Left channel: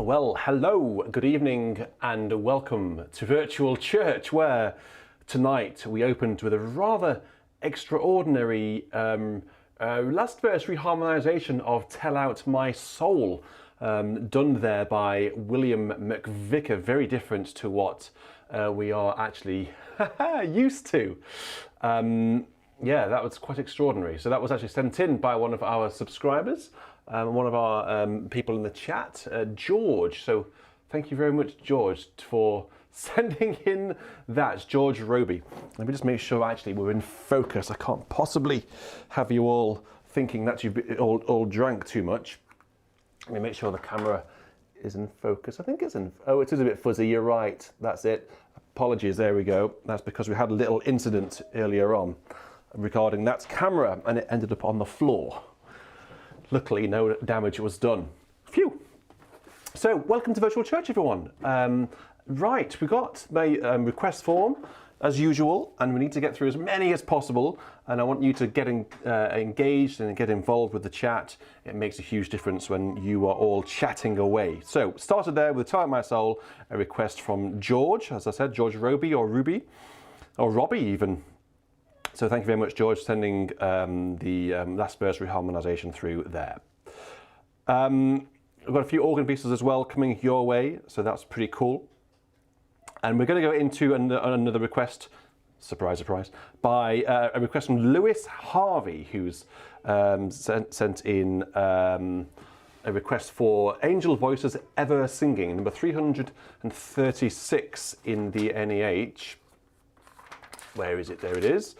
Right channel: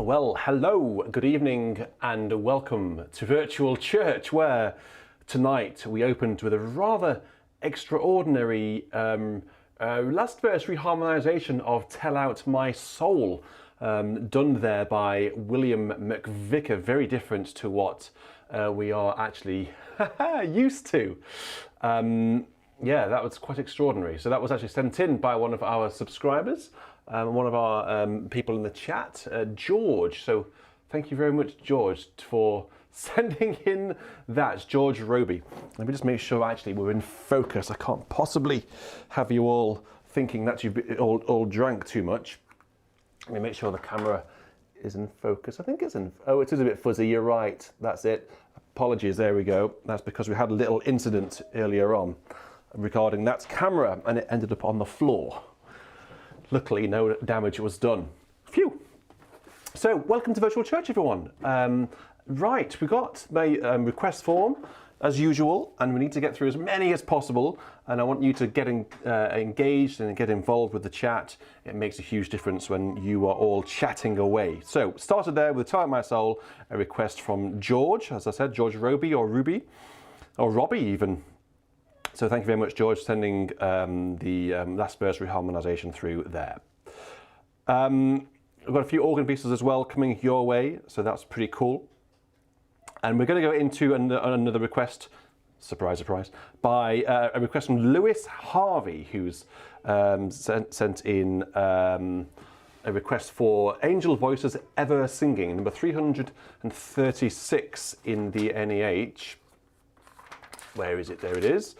Well, hello, good evening, and welcome to Virtual Church, where tonight we opened with a rather extraordinary last verse reharmonisation of Tell Out My Soul, done there by William McVeigh, very different to what we are actually used to. Yeah, that was quite extraordinary. So that was actually sent in by one of our subscribers, one of our people in the chat, George. So thank you very much, George, for sending in that. George Roby. Let me just make sure actually we're in focus. I can't possibly have you all thinking that you've all drank too much. Let me make sure the camera is in focus. I think it's in, oh, it is a bit fuzzy, you're right. That's it. Apologies, there we go. That's because we had a little incident earlier on regarding that camera and it ended up on the floor. Luckily, no damage was done. Phew. So, welcome to Virtual Church, everyone. Right, we got my request form, as usual, and we need to get through as many as possible, and I want you to get engaged and get involved with the chat. It makes a huge difference when you are all chatting away. So, started there with Tell Out My Soul, a request from George, as I said, George Roby or Ruby, or Robbie even. So thank you very much, George, sending the last verse reharmonisation through there. We've got a few organ pieces as well coming your way, so that's pretty cool. And we're going to go into another request, surprise, surprise, by a request from Lewis Harvey, who's sent in a request for Angel Voices Ever Singing, number 336 in the NEH. Where is it? There it is.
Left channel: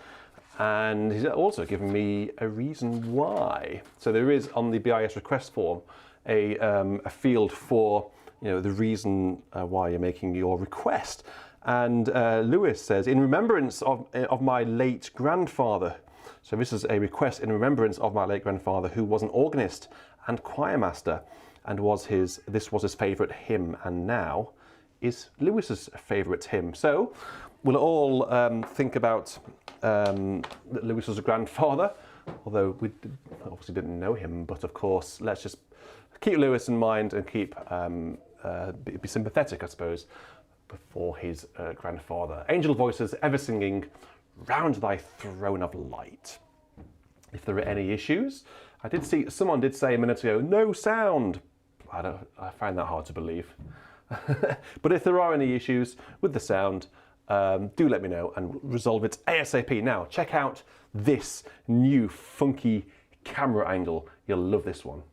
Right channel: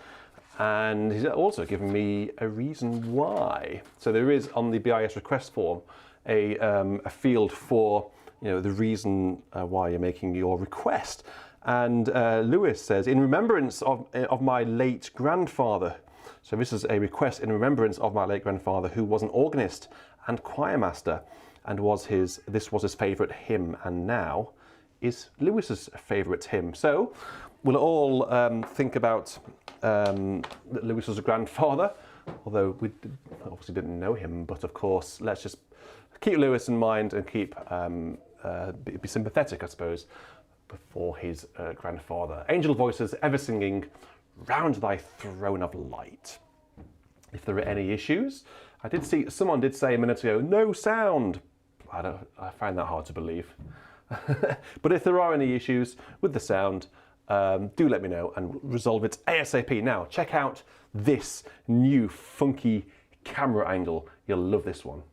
And he's also given me a reason why. So there is on the BIS request form a field for the reason why you're making your request. And Lewis says, in remembrance of my late grandfather. So this is a request in remembrance of my late grandfather, who was an organist and choir master, and this was his favourite hymn, and now is Lewis's favourite hymn. So we'll all think about that Lewis was a grandfather, although we obviously didn't know him, but of course let's just keep Lewis in mind and keep be sympathetic, I suppose, before his grandfather. Angel Voices Ever Singing Round Thy Throne of Light. If there are any issues, I did see someone did say a minute ago, no sound. I find that hard to believe. But if there are any issues with the sound, do let me know and resolve it ASAP. Now, check out this new funky camera angle. You'll love this one.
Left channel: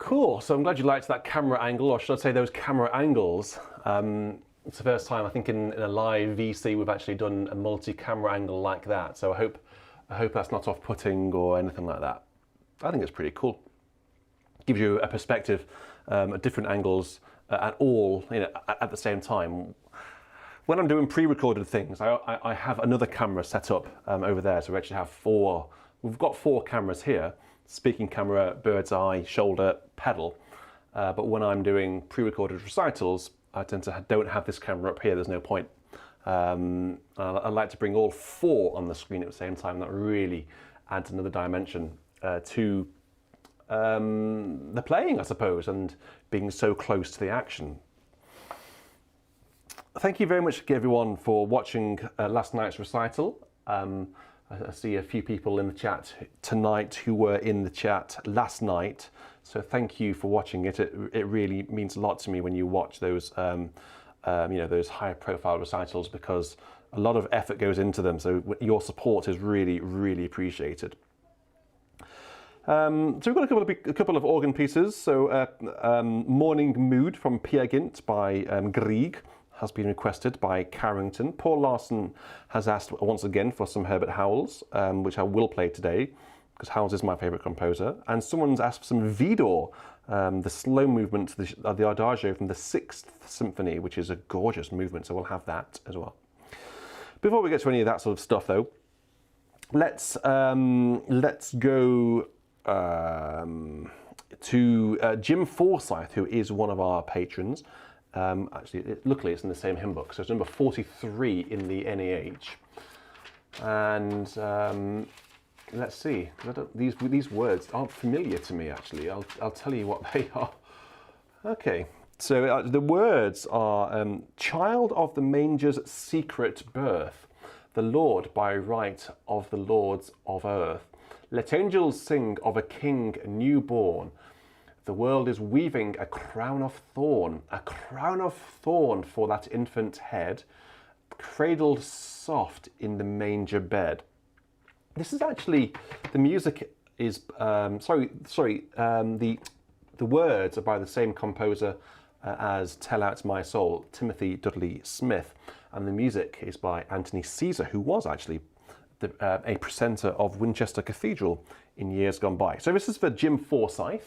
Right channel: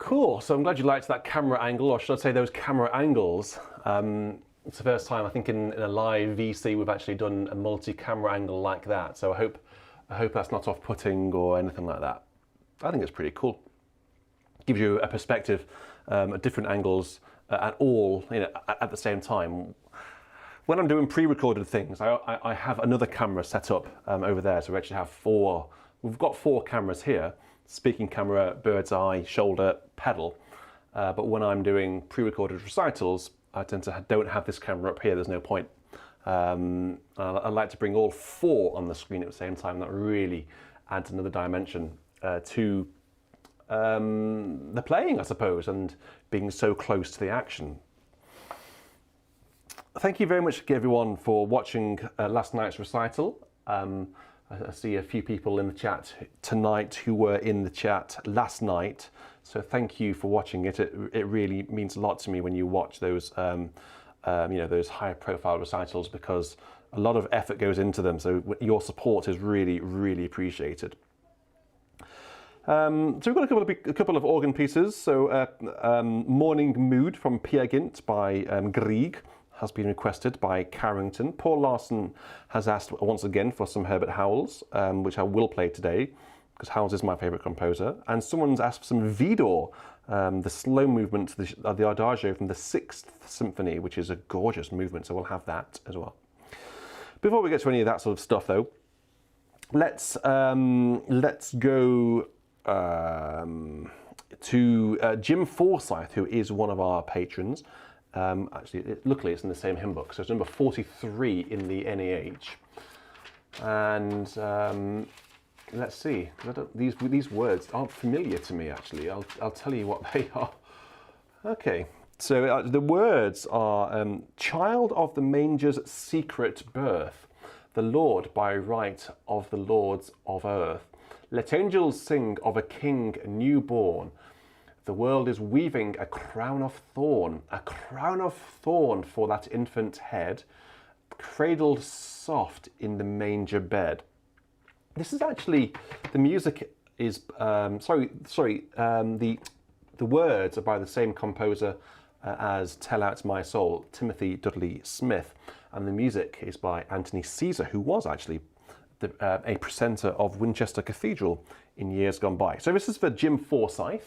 Cool, so I'm glad you liked that camera angle, or should I say those camera angles. It's the first time I think in a live VC we've actually done a multi-camera angle like that, so I hope that's not off-putting or anything like that. I think it's pretty cool. Gives you a perspective at different angles at all, at the same time. When I'm doing pre-recorded things, I have another camera set up over there, so we actually have we've got 4 cameras here: speaking camera, bird's eye, shoulder, pedal. But when I'm doing pre-recorded recitals, I tend to don't have this camera up here. There's no point. I like to bring all 4 on the screen at the same time. That really adds another dimension to the playing, I suppose, and being so close to the action. Thank you very much, everyone, for watching last night's recital. I see a few people in the chat tonight who were in the chat last night, so thank you for watching it. It really means a lot to me when you watch those, those high-profile recitals, because a lot of effort goes into them. So your support is really, really appreciated. So we've got a couple of organ pieces. So Morning Mood from Peer Gynt by Grieg has been requested by Carrington. Paul Larson has asked once again for some Herbert Howells, which I will play today, because Howells is my favourite composer. And someone's asked for some Vidor, the slow movement, the Adagio from the 6th Symphony, which is a gorgeous movement, so we'll have that as well. Before we get to any of that sort of stuff, though, let's go to Jim Forsythe, who is one of our patrons. Actually, luckily it's in the same hymn book, so it's number 43 in the NEH. And let's see, these words aren't familiar to me, actually. I'll tell you what they are. Okay, so the words are Child of the manger's secret birth, the Lord by right of the lords of earth. Let angels sing of a king newborn. The world is weaving a crown of thorn for that infant head, cradled soft in the manger bed. This is actually, the music is, the words are by the same composer as Tell Out My Soul, Timothy Dudley Smith, and the music is by Anthony Caesar, who was actually a precentor of Winchester Cathedral in years gone by. So this is for Jim Forsythe.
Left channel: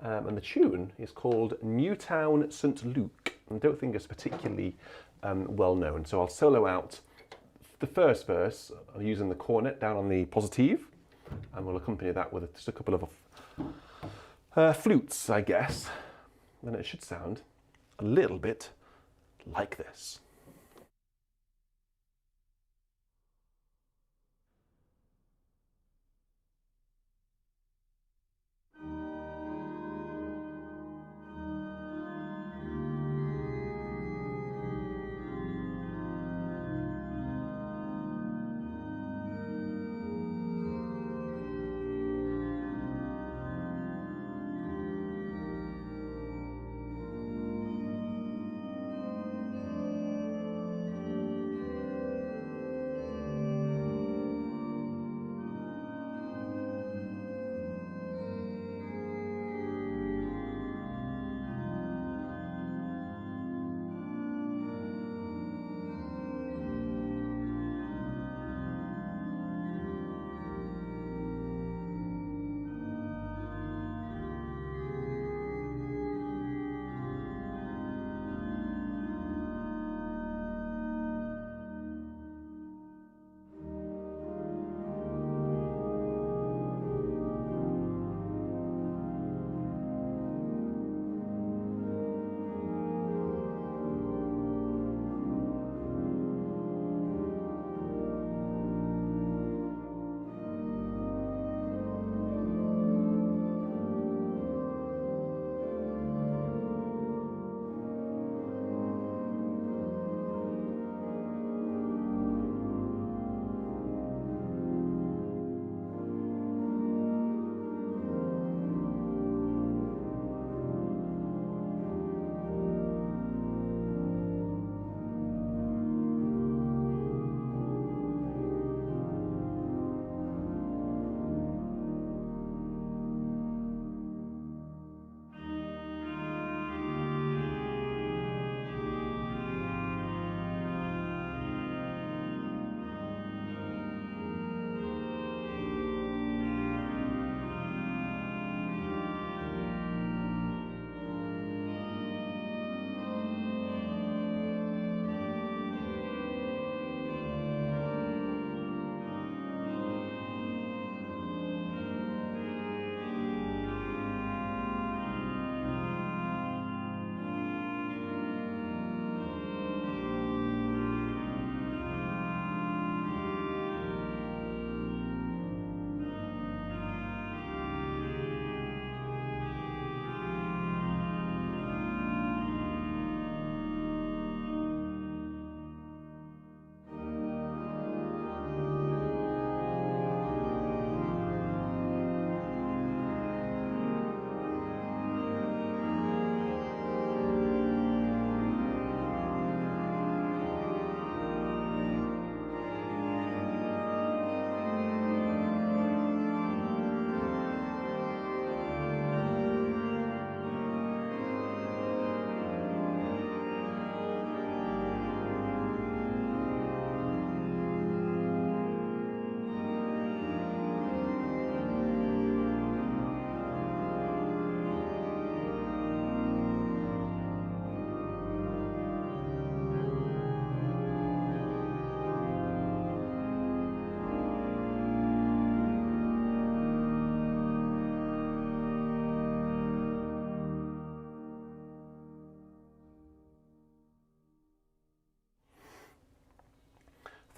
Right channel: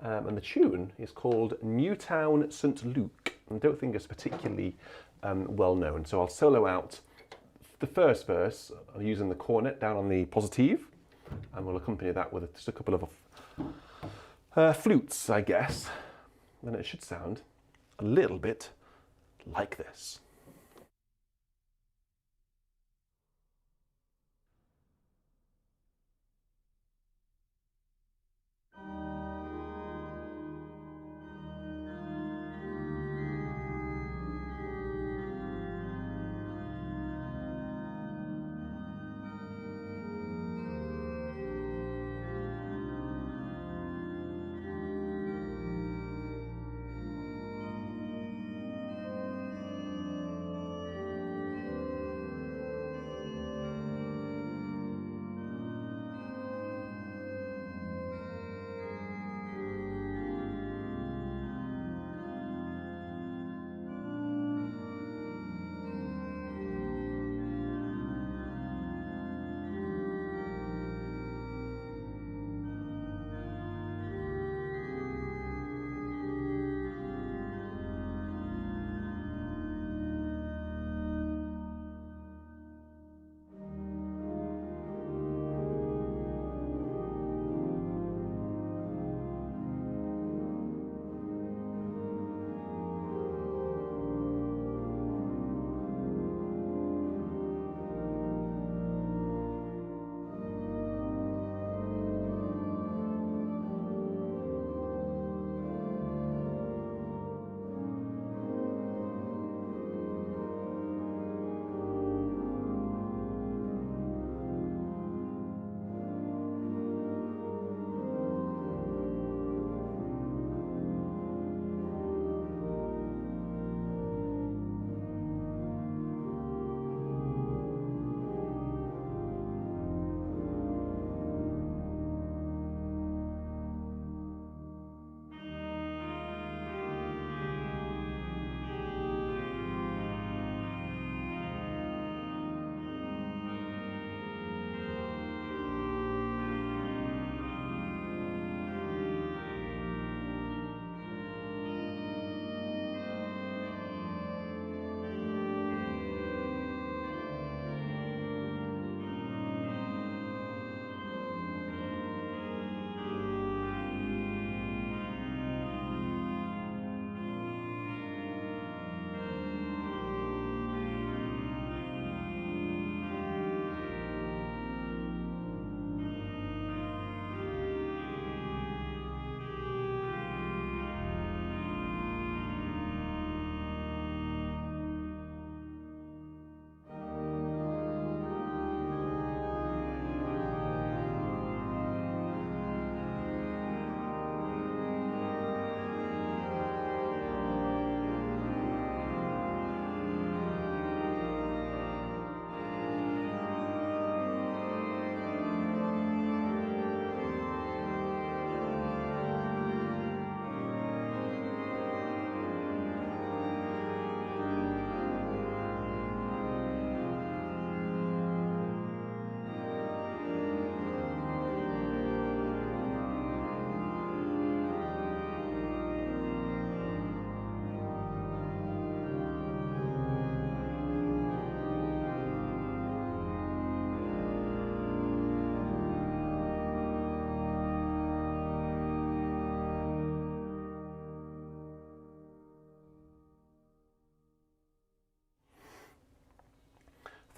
And the tune is called Newtown St. Luke. I don't think it's particularly well known. So I'll solo out the first verse using the cornet down on the positive, and we'll accompany that with just a couple of flutes, I guess. And it should sound a little bit like this.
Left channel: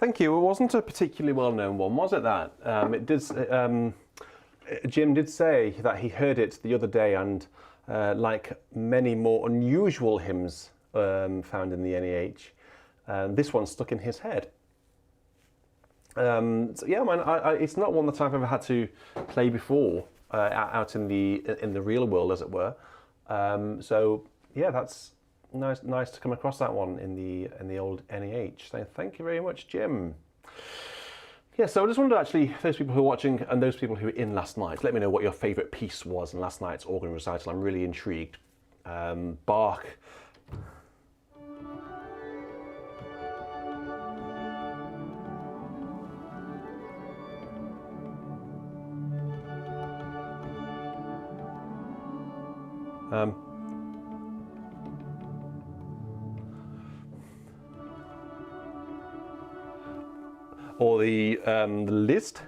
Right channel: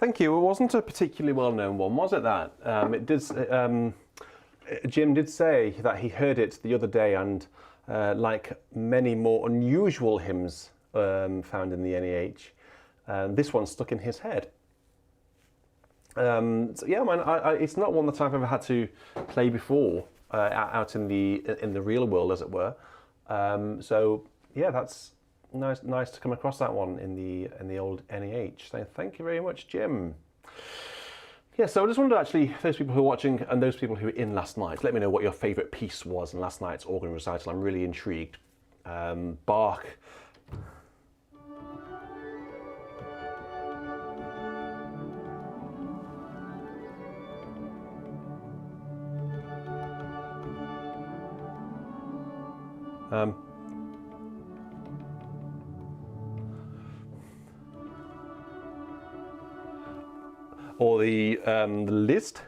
Thank you. It wasn't a particularly well-known one, was it? That it did. Jim did say that he heard it the other day, and like many more unusual hymns found in the NEH, this one stuck in his head. So yeah, man, it's not one that I've ever had to play before out in the real world, as it were. So yeah, that's nice to come across that one in the old NEH. So thank you very much, Jim. Yeah, so I just wondered, actually, those people who are watching and those people who were in last night, let me know what your favourite piece was in last night's organ recital. I'm really intrigued. Bach. Or the list.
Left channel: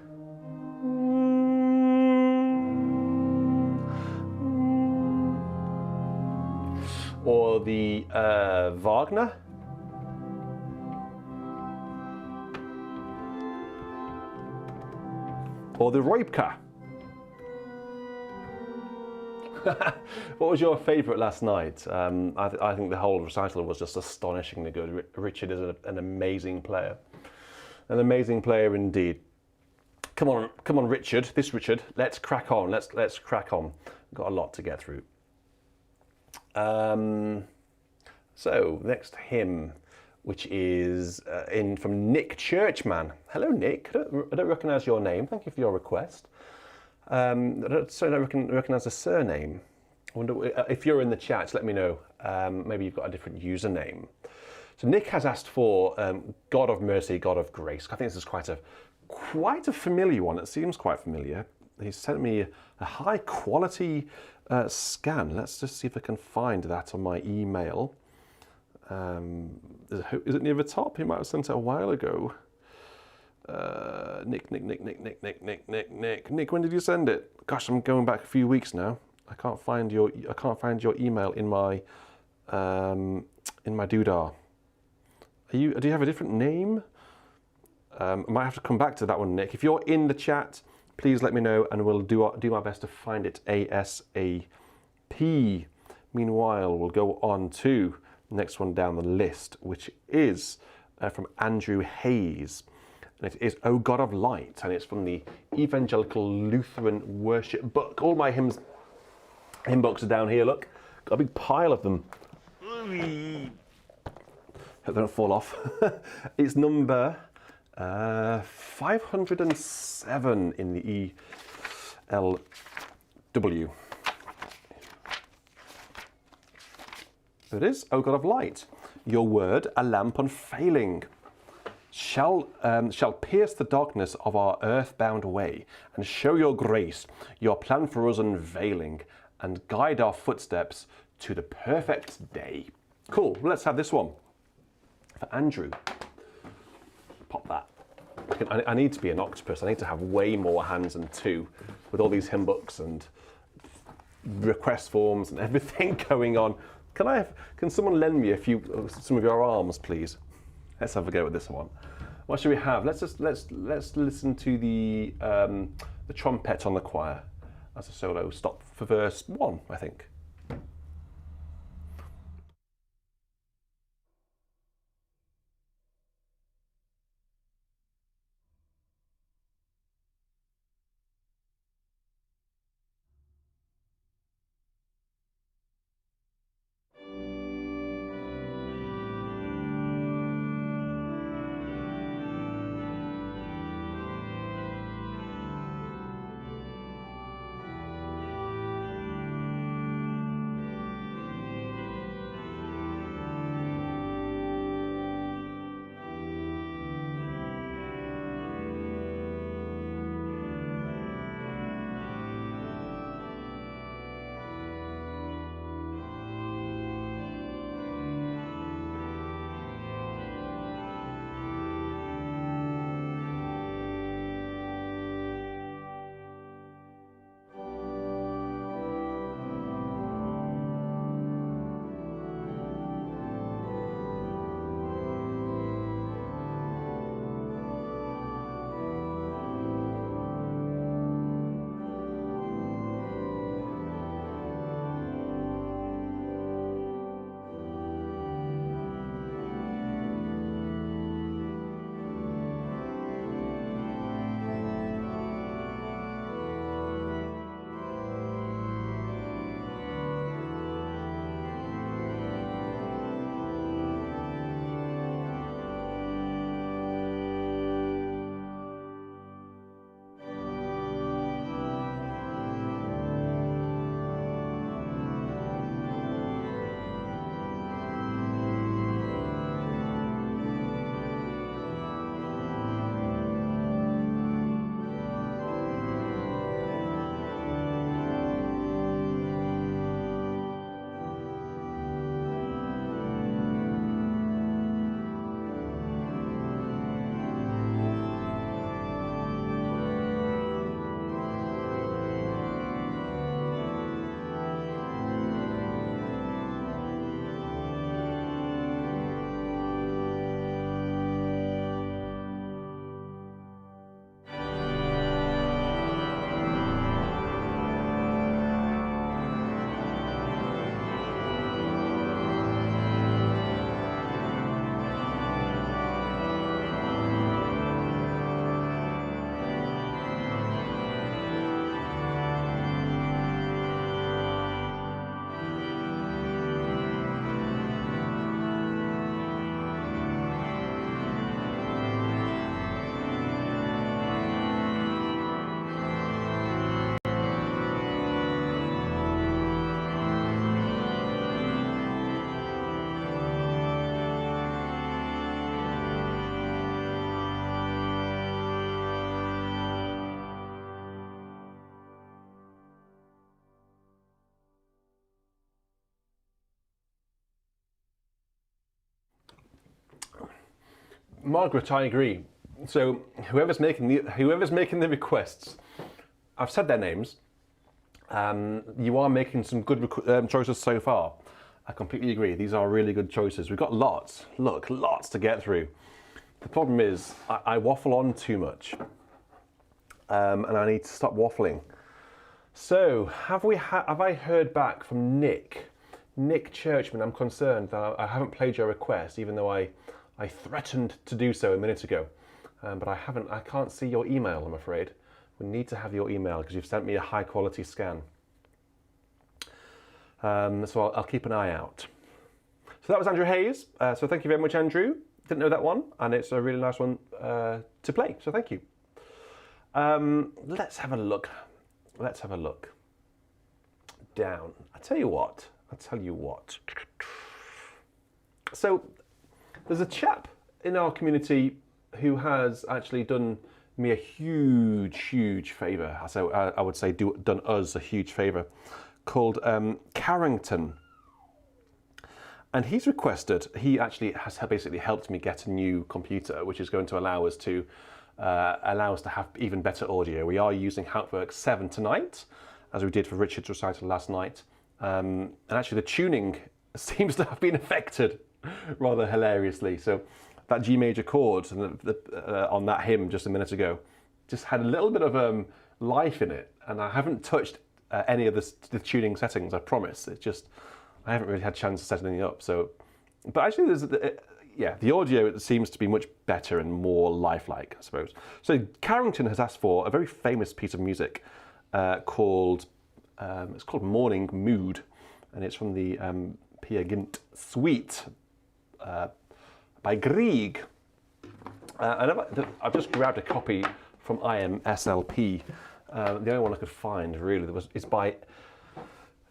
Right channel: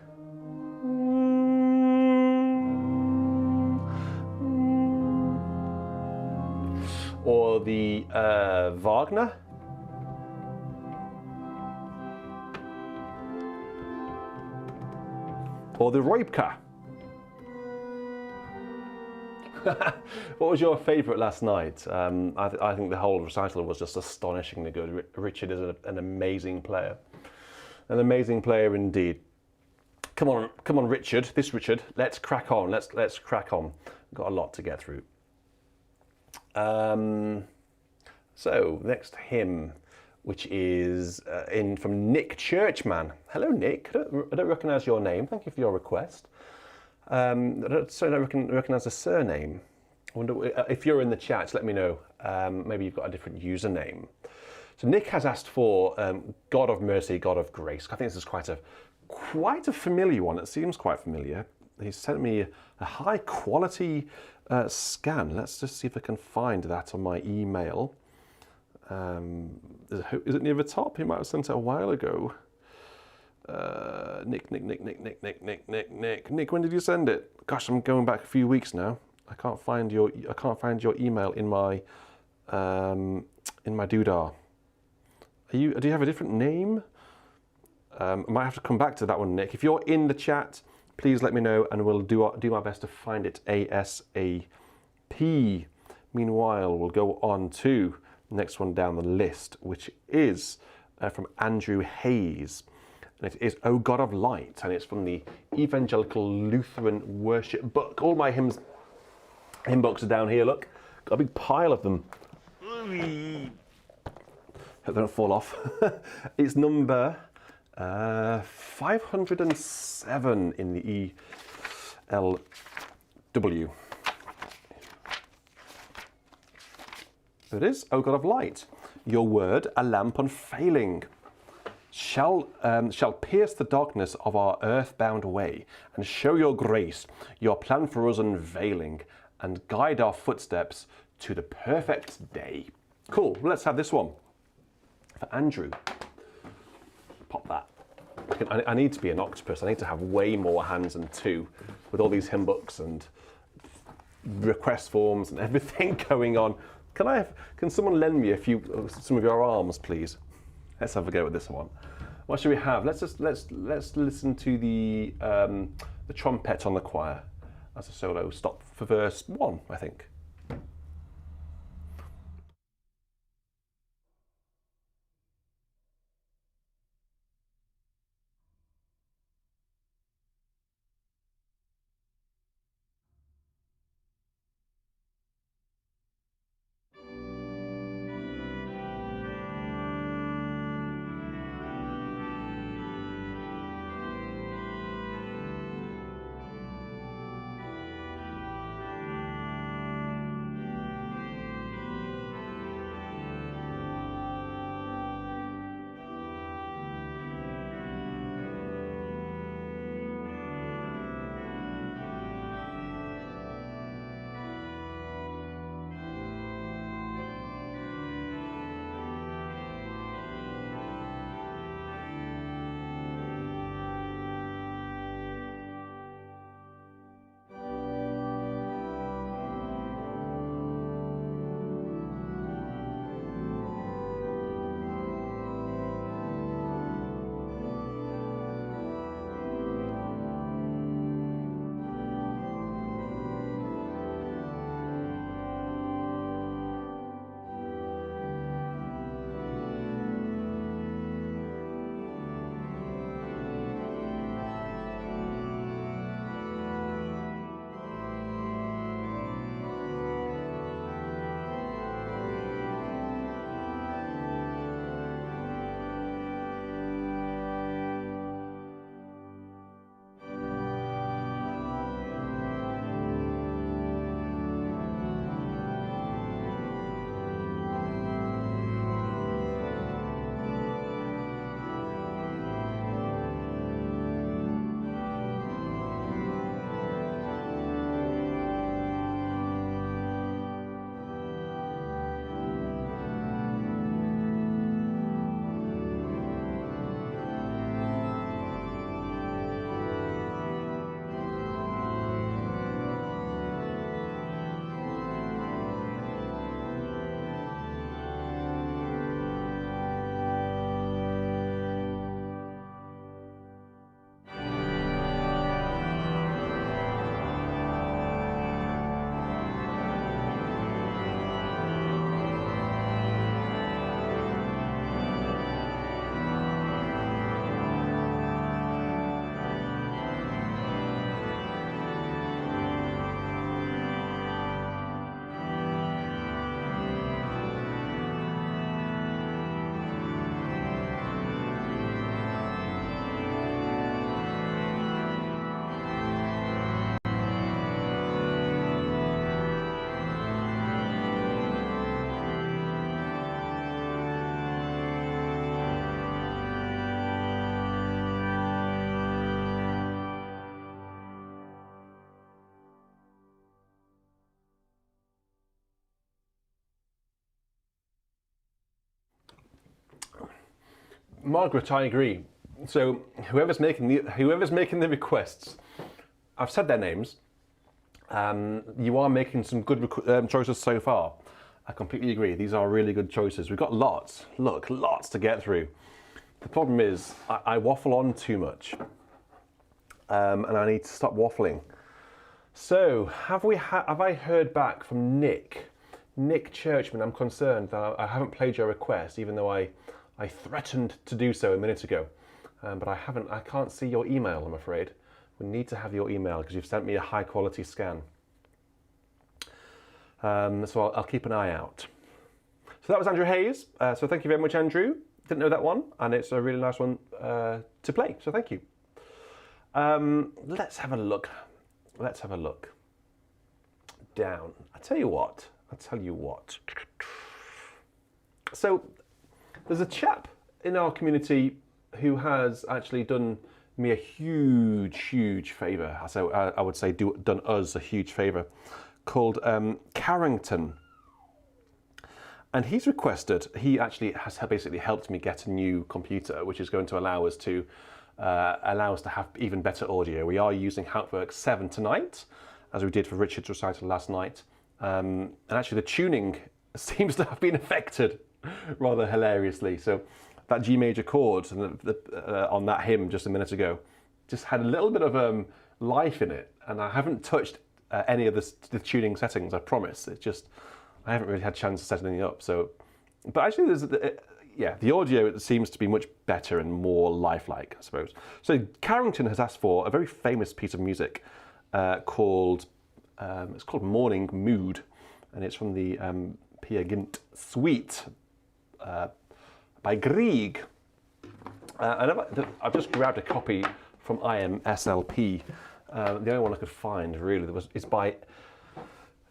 Or the Wagner. Or the Roipka. What was your favourite last night? I think the whole recital was just astonishingly good. Richard is an amazing player. An amazing player indeed. Come on, Richard. This Richard. Let's crack on. Let's crack on. We've got a lot to get through. So next hymn, which is from Nick Churchman. Hello, Nick. I don't recognise your name. Thank you for your request. I don't recognise the surname. I wonder if you're in the chat. Let me know. Maybe you've got a different username. So Nick has asked for God of Mercy, God of Grace. I think this is quite a familiar one. It seems quite familiar. He sent me a high quality scan. Let's just see if I can find that on my email. Is it near the top? He might have sent it a while ago. Nick, when did you send it? Gosh, I'm going back a few weeks now. I can't find your email in my doodah. Do you have a different name? I might have to come back to that one, Nick. If you're in the chat, please let me know, and we'll do our best to find it ASAP. Meanwhile, we'll go on to the next one down the list, which is from Andrew Hayes. And it is O God of Light, and it's from the Evangelical Lutheran Worship Book. All my hymn books are down here, look. Got a big pile of them. Hope they don't fall off. It's number 507 in the ELW. There it is, O God of Light. Your word, a lamp unfailing, shall pierce the darkness of our earthbound way, and show your grace, your plan for us unveiling, and guide our footsteps to the perfect day. Cool, let's have this one. For Andrew, pop that. I need to be an octopus. I need to have way more hands than two with all these hymn books and request forms and everything going on. Can someone lend me some of your arms, please? Let's have a go at this one. What should we have? Let's listen to the trumpet on the choir as a solo stop for verse 1, I think. Margaret, I agree. So whoever's making the requests, I've said their names. You are making some good choices so far. I completely agree. These are really good choices. We've got lots. Look, lots to get through. The problem is I waffle on too much, and I need to stop waffling. So have I heard back from Nick Churchman? I'm concerned that I haven't played your request, even though I threatened to do so a minute ago, but I haven't. I can't see your email, I'm afraid. We need to have your email because you've sent me a high quality scan. So I'll keep an eye out. So that was Andrew Hayes. So thank you very much, Andrew. Didn't know that one, and it's a really nice one to play. So thank you. Let's have a look. Let's have a look. Down. I tell you what. So there's a chap in our community who has actually done me a huge favour. So I would say done us a huge favour, called Carrington. And he's requested, he actually has basically helped me get a new computer, which is going to allow us to have even better audio. We are using Outwork 7 tonight, as we did for Richard's recital last night. And actually the tuning seems to have been affected rather hilariously. So that G major chord on that hymn just a minute ago just had a little bit of life in it. And I haven't touched any of the tuning settings, I promise. It's just, I haven't really had a chance to set anything up. So, but actually the audio seems to be much better and more lifelike, I suppose. So Carrington has asked for a very famous piece of music called Morning Mood, and it's from the Peer Gynt Suite by Grieg. And I've just grabbed a copy from IMSLP. The only one I could find really is by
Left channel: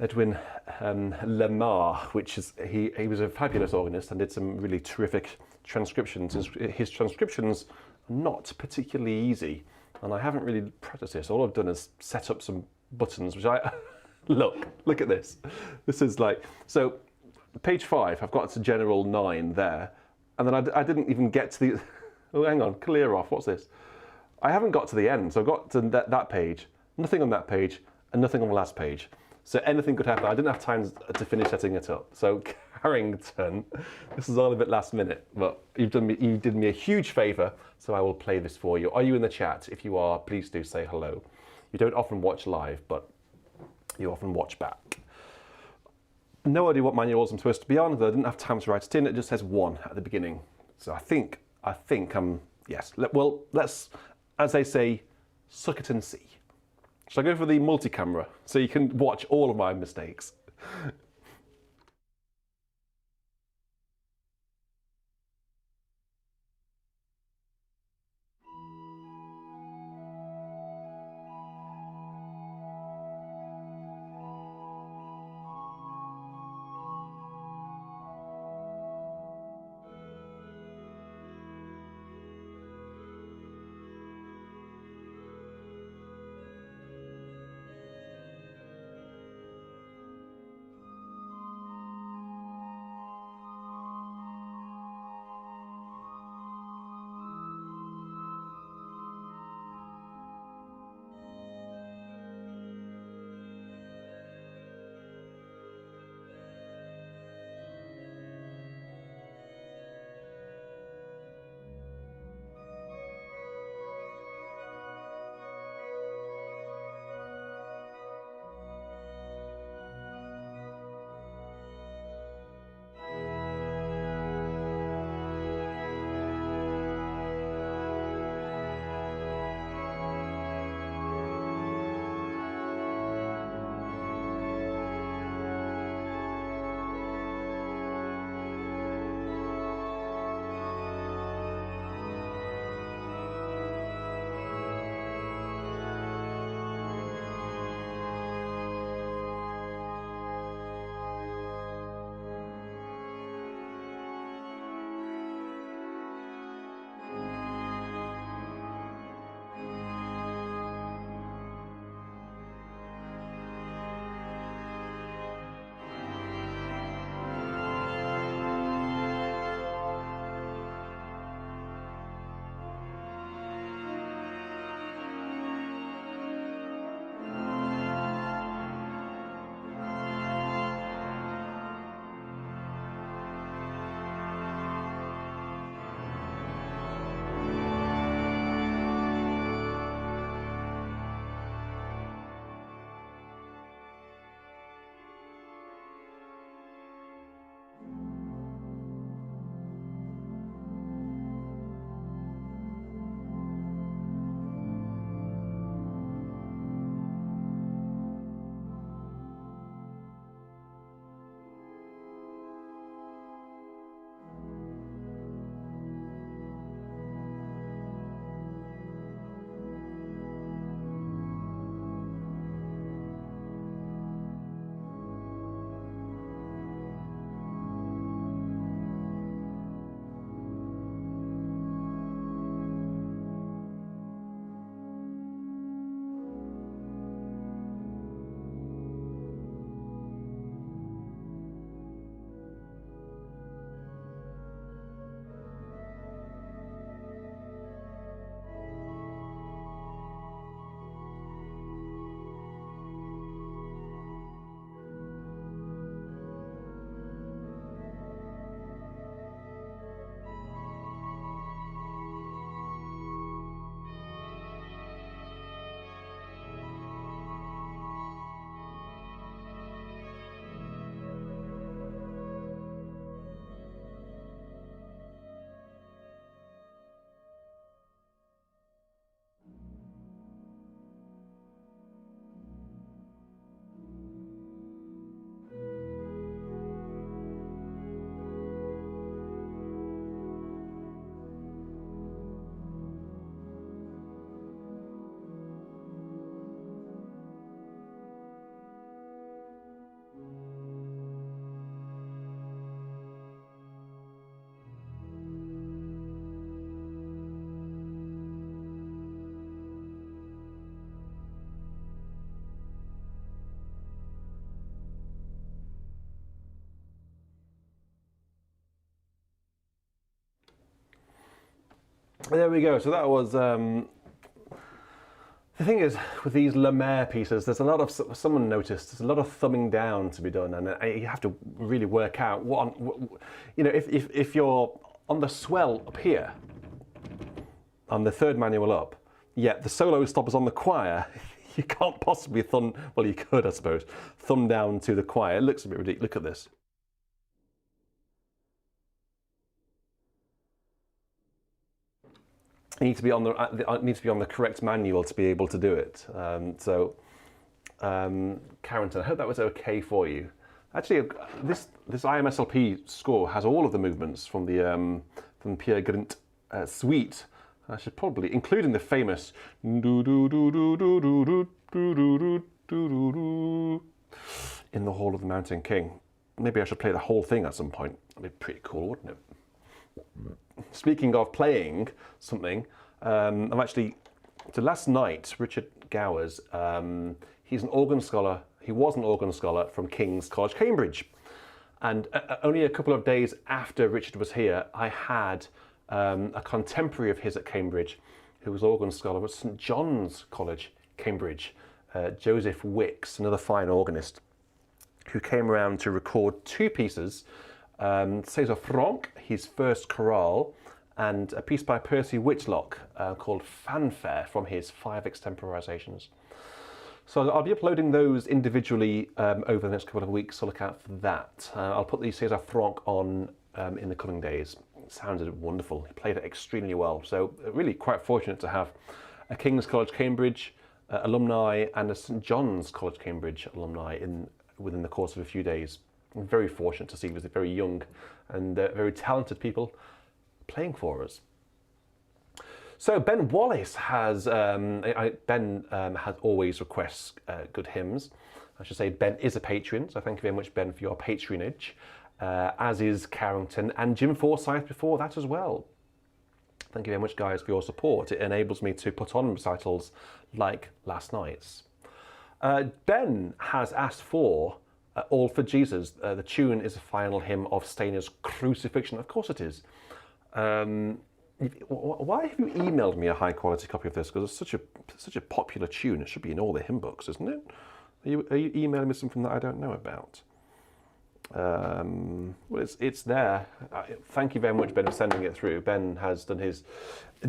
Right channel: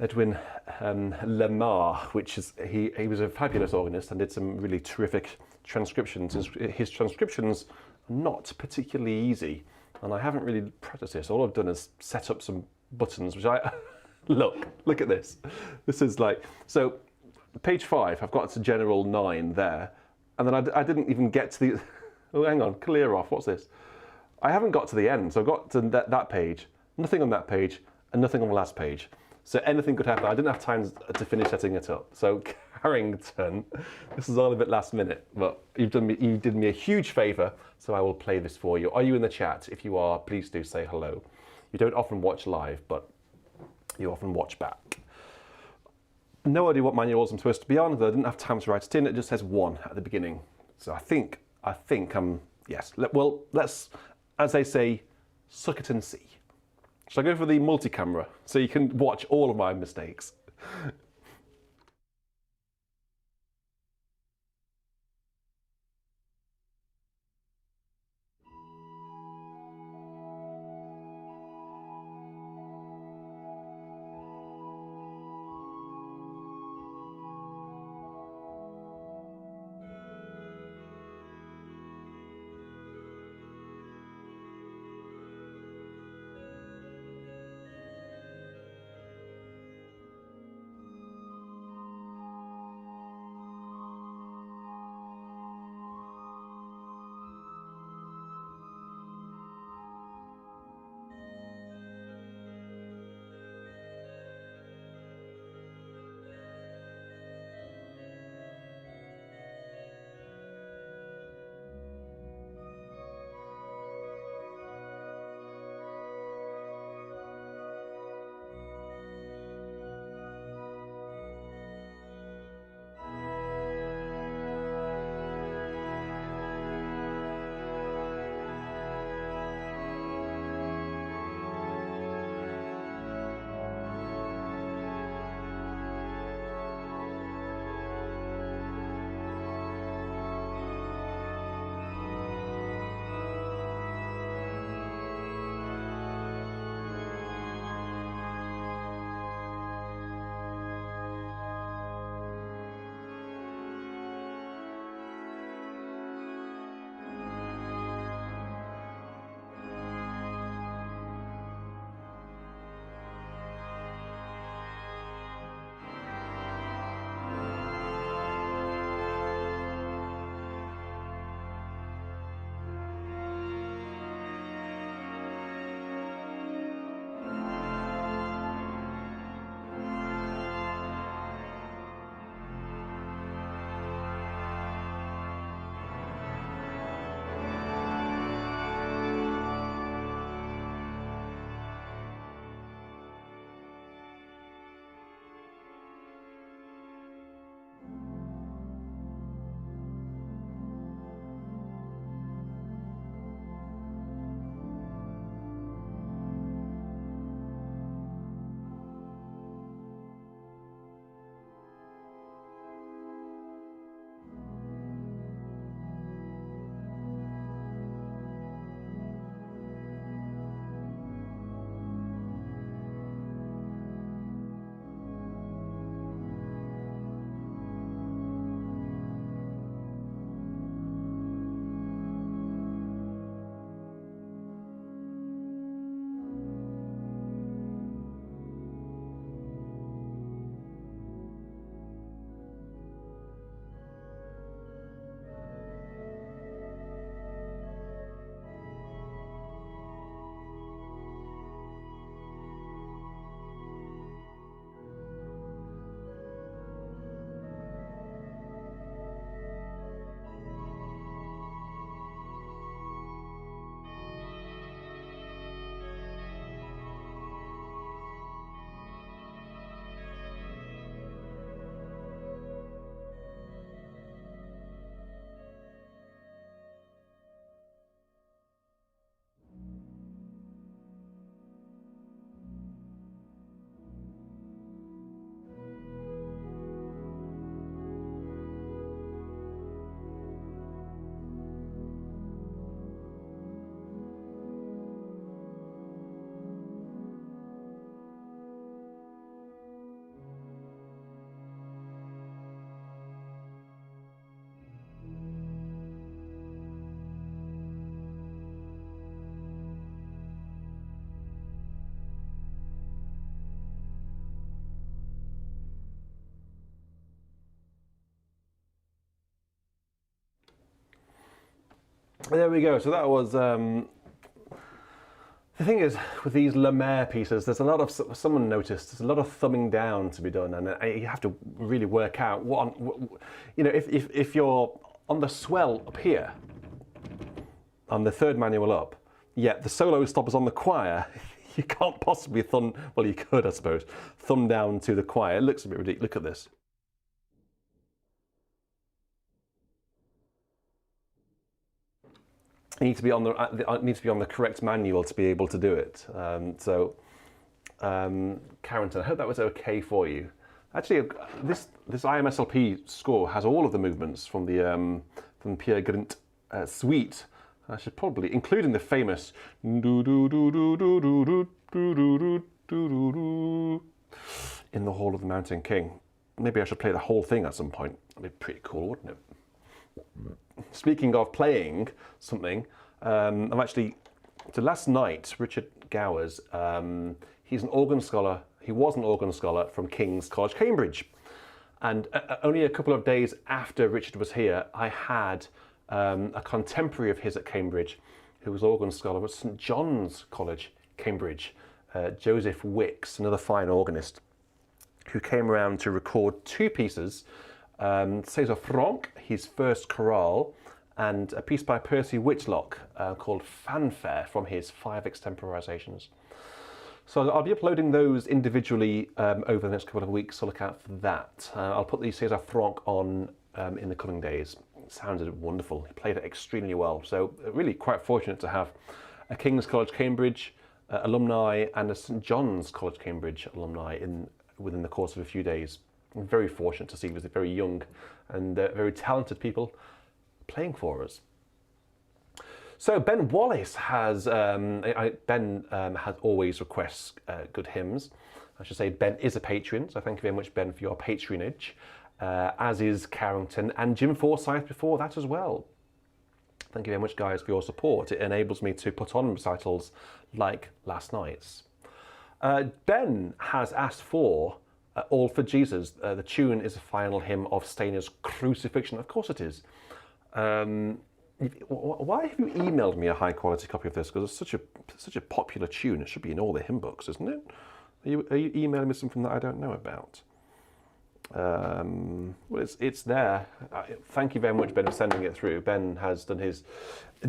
Edwin Lemar, which is he was a fabulous organist and did some really terrific transcriptions. His transcriptions are not particularly easy, and I haven't really practiced this. All I've done is set up some buttons, which I look at this. This is like, so page 5. I've got to general 9 there, and then I didn't even get to the. Oh, hang on, clear off. What's this? I haven't got to the end, so I've got to that page. Nothing on that page, and nothing on the last page. So anything could happen. I didn't have time to finish setting it up. So Carrington, this is all a bit last minute, but you did me a huge favour, so I will play this for you. Are you in the chat? If you are, please do say hello. You don't often watch live, but you often watch back. No idea what manuals I'm supposed to be on, though I didn't have time to write it in. It just says 1 at the beginning. So I think yes. Well, let's, as they say, suck it and see. Shall I go for the multi-camera so you can watch all of my mistakes? There we go. So that was. The thing is, with these Lemaire pieces, there's a lot of, someone noticed, there's a lot of thumbing down to be done, and you have to really work out what, you know, if you're on the swell up here, on the third manual up, yet the solo stop is on the choir, you can't possibly thumb, well you could I suppose, thumb down to the choir. It looks a bit ridiculous. Look at this. You need to be on the correct manual to be able to do it. Carrington, I hope that was okay for you. Actually, this IMSLP score has all of the movements from the Pierre Grint suite. I should probably, including the famous in the Hall of the Mountain King. Maybe I should play the whole thing at some point. That'd be pretty cool, wouldn't it? Speaking of playing something, I'm actually, so last night, Richard Gowers, he's an organ scholar, he was an organ scholar from King's College, Cambridge. And only a couple of days after Richard was here, I had a contemporary of his at Cambridge, who was organ scholar at St John's College, Cambridge, Joseph Wicks, another fine organist, who came around to record two pieces, César Franck, his first chorale, and a piece by Percy Whitlock called Fanfare from his 5 extemporizations. So I'll be uploading those individually over the next couple of weeks, so look out for that. I'll put the César Franck on in the coming days. It sounded wonderful. He played it extremely well. So really quite fortunate to have a King's College Cambridge alumni and a St John's College Cambridge alumni within the course of a few days. I'm very fortunate to see it was very young and very talented people playing for us. So Ben Wallace has, Ben has always requests good hymns. I should say Ben is a patron, so thank you very much Ben for your patronage, as is Carrington and Jim Forsythe before that as well. Thank you very much guys for your support. It enables me to put on recitals like last night's. Ben has asked for All for Jesus. The tune is a final hymn of Steiner's Crucifixion. Of course it is. Why have you emailed me a high quality copy of this? Because it's such a popular tune. It should be in all the hymn books, isn't it? Are you emailing me something that I don't know about? Well, it's there. Thank you very much, Ben, for sending it through. Ben has done his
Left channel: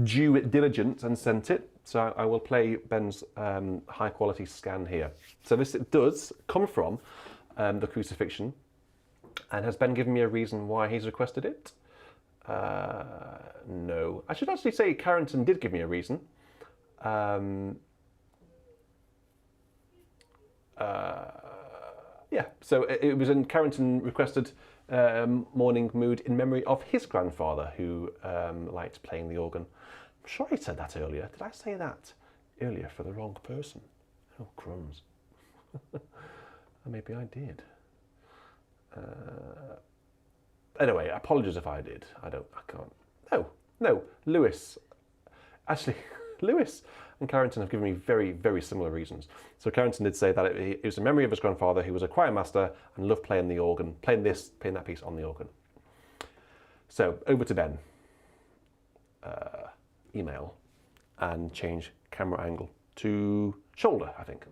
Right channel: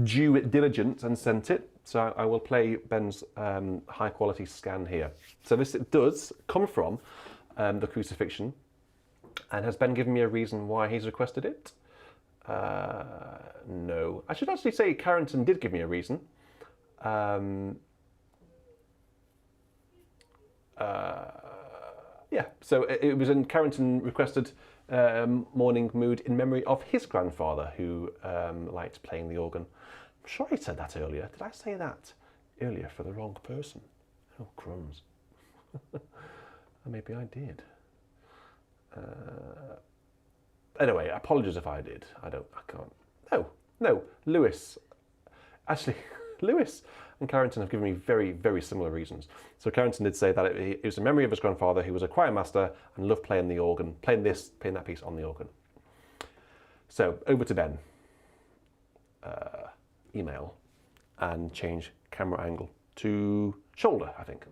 due diligence and sent it. So I will play Ben's high quality scan here. So this does come from the Crucifixion. And has Ben given me a reason why he's requested it? No. I should actually say Carrington did give me a reason. Yeah, so it was in Carrington requested Morning Mood in memory of his grandfather who liked playing the organ. I'm sure I said that earlier. Did I say that earlier for the wrong person? Oh, crumbs. Maybe I did. Anyway, apologies if I did. I can't. No, Lewis. Actually, Lewis and Carrington have given me very, very similar reasons. So Carrington did say that it was a memory of his grandfather who was a choir master and loved playing the organ, playing that piece on the organ. So over to Ben. Email and change camera angle to shoulder, I think.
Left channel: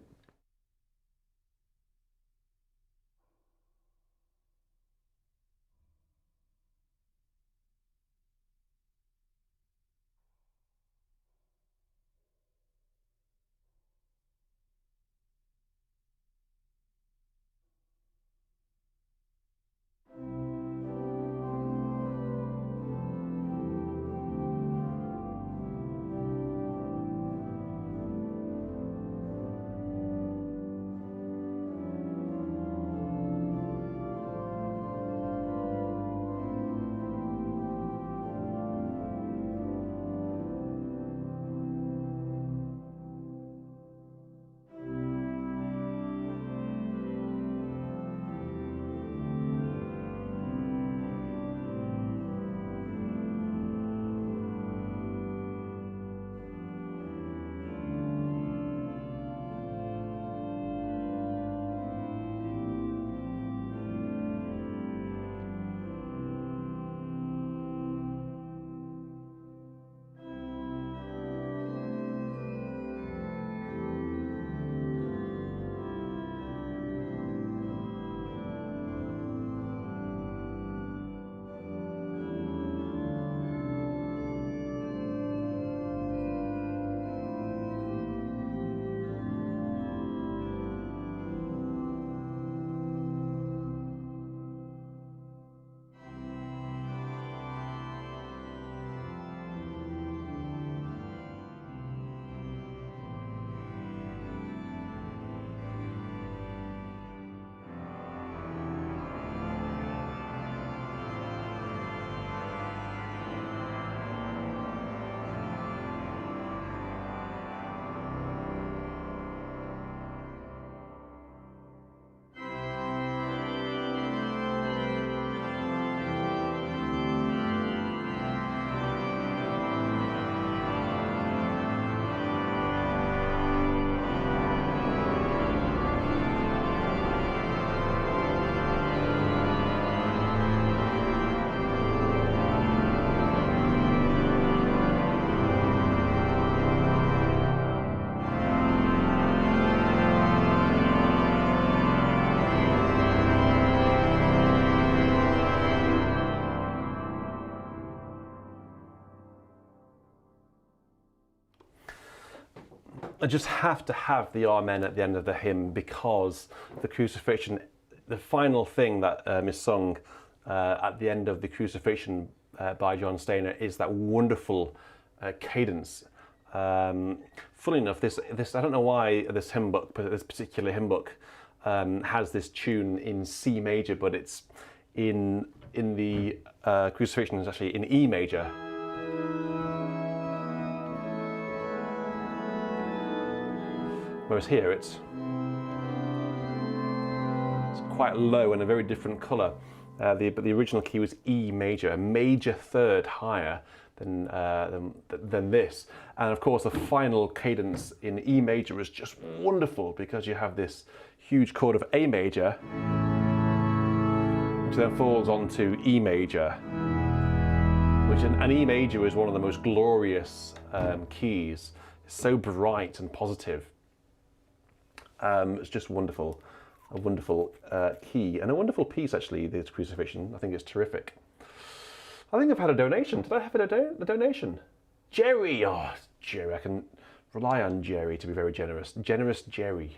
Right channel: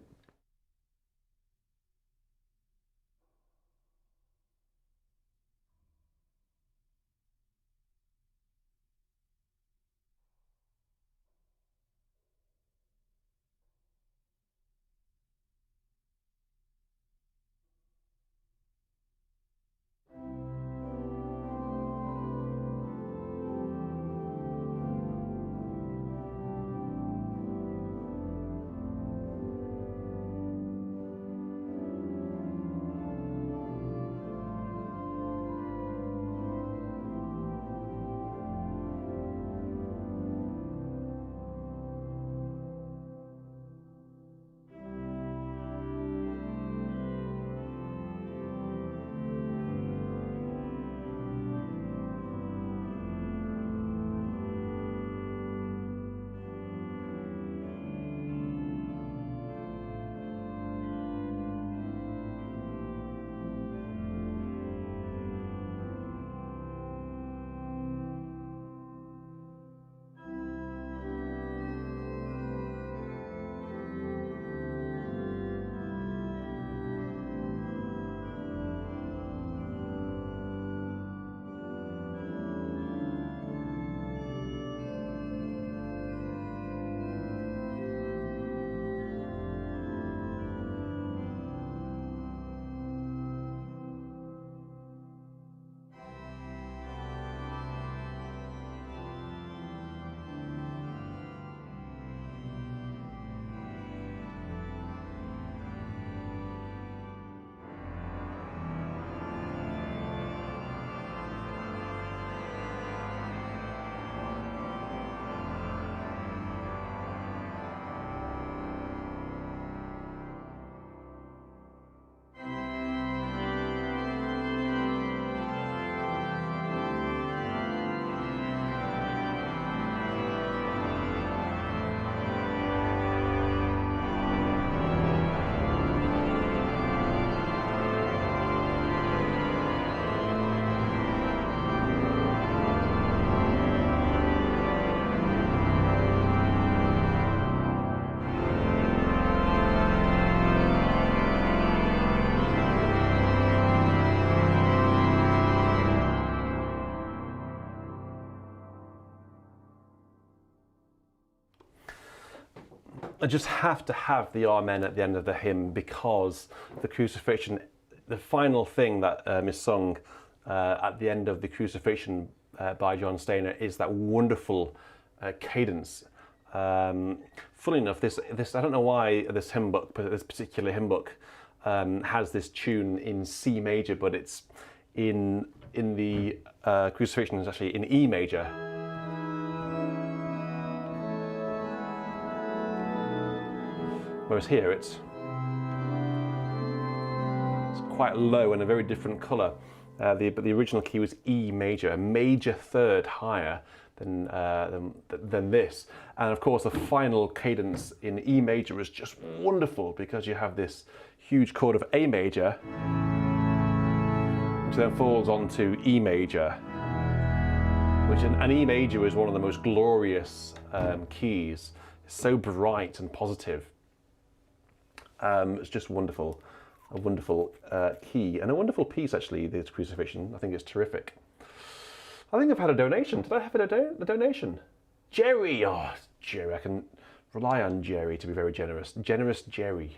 I just have to have the Amen at the end of the hymn, because the crucifixion, the final thing that is sung at the end of the Crucifixion by John Steiner is that wonderful cadence. Funnily enough, this I don't know why this hymn book, but this particular hymn book has this tune in C major, but it's in the Crucifixion is actually in E major. Whereas here it's quite low and a very different colour. But the original key was E major, a major third higher than this. And of course, the final cadence in E major is just wonderful, because you have this huge chord of A major, which then falls onto E major, and E major is one of the most glorious keys. It's so bright and positive. It's just wonderful, a wonderful key, and a wonderful piece actually, this Crucifixion. I think it's terrific. I think I've had a donation. Did I have a donation? Jerry! Oh, Jerry, I can rely on Jerry to be very generous. Generous Jerry.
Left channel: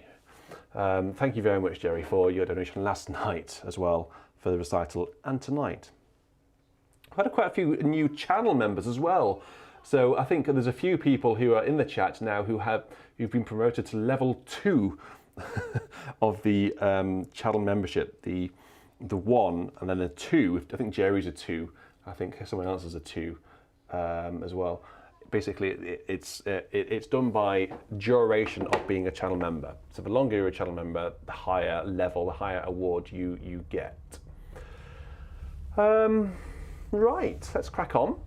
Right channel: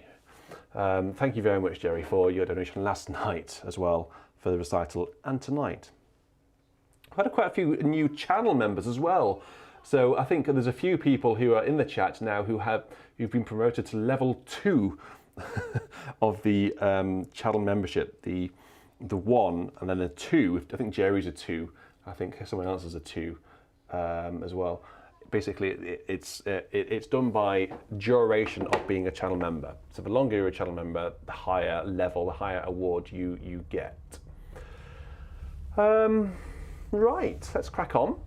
Thank you very much, Jerry, for your donation last night as well, for the recital, and tonight. I've had quite a few new channel members as well. So I think there's a few people who are in the chat now who've been promoted to level 2 of the channel membership. The 1 and then a 2. I think Jerry's a 2. I think someone else is a 2 as well. Basically, it's done by duration of being a channel member. So the longer you're a channel member, the higher level, the higher award you get. Right, let's crack on.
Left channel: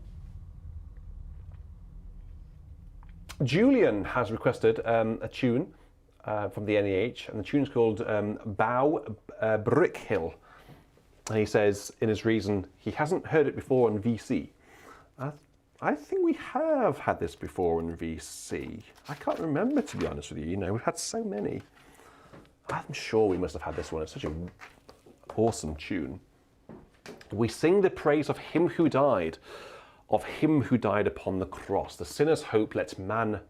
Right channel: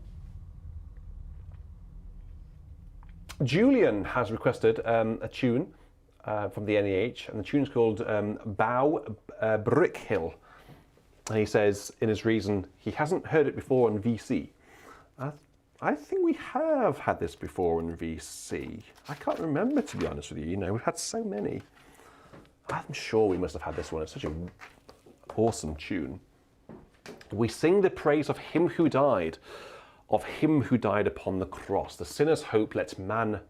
Julian has requested a tune from the NEH, and the tune's called Bow Brick Hill. And he says in his reason he hasn't heard it before in VC. I think we have had this before in VC. I can't remember, to be honest with you. You know, we've had so many. I'm sure we must have had this one. It's such an awesome tune. We sing the praise of him who died, of him who died upon the cross. The sinner's hope lets men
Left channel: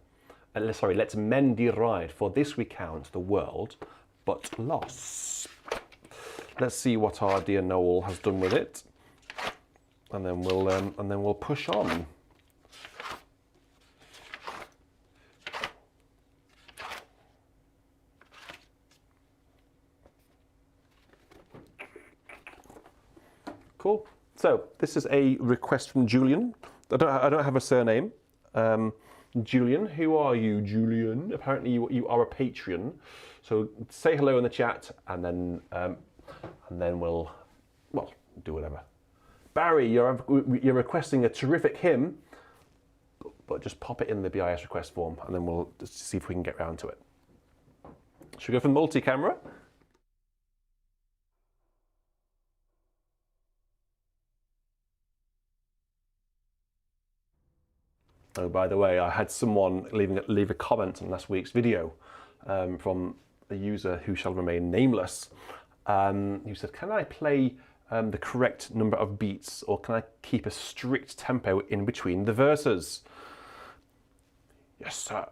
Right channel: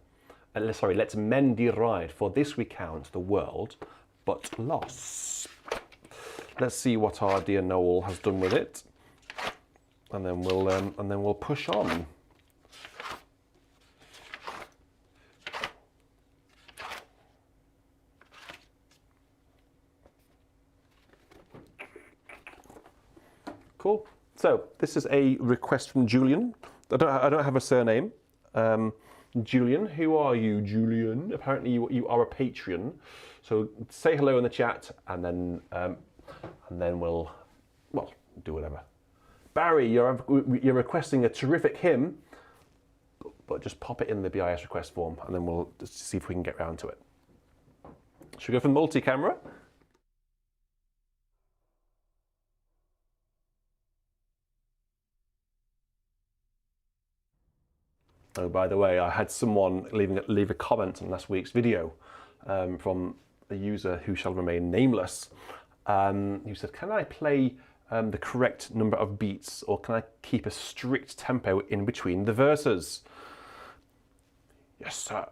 deride, for this we count the world but loss. Let's see what our dear Noel has done with it, and then we'll push on. Cool. So this is a request from Julian. I don't have a surname. Julian, who are you, Julian? Apparently you are a Patreon. So say hello in the chat, and then we'll do whatever. Barry, you're requesting a terrific hymn, but just pop it in the BIS request form, and then we'll just see if we can get round to it. Should we go for multi-camera? Oh, by the way, I had someone leave a comment on last week's video from a user who shall remain nameless. Who said, "Can I play the correct number of beats, or can I keep a strict tempo in between the verses?" Yes, sir.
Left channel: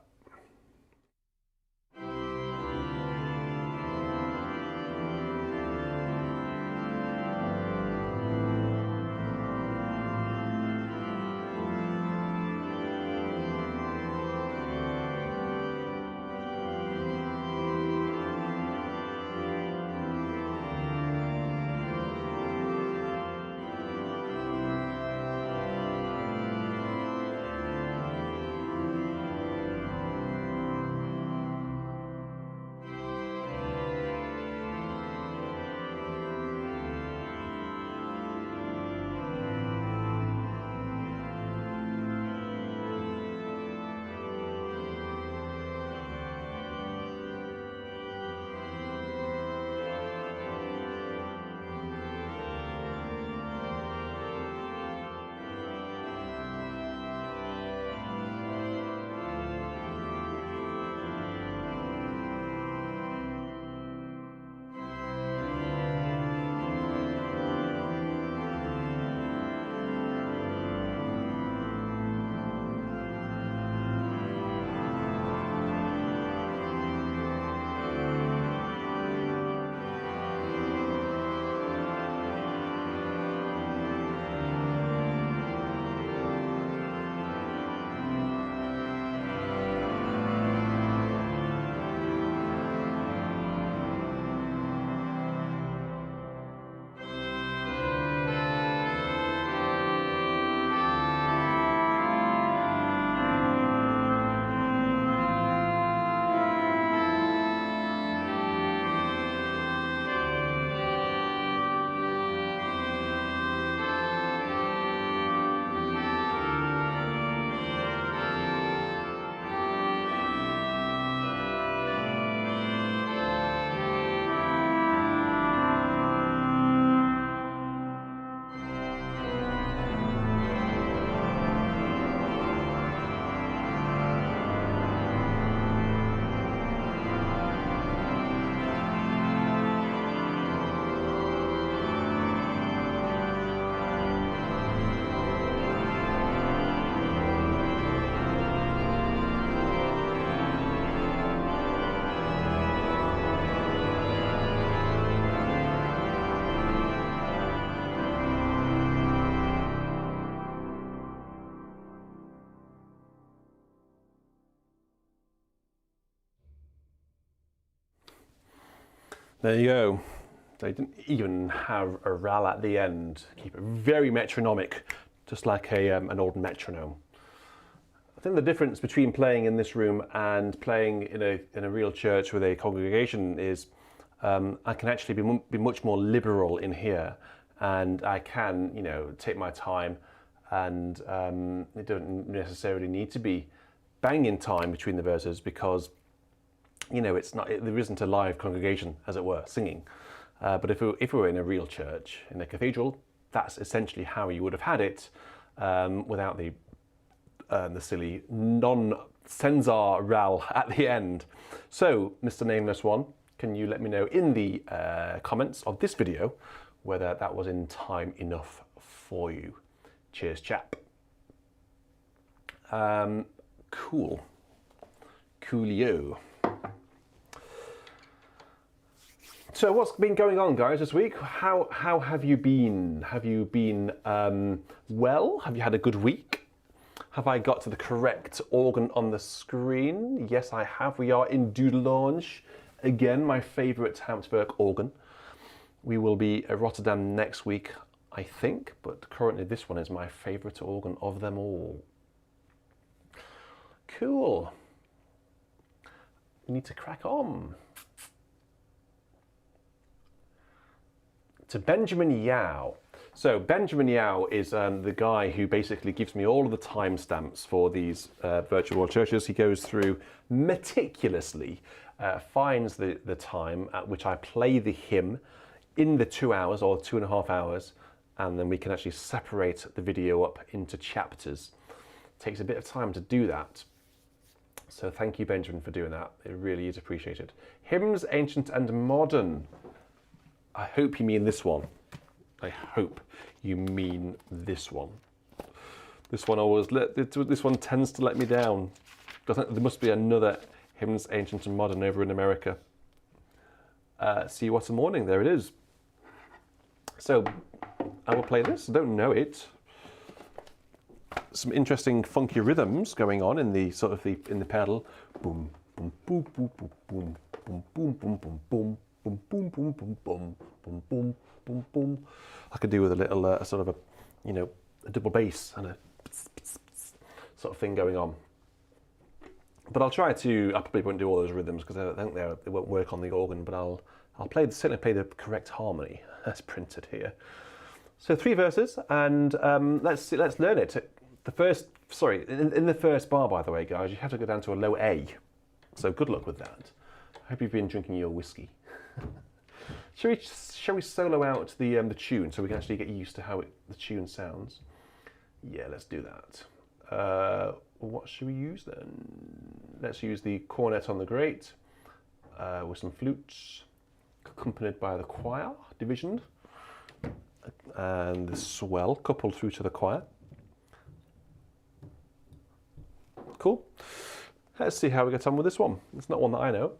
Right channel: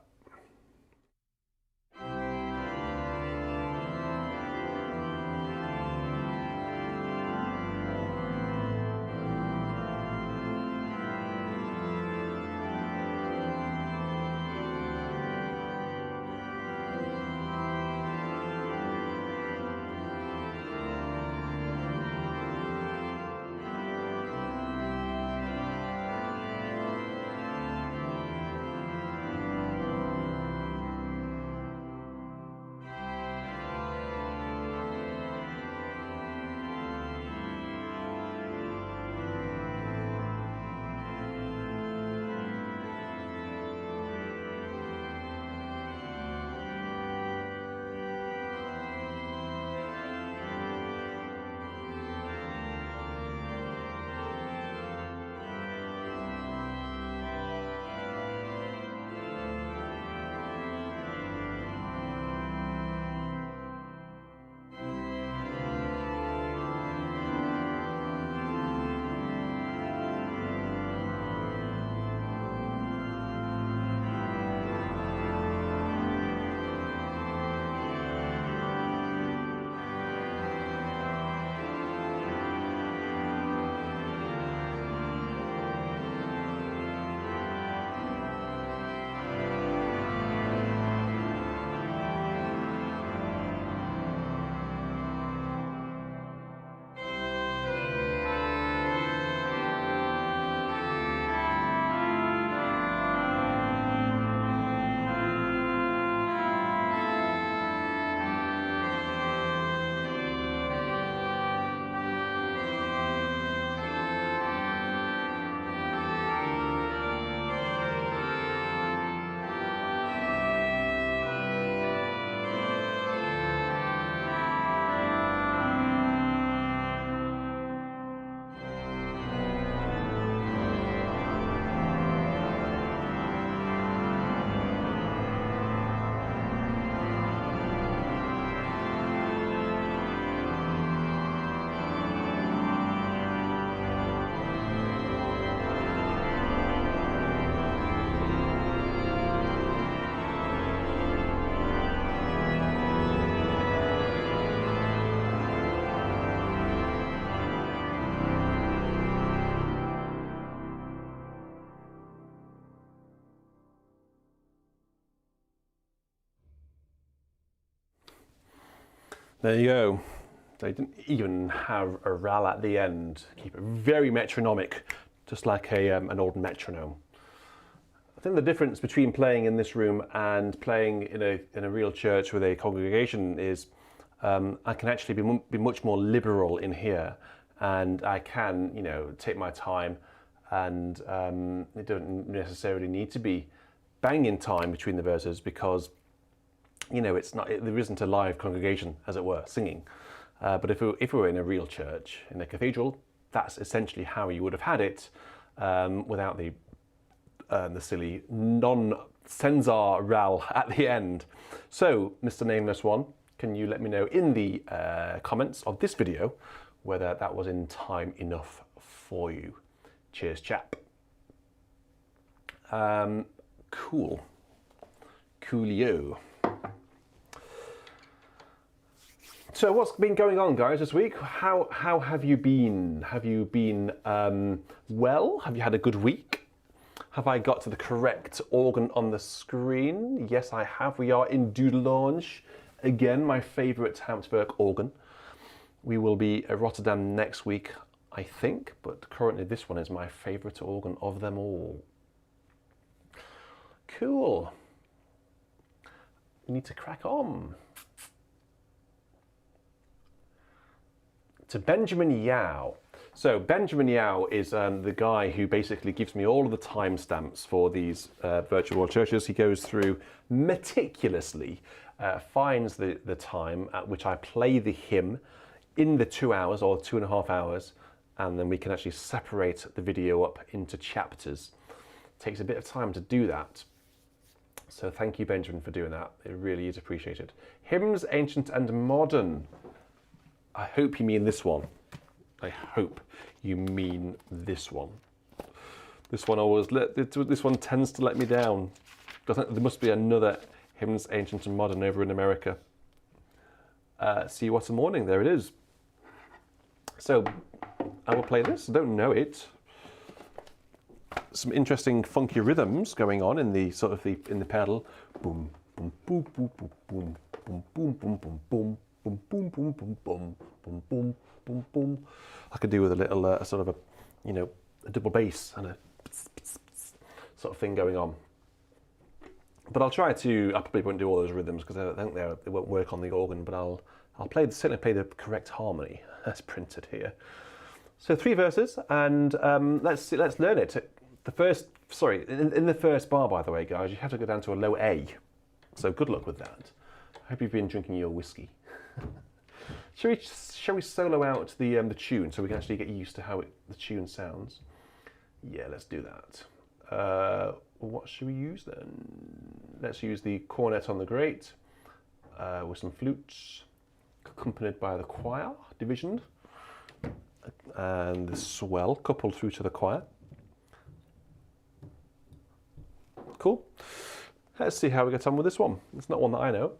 There you go. They didn't even have a ral at the end. Keep it very metronomic, just like an old metronome. I think the difference between playing in this room and playing in a real church with a congregation is I can actually be much more liberal in here, and I can, you know, take my time, and it doesn't necessarily need to be banging time between the verses because, you know, there isn't a live congregation, as it were, singing. But if we were in a real church, in a cathedral, that's essentially how you would have had it without the silly non-censor ral at the end. So, Mr. Nameless One, can you let me know in the comments of this video whether that was in time enough for you? Cheers, chap. Cool. Coolio. So what's been going on, guys, this week? How have you been? Have you been well? Have you had a good week? Have I got to the correct organ on the screen? Yes, I have. We are in Dudelange. Again, my favourite Habsburg organ. We will be at Rotterdam next week, I think, but currently this one is my favourite organ of them all. Cool. We need to crack on. To Benjamin Yao. So Benjamin Yao is the guy who basically gives me all of the timestamps for these virtual world churches. He goes through meticulously, finds the time at which I play the hymn in the 2 hours or 2.5 hours, and then we can actually separate the video up into chapters. It takes a bit of time to do that. So thank you, Benjamin, for doing that. It really is appreciated. Hymns, ancient and modern. I hope you mean this one. I hope you mean this one. This one tends to let me down. There must be another Hymns, Ancient and Modern over in America. See What a Morning, there it is. So I will play this. I don't know it. Some interesting funky rhythms going on in the in the pedal. Boom, boom, boom, boom, boom, boom, boom, boom, boom, boom, boom. Boom, boom, boom, boom, boom, boom, boom, boom, boom. I could do with a little sort of a double bass and a sort of thing going on. But I'll try to. I probably won't do all those rhythms because I think they won't work on the organ. But I'll certainly play the correct harmony as printed here. So 3 verses, and let's learn it. In the first bar, by the way, guys, you have to go down to a low A. So good luck with that. I hope you've been drinking your whiskey. Shall we solo out the tune so we can actually get used to how the tune sounds? Yeah, let's do that. What should we use then? Let's use the cornet on the grate with some flutes, accompanied by the choir division, and the swell coupled through to the choir. Cool. Let's see how we get on with this one. It's not one that I know.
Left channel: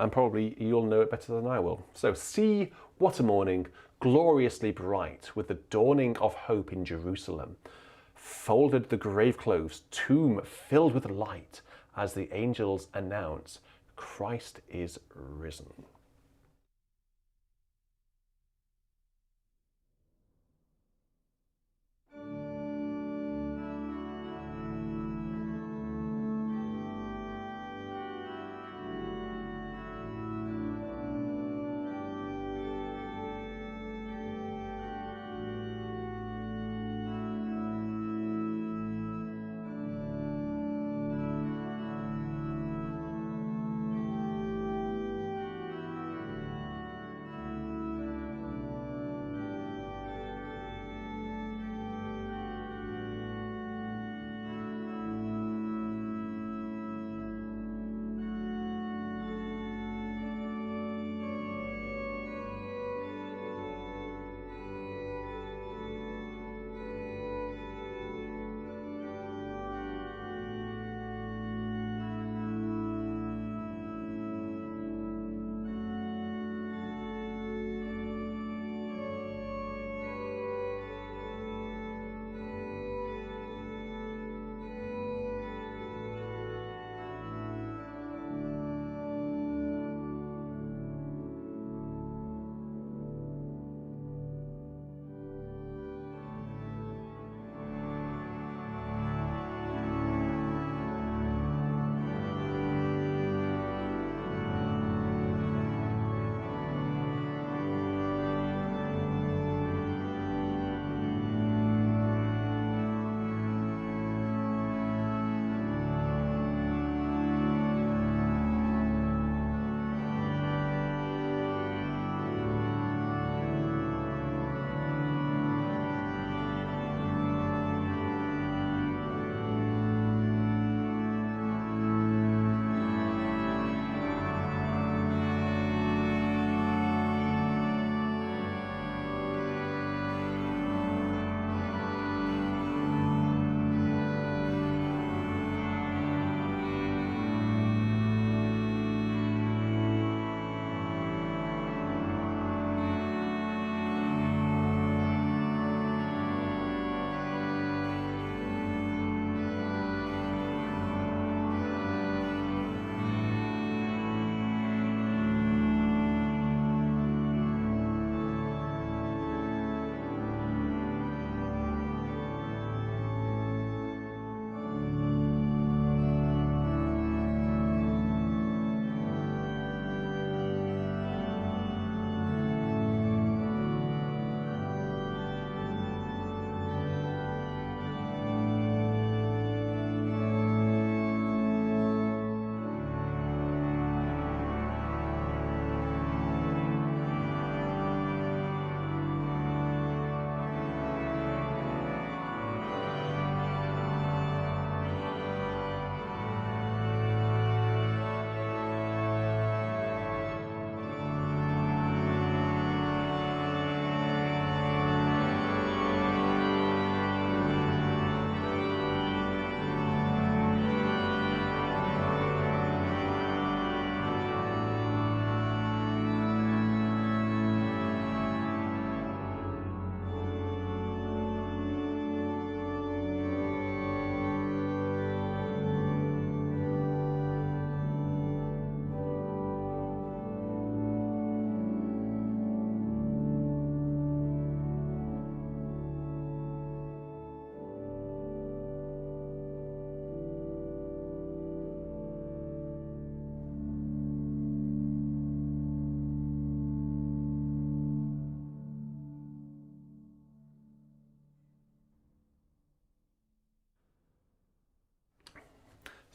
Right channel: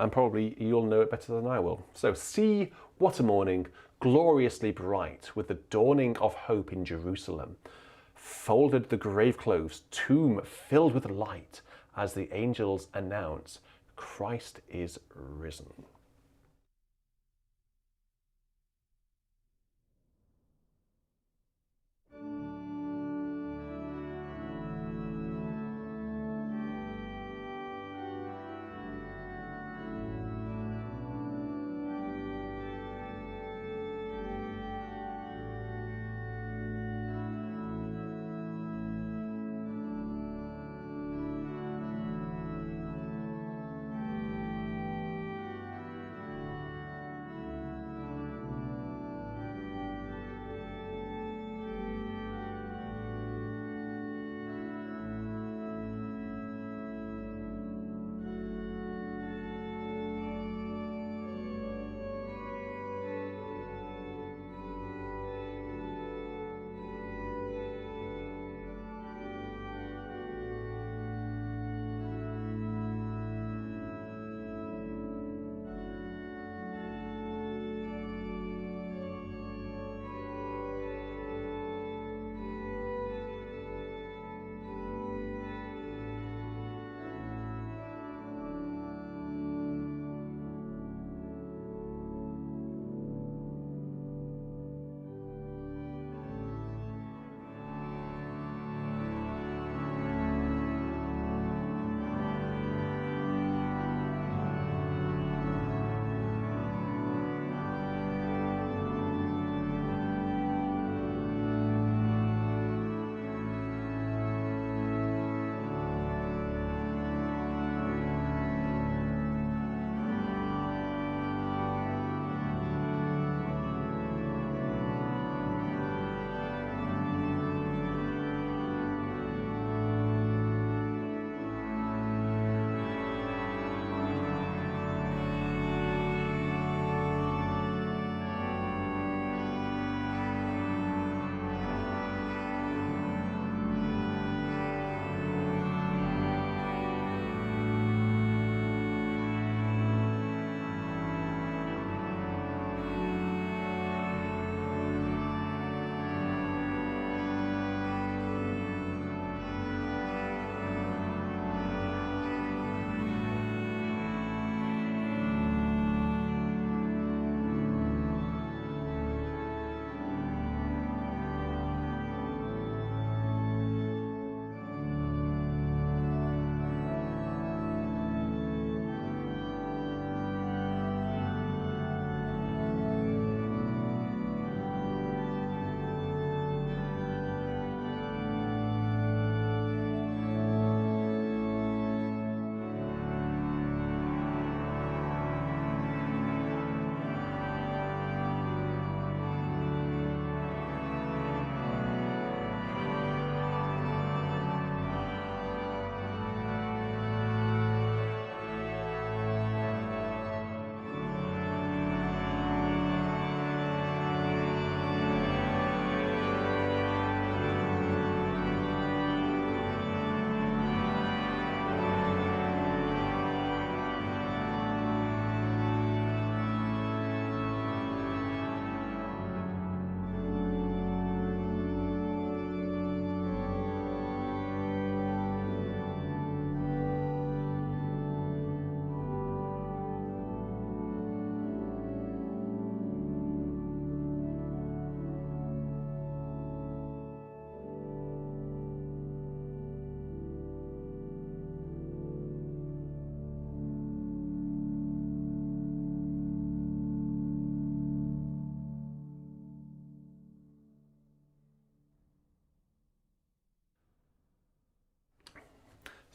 And probably you'll know it better than I will. So, see what a morning, gloriously bright, with the dawning of hope in Jerusalem. Folded the grave clothes, tomb filled with light, as the angels announce, Christ is risen.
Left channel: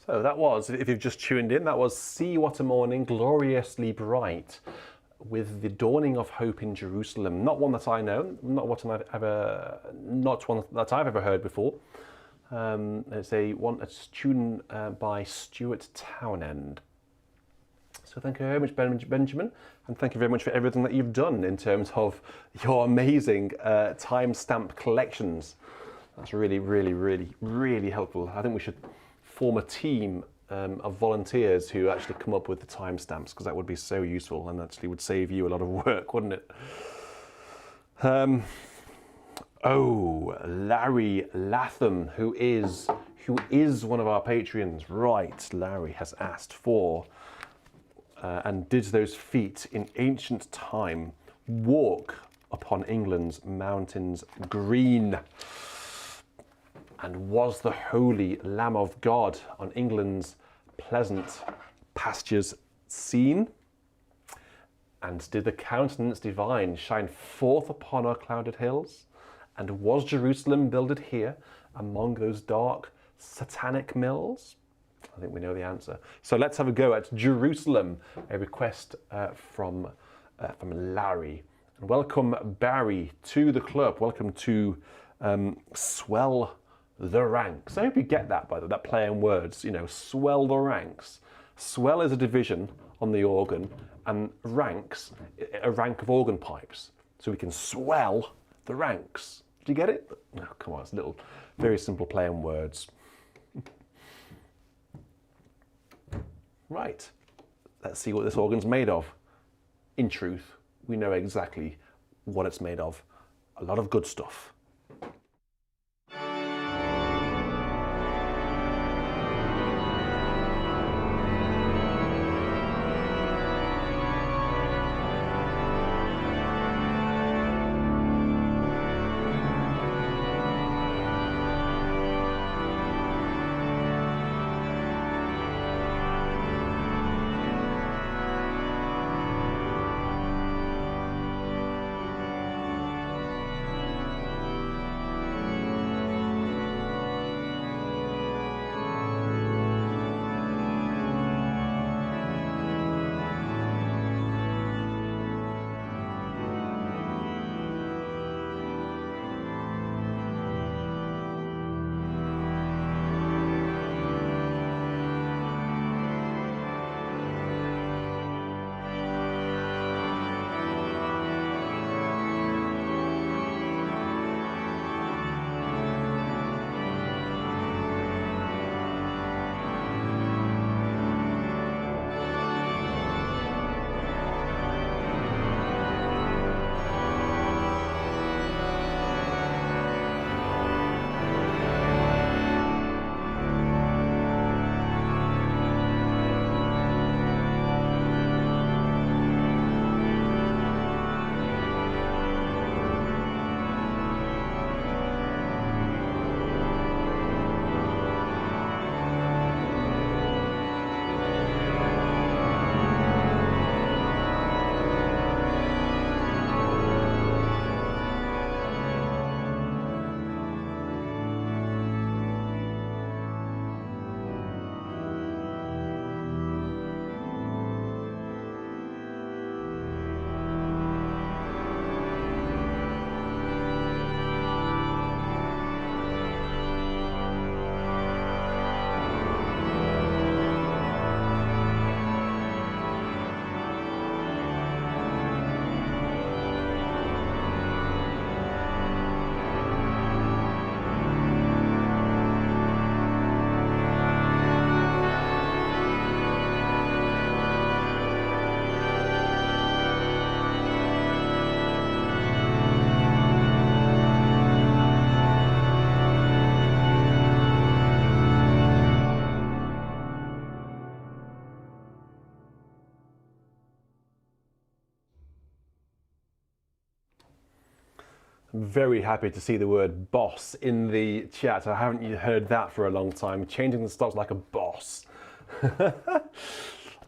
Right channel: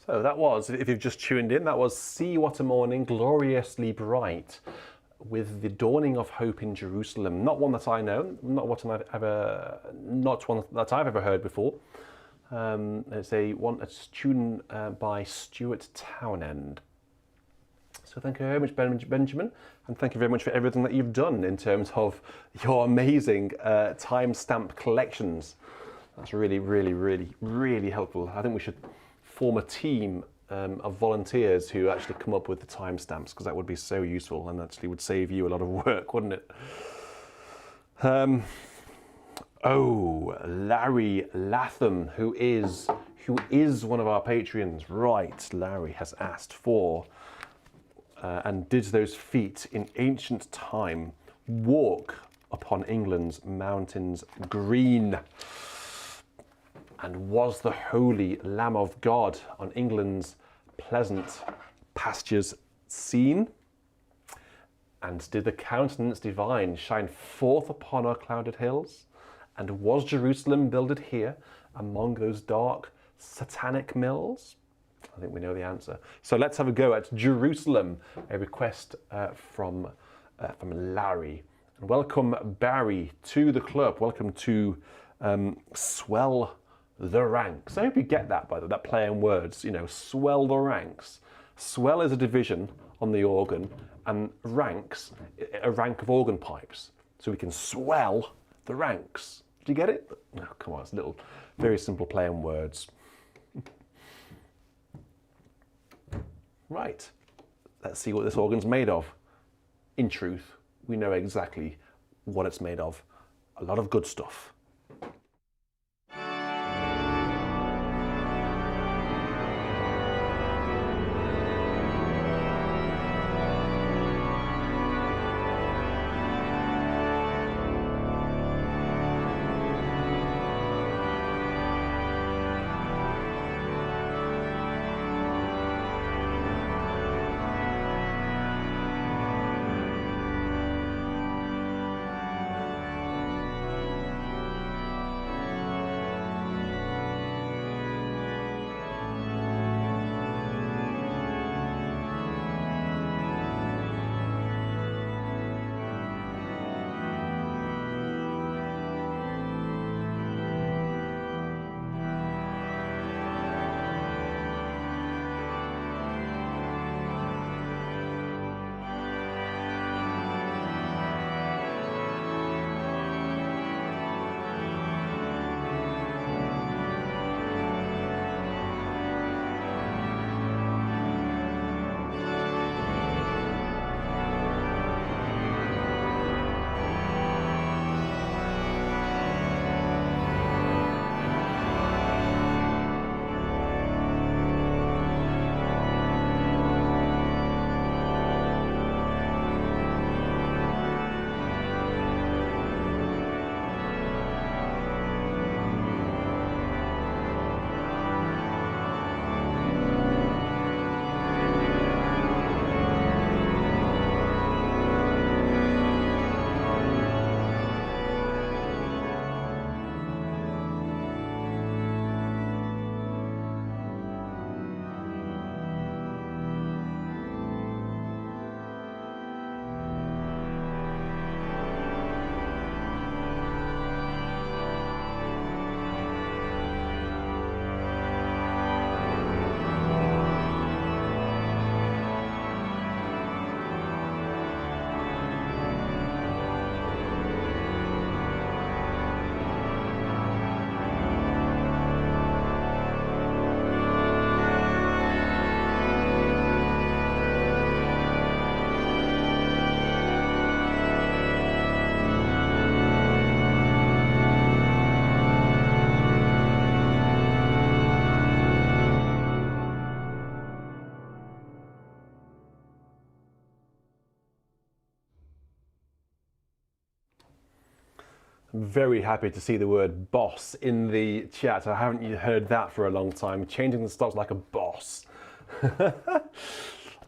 So that was, if you've just tuned in, that was "See What a Morning, Gloriously Bright," with the dawning of hope in Jerusalem. Not one that I know, not one that I've ever heard before. It's a tune by Stuart Townend. So thank you very much, Benjamin, and thank you very much for everything that you've done in terms of your amazing timestamp collections. That's really, really, really, really helpful. I think we should form a team of volunteers who actually come up with the timestamps, because that would be so useful and actually would save you a lot of work, wouldn't it? Oh, Larry Latham, who is one of our Patreons. Right, Larry has asked for, and did those feet in ancient time walk upon England's mountains green? And was the holy Lamb of God on England's pleasant pastures seen? And did the countenance divine shine forth upon our clouded hills? And was Jerusalem builded here among those dark satanic mills? I think we know the answer. So let's have a go at Jerusalem, a request from Larry. And welcome, Barry, to the club. Welcome to Swell the Ranks. I hope you get that, by the way, that play on words, you know, swell the ranks. Swell is a division on the organ, and ranks, a rank of organ pipes. So we can swell the ranks. Do you get it? Oh, come on, it's a little, very simple play on words. Right, let's see what this organ's made of. In truth, we know exactly what it's made of. A lot of good stuff. Very happy to see the word boss in the chat. I haven't heard that for a long time. Changing the stops like a boss. Well,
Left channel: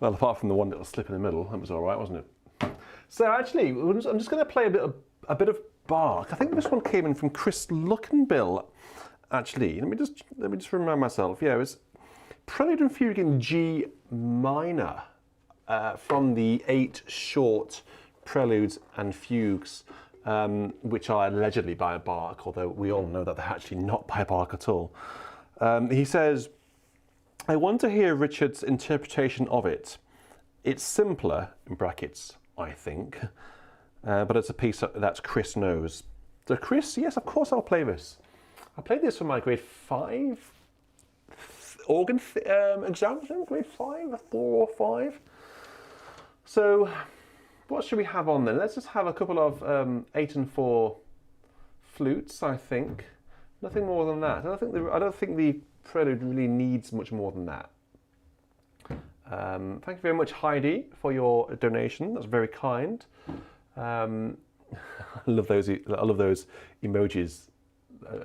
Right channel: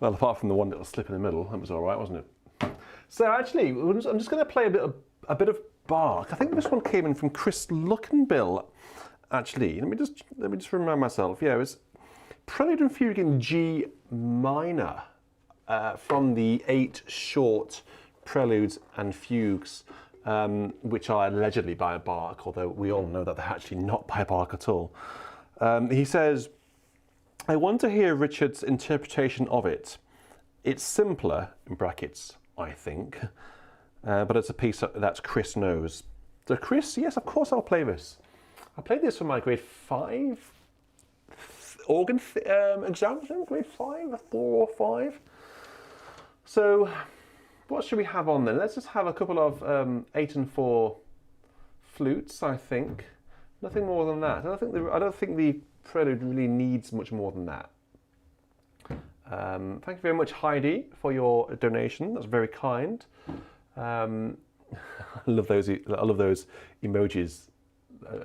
apart from the one little slip in the middle, that was all right, wasn't it? So actually, I'm just going to play a bit of Bach. I think this one came in from Chris Luckenbill. Actually, let me just remind myself. Yeah, it was Prelude and Fugue in G minor from the 8 short preludes and fugues, which are allegedly by Bach, although we all know that they're actually not by Bach at all. He says, I want to hear Richard's interpretation of it. It's simpler, in brackets, I think, but it's a piece that Chris knows. So Chris, yes, of course I'll play this. I played this for my grade 5 organ exam, grade 5, 4 or 5. So what should we have on then? Let's just have a couple of 8 and 4 flutes, I think. Nothing more than that. I don't think the prelude really needs much more than that. Thank you very much, Heidi, for your donation. That's very kind. I love those emojis.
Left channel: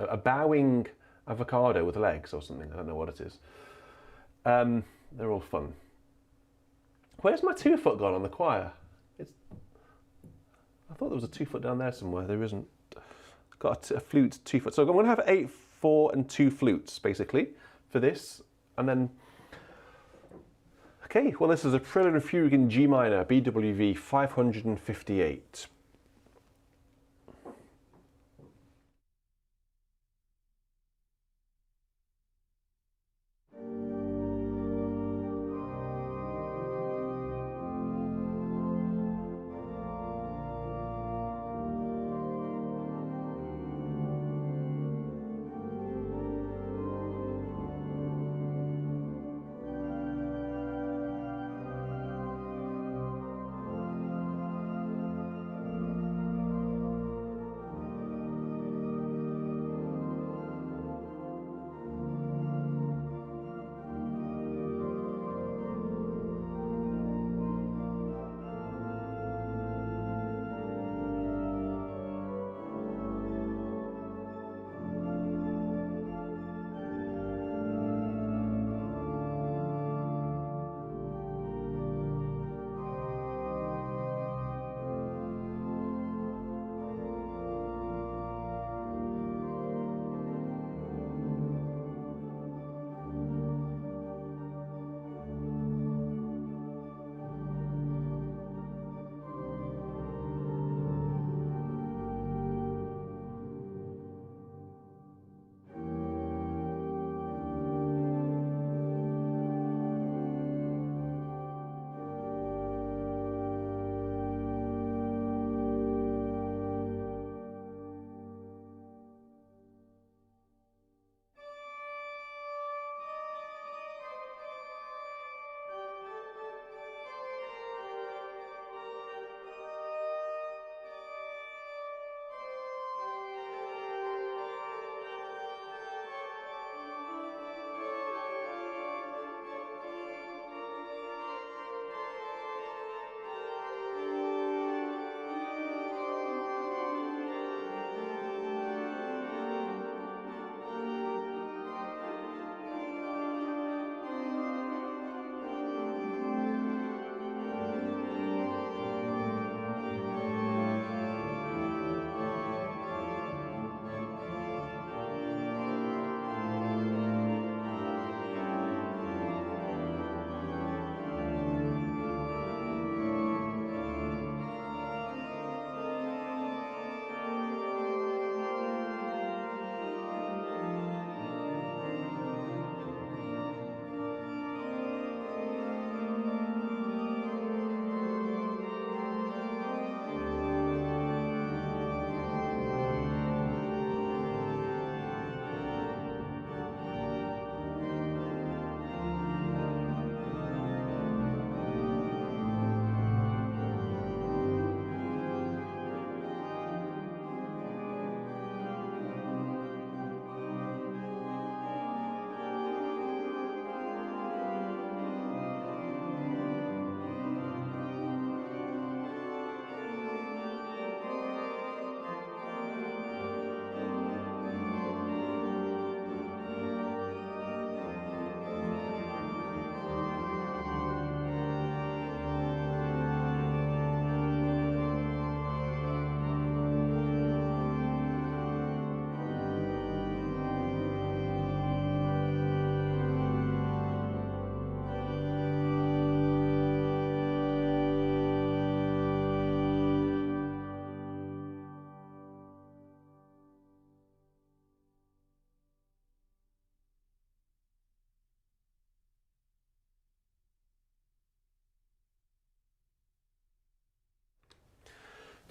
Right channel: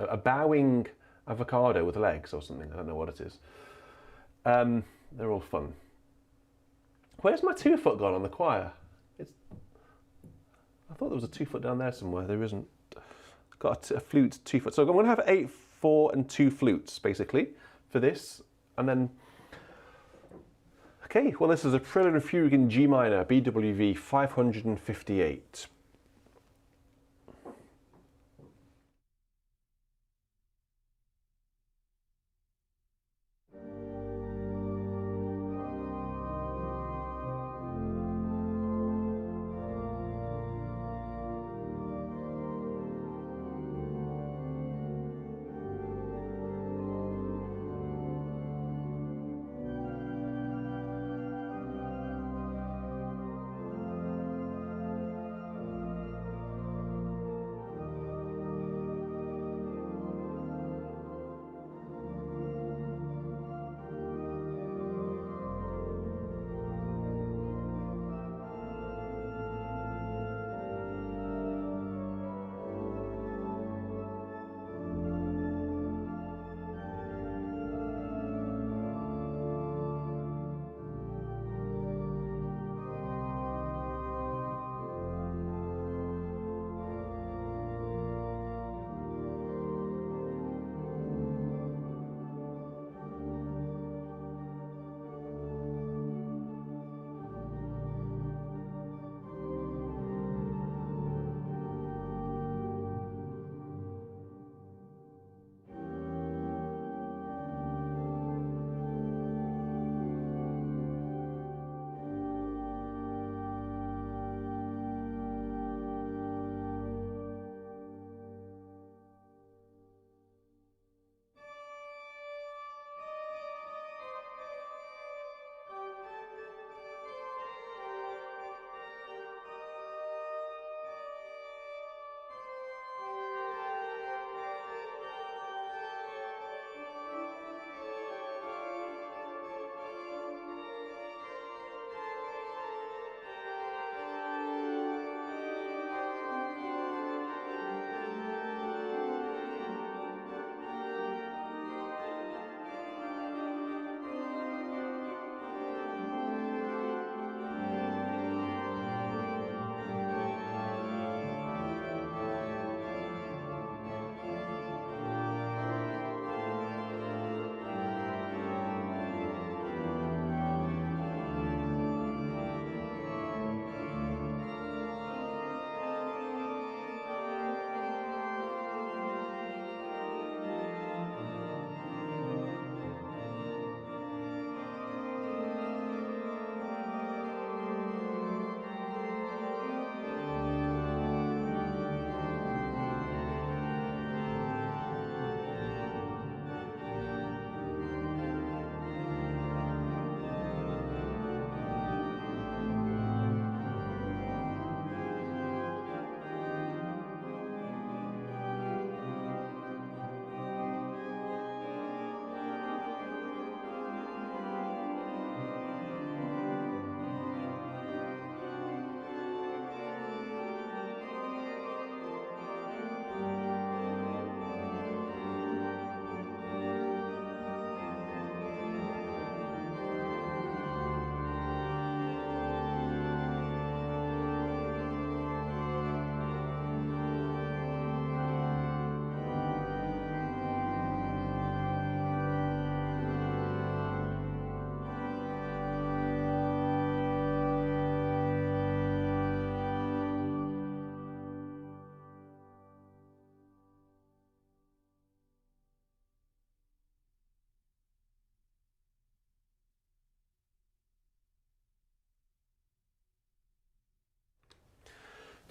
A bowing avocado with legs or something. I don't know what it is. They're all fun. Where's my 2-foot gone on the choir? I thought there was a 2-foot down there somewhere. There isn't. Got a flute 2-foot. So I'm going to have 8, 4 and 2 flutes basically for this. And then, okay, well, this is a Prelude and Fugue in G minor, BWV 558.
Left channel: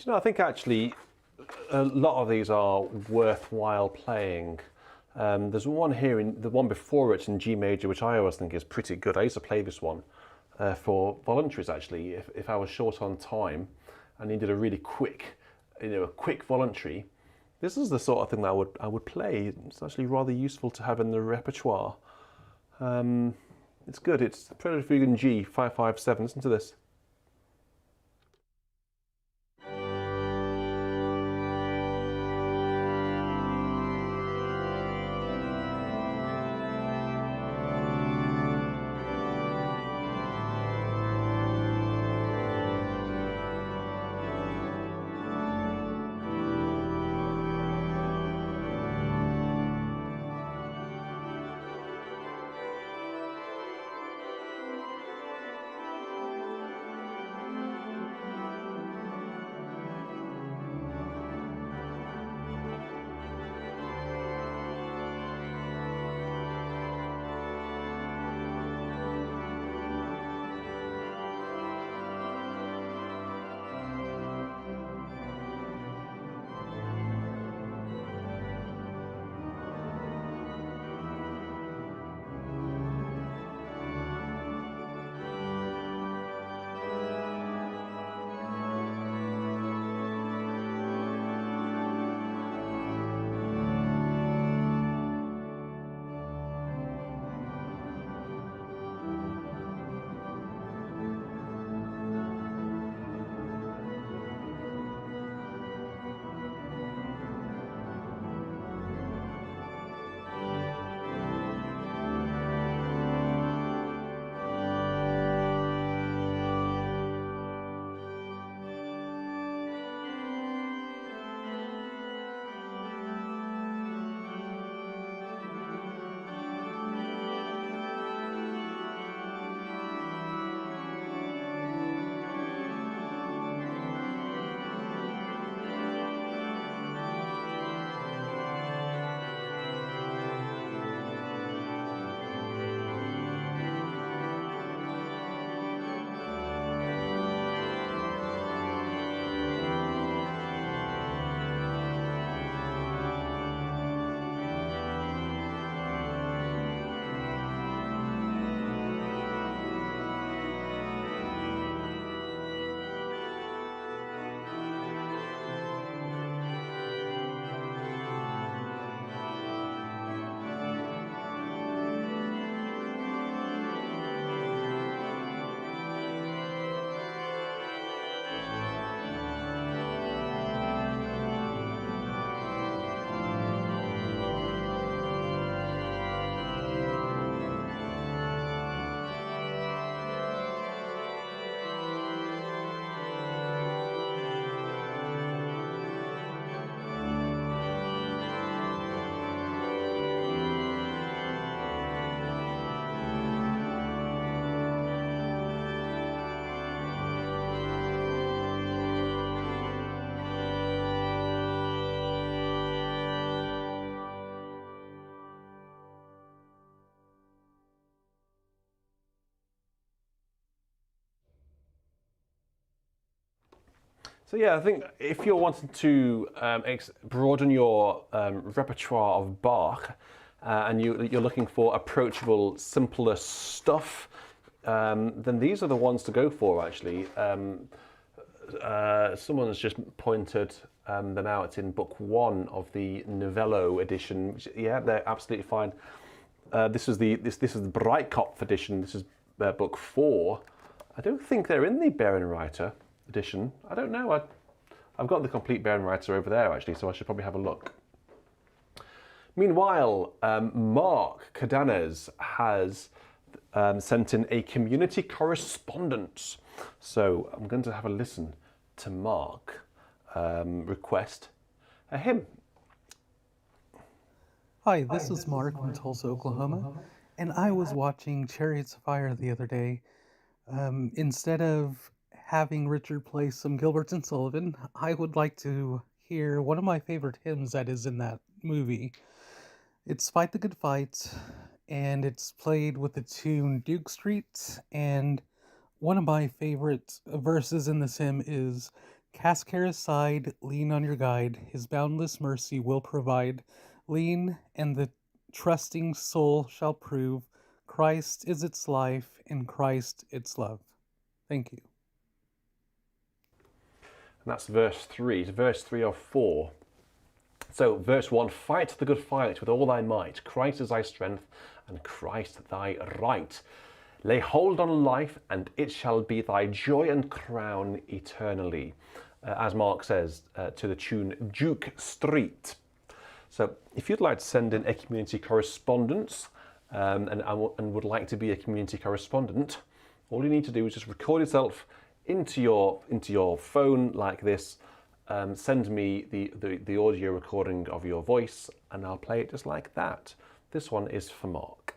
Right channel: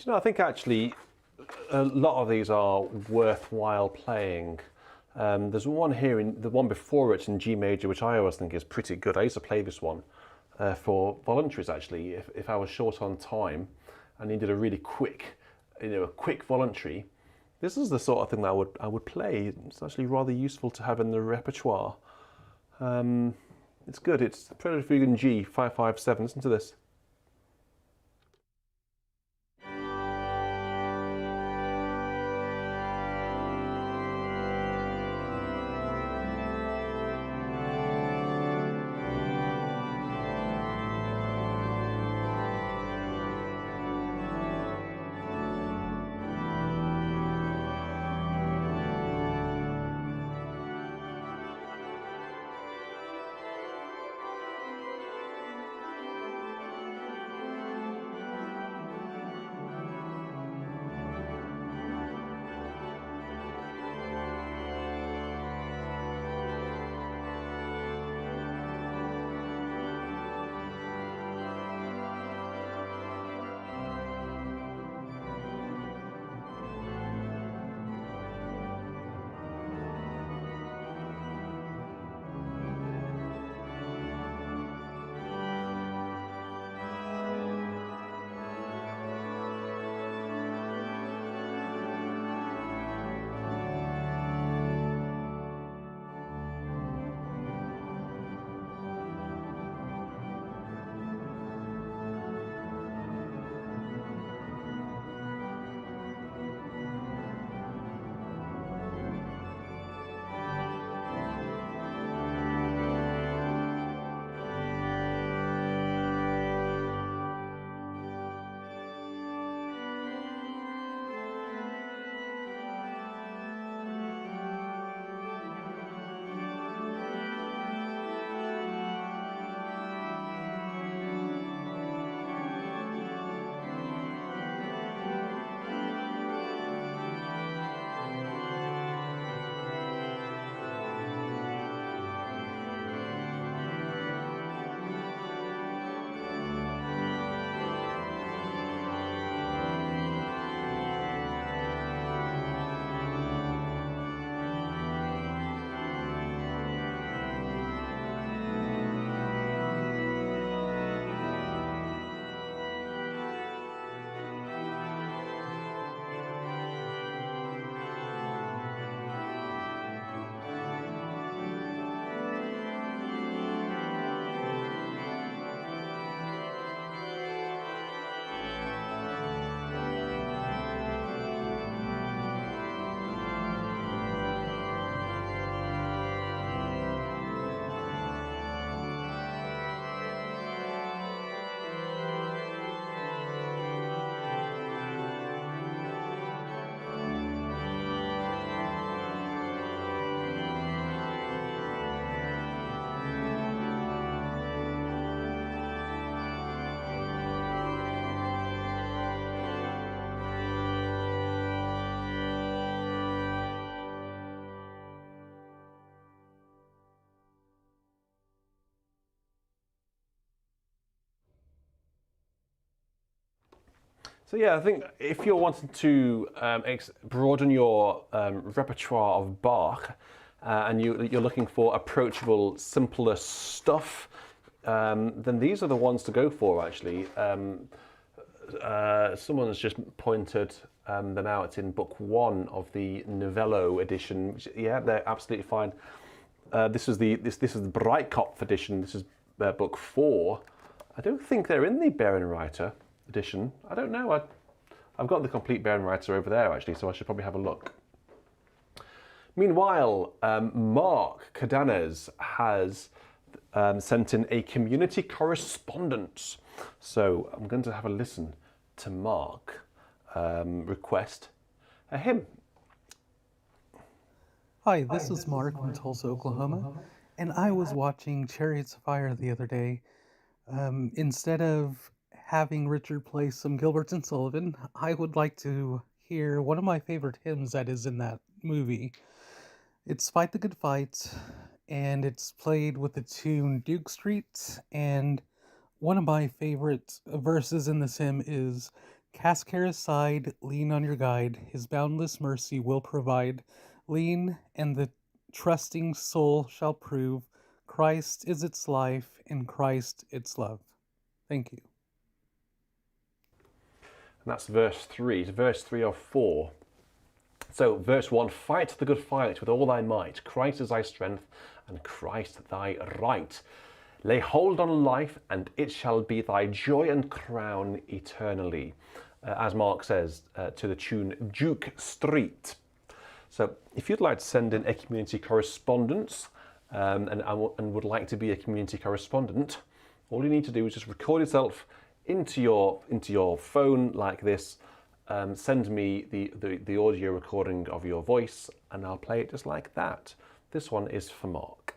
you know, I think actually a lot of these are worthwhile playing. There's one here, in the one before it in G major, which I always think is pretty good. I used to play this one for voluntaries actually. If I was short on time and needed a really quick, a quick voluntary, this is the sort of thing that I would play. It's actually rather useful to have in the repertoire. It's good. It's Prelude Fugue in G 557. Listen to this. So yeah, I think if you're wanting to broaden your repertoire of Bach, and you're looking for approachable, simpler stuff, then these are the ones to go for. Actually, someone has just pointed them out. It's in Book 1 of the Novello edition. Which, yeah, they're absolutely fine. This is the Breitkopf edition. This is Book 4. I don't think they're in the Bärenreiter edition. I don't know. I've got the complete Bärenreiter over there actually, so I should probably have a look. Meanwhile, Mark Cadanez has sent in a community correspondence. So I'm going to have a listen to Mark request a hymn. Hi, this is Mark from Tulsa, Oklahoma, and I was watching Chariots of Fire the other day. Instead of having Richard play some Gilbert and Sullivan, I would like to hear one of my favorite hymns that is in that movie. It's Fight the Good Fight, and it's played with the tune Duke Street, and one of my favorite verses in this hymn is, Cast care aside, lean on your guide. His boundless mercy will provide. Lean, and the trusting soul shall prove Christ is its life, and Christ its love. Thank you. And that's verse 3. It's verse 3 of 4. So, verse 1, fight the good fight with all thy might. Christ is thy strength, and Christ thy right. Lay hold on life, and it shall be thy joy and crown eternally. As Mark says, to the tune Duke Street. So, if you'd like to send in a community correspondence and would like to be a community correspondent, all you need to do is just record yourself into your phone like this. Send me the audio recording of your voice, and I'll play it just like that. This one is for Mark.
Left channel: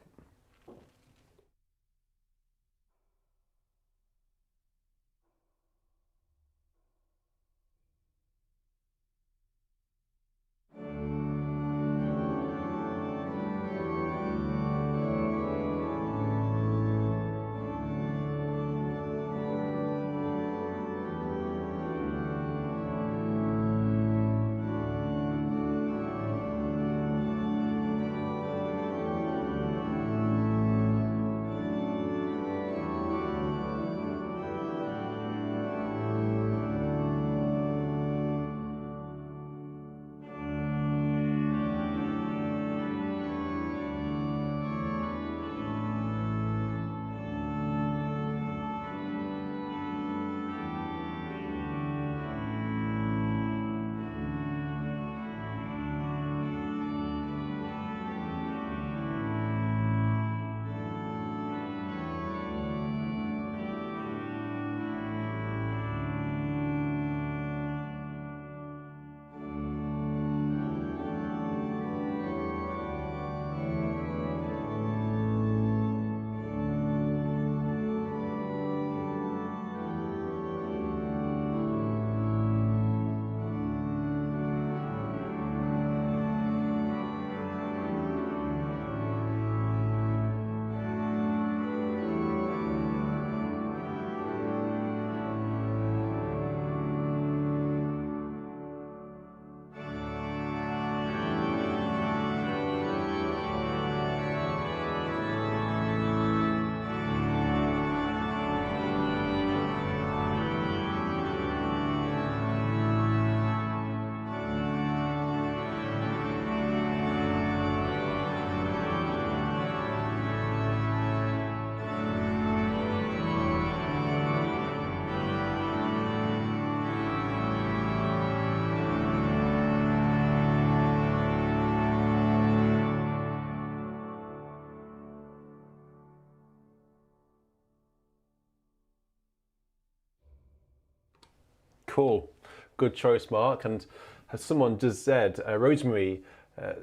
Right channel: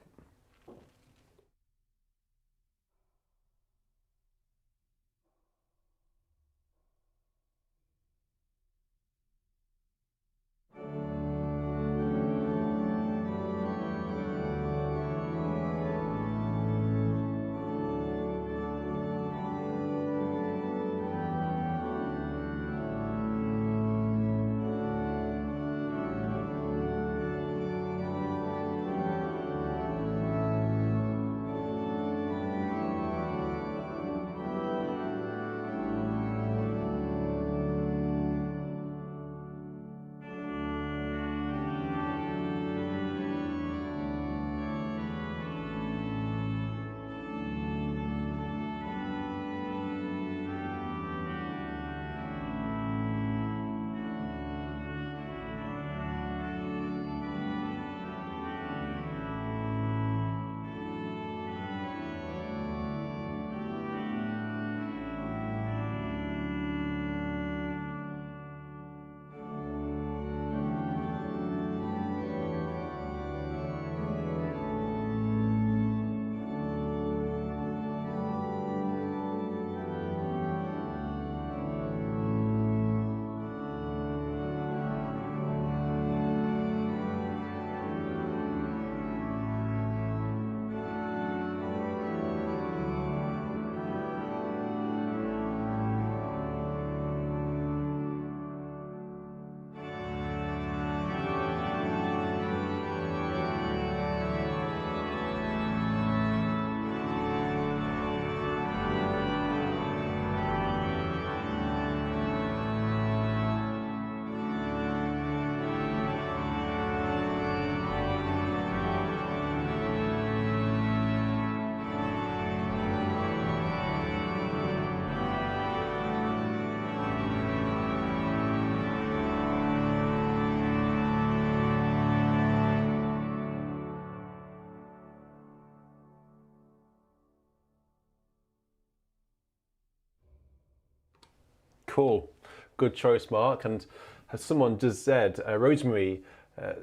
Cool. Good choice, Mark. And as someone just said, Rosemary,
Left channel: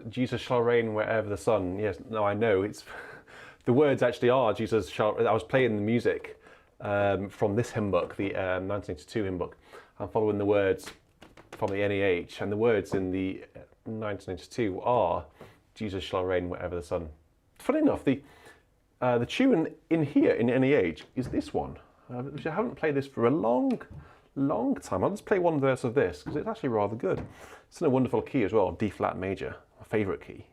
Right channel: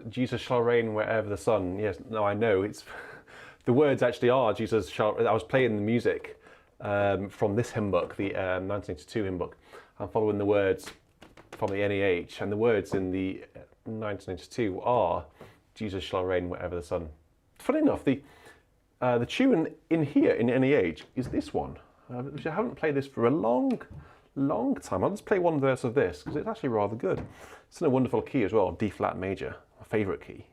Jesus shall reign wherever the sun. Yes, no, I know. It's the words actually are Jesus shall. I was playing the music from this hymn book, the 1982 hymn book. I'm following the words from the NEH, and the words in the 1982 are Jesus shall reign wherever the sun. Funny enough, the tune in here in NEH is this one. Which I haven't played this for a long time. I'll just play one verse of this because it's actually rather good. It's in a wonderful key as well, D flat major, my favourite key.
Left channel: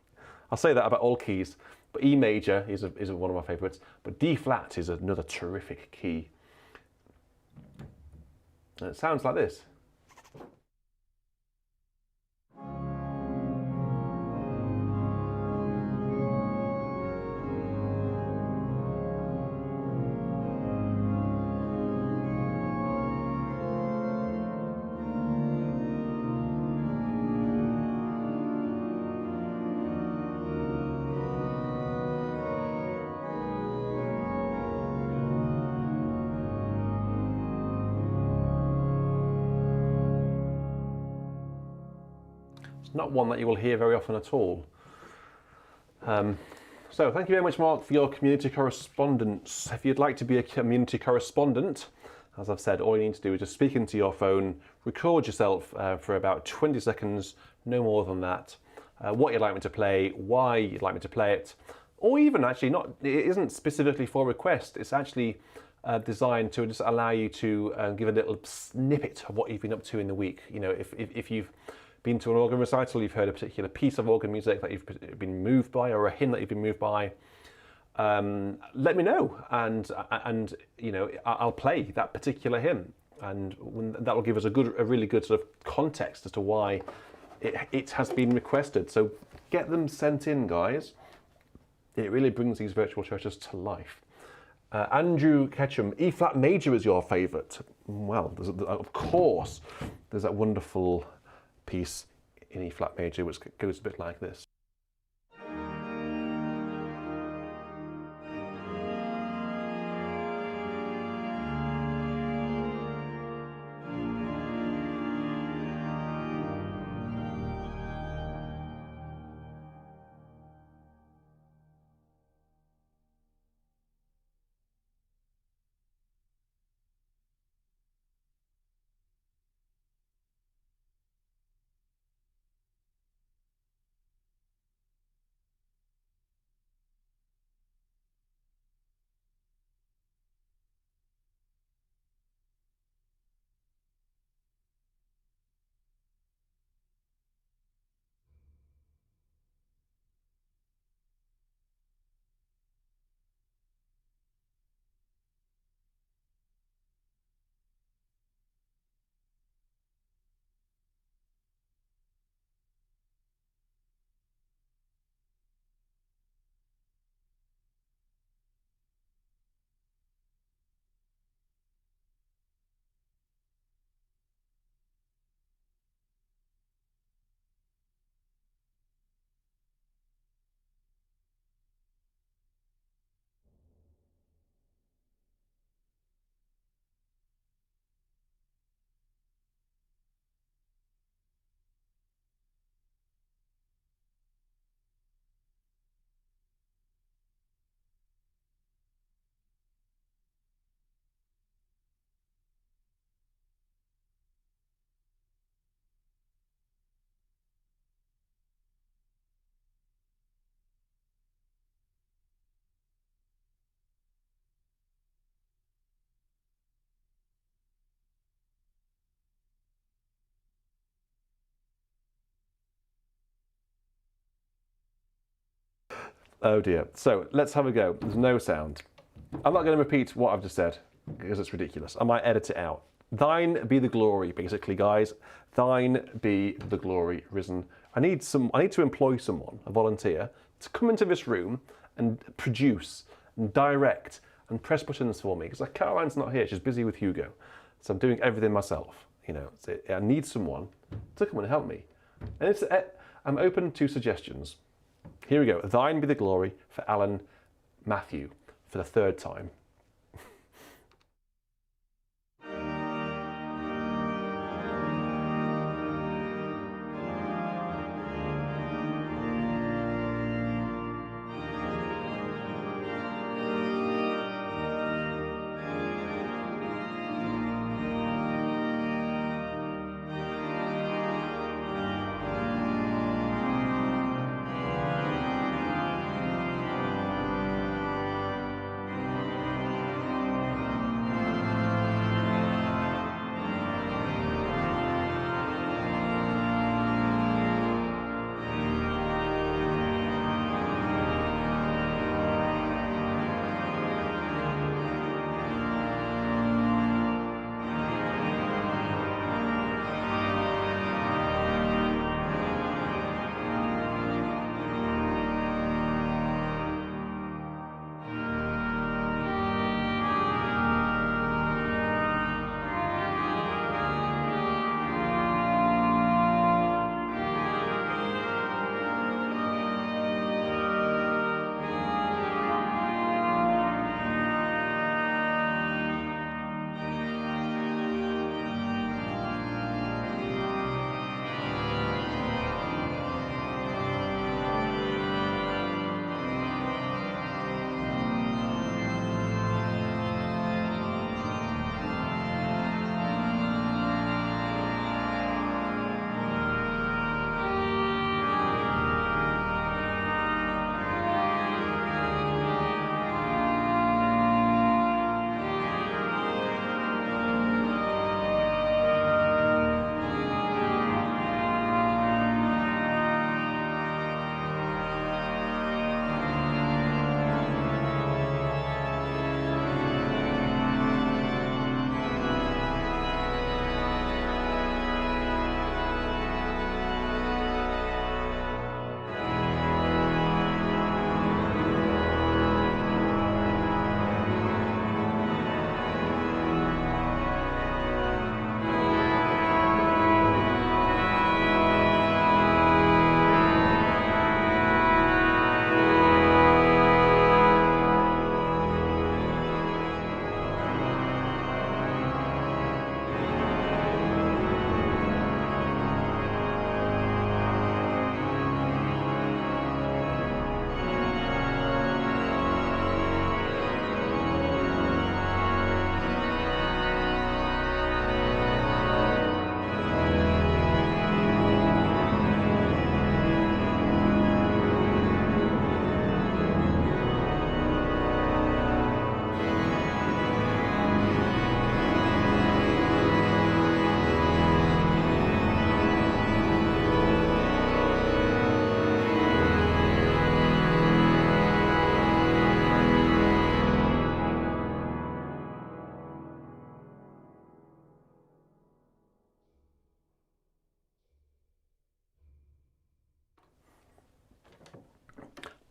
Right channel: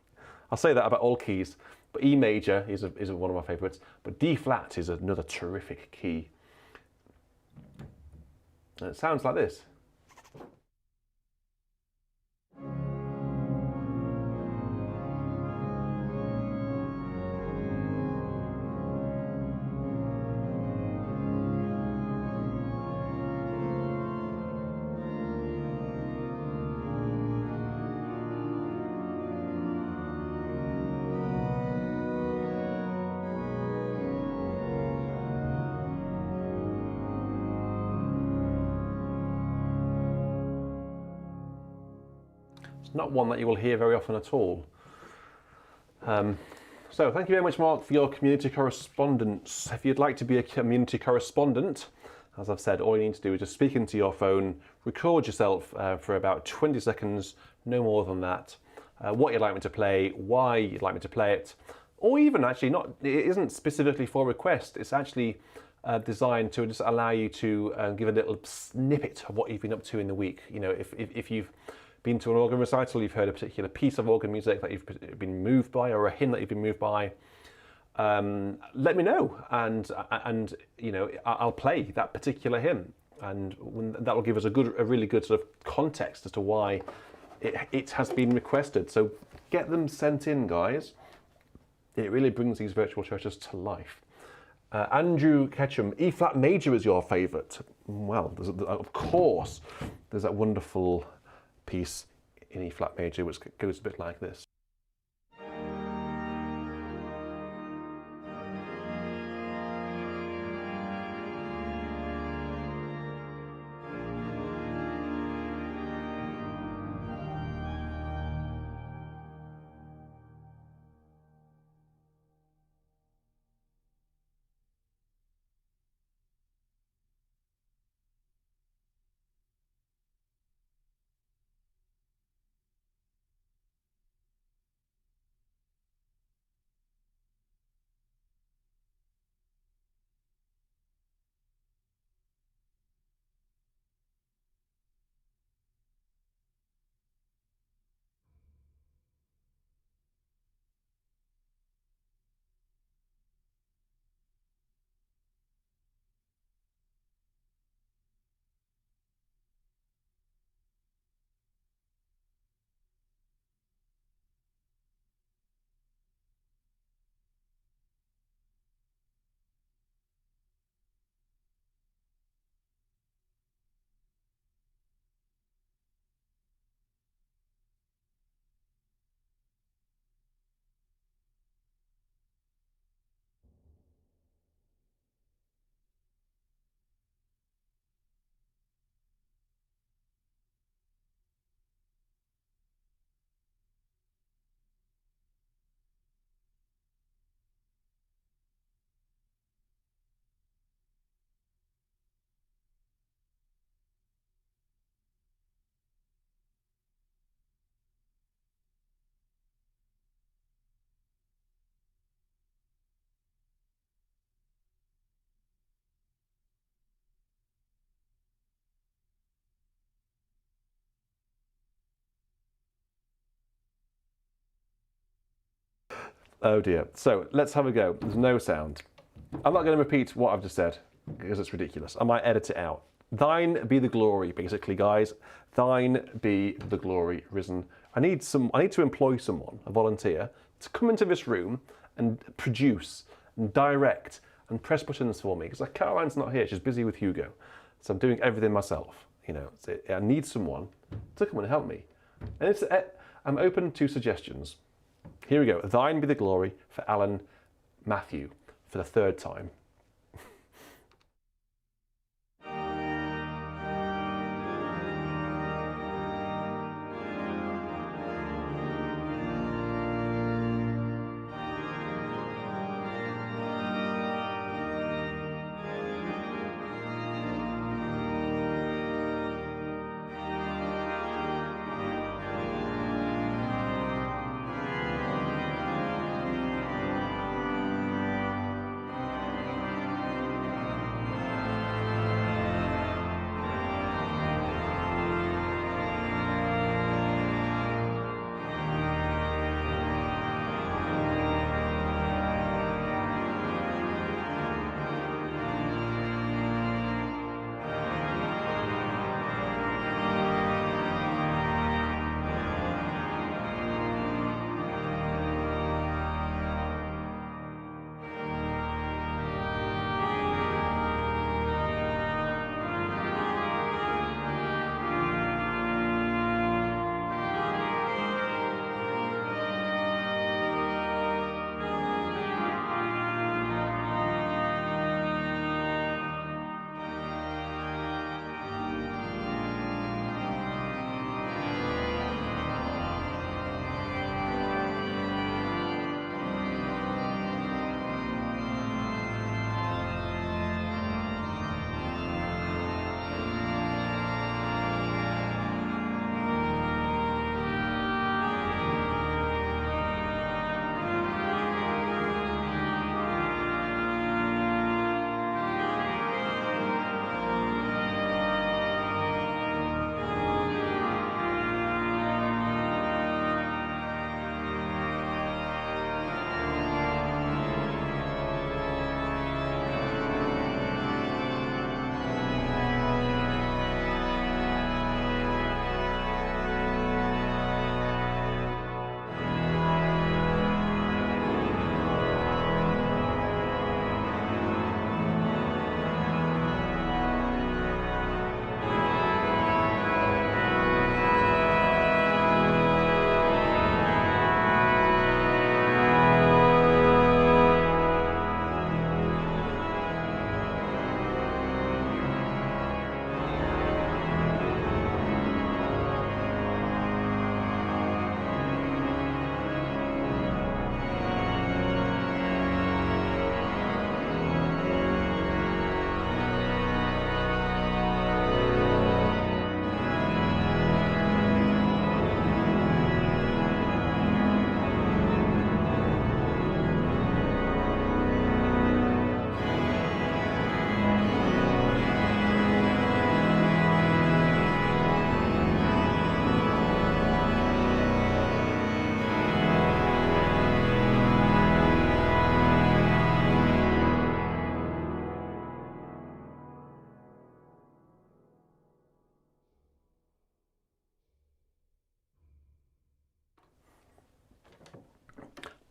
I'll say that about all keys, but E major is one of my favourites, but D flat is another terrific key. And it sounds like this. Not one that you will hear very often at all. So thank you very much, Mark, for your community correspondence. If you'd like to be a community correspondent, as I've said, all you need to do is just speak into your phone, record yourself for about 20 seconds, no more than that. What you'd like me to play, why you'd like me to play it, or even actually not, it isn't specifically for request, it's actually designed to just allow you to give a little snippet of what you've been up to in the week. You know, if you've been to an organ recital, you've heard a particular piece of organ music that you've been moved by, or a hymn that you've been moved by, let me know, and you know, I'll play that particular hymn, and that will give us a really good sort of context as to why it has been requested. So get them sent in, guys. It really brings these virtual churches to life. Andrew Ketchum, E flat major is your favourite. Well, of course, there's that wonderful piece in E flat major which goes a bit like this. Oh dear. So let's have a go. There's no sound. I'm not going to repeat what I've just said because it's ridiculous. I might edit it out. Thine be the glory, basically, guys. Thine be the glory risen. I need to employ someone, a volunteer, to come into this room and produce and direct and press buttons for me, because Caroline's not here. She's busy with Hugo. So I'm doing everything myself. You know, so I need someone to come and help me. And I'm open to suggestions. Here we go. Thine be the glory for Alan Matthew for the third time.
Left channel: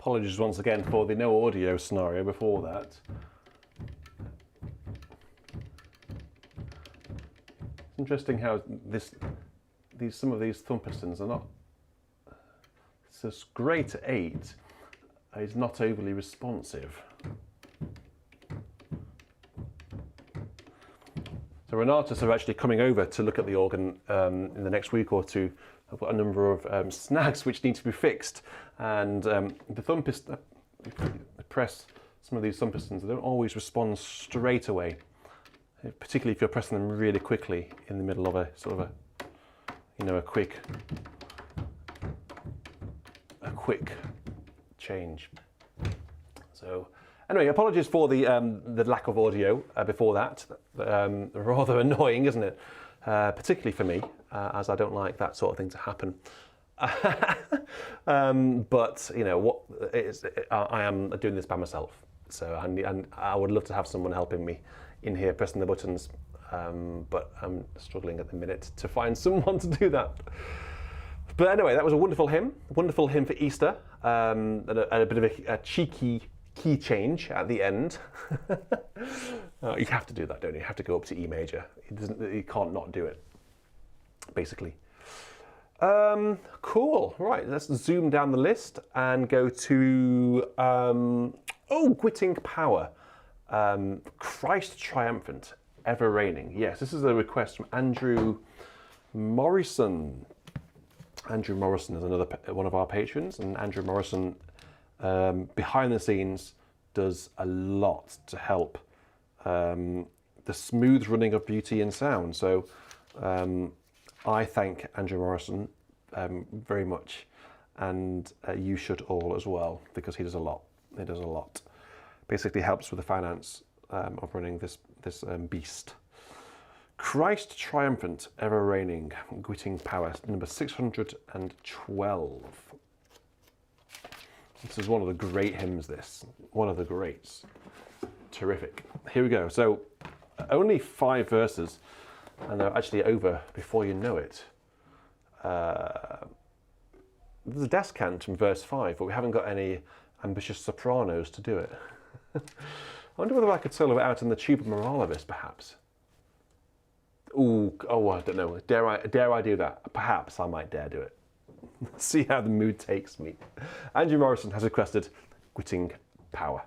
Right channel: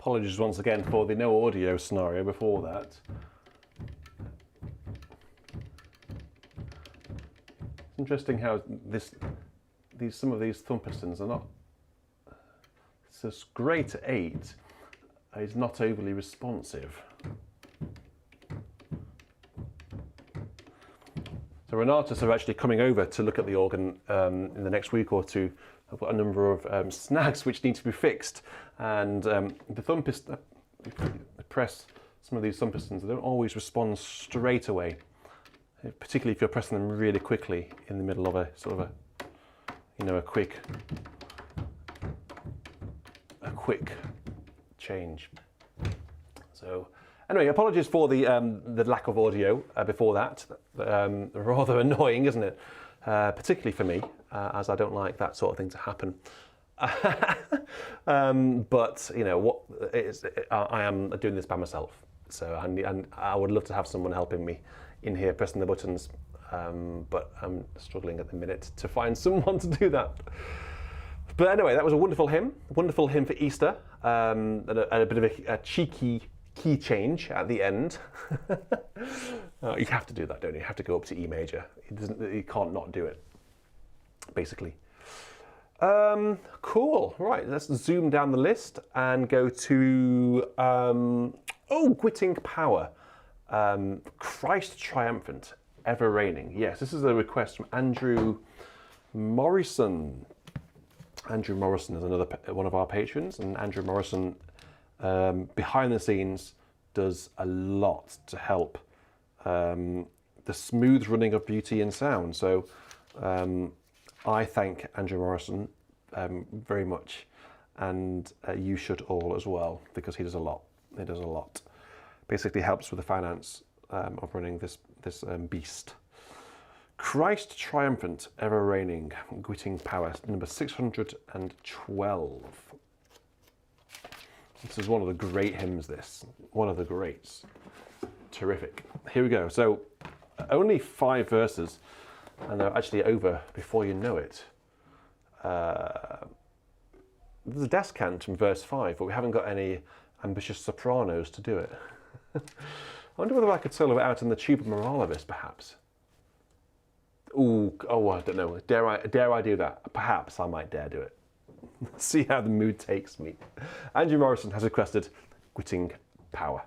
apologies once again for the no audio scenario before that. It's interesting how some of these thumb pistons are not. It's this great 8 is not overly responsive. So Renatus are actually coming over to look at the organ in the next week or two. I've got a number of snags which need to be fixed, and the thumb piston, press some of these thumb pistons, they don't always respond straight away, particularly if you're pressing them really quickly in the middle of a sort of a quick change. So anyway, apologies for the lack of audio before that. Rather annoying, isn't it? Particularly for me, as I don't like that sort of thing to happen. But you know I am doing this by myself, so and I would love to have someone helping me in here pressing the buttons, but I'm struggling at the minute to find someone to do that. But anyway, that was a wonderful hymn for Easter, and a bit of a cheeky key change at the end. You have to do that, don't you? You have to go up to E major. You can't not do it, basically. Cool. Right, let's zoom down the list and go to Gwitting Power. Christ triumphant, ever reigning. Yes, this is a request from Andrew Morrison. Andrew Morrison is one of our patrons, and Andrew Morrison behind the scenes does a lot to help the smooth running of Beauty in Sound. So I thank Andrew Morrison very much, and you should all as well, because he does a lot. He does a lot. Basically helps with the finance of running this beast. Christ triumphant, ever reigning, Gwitting Power, number 612. This is one of the great hymns, one of the greats. Terrific. Here we go. So only 5 verses, and they're actually over before you know it. There's a descant from verse 5, but we haven't got any ambitious sopranos to do it. I wonder whether I could solo it out in the tuba moralibus, perhaps. Oh, I don't know. Dare I do that? Perhaps I might dare do it. See how the mood takes me. Andrew Morrison has requested Gwitting Power.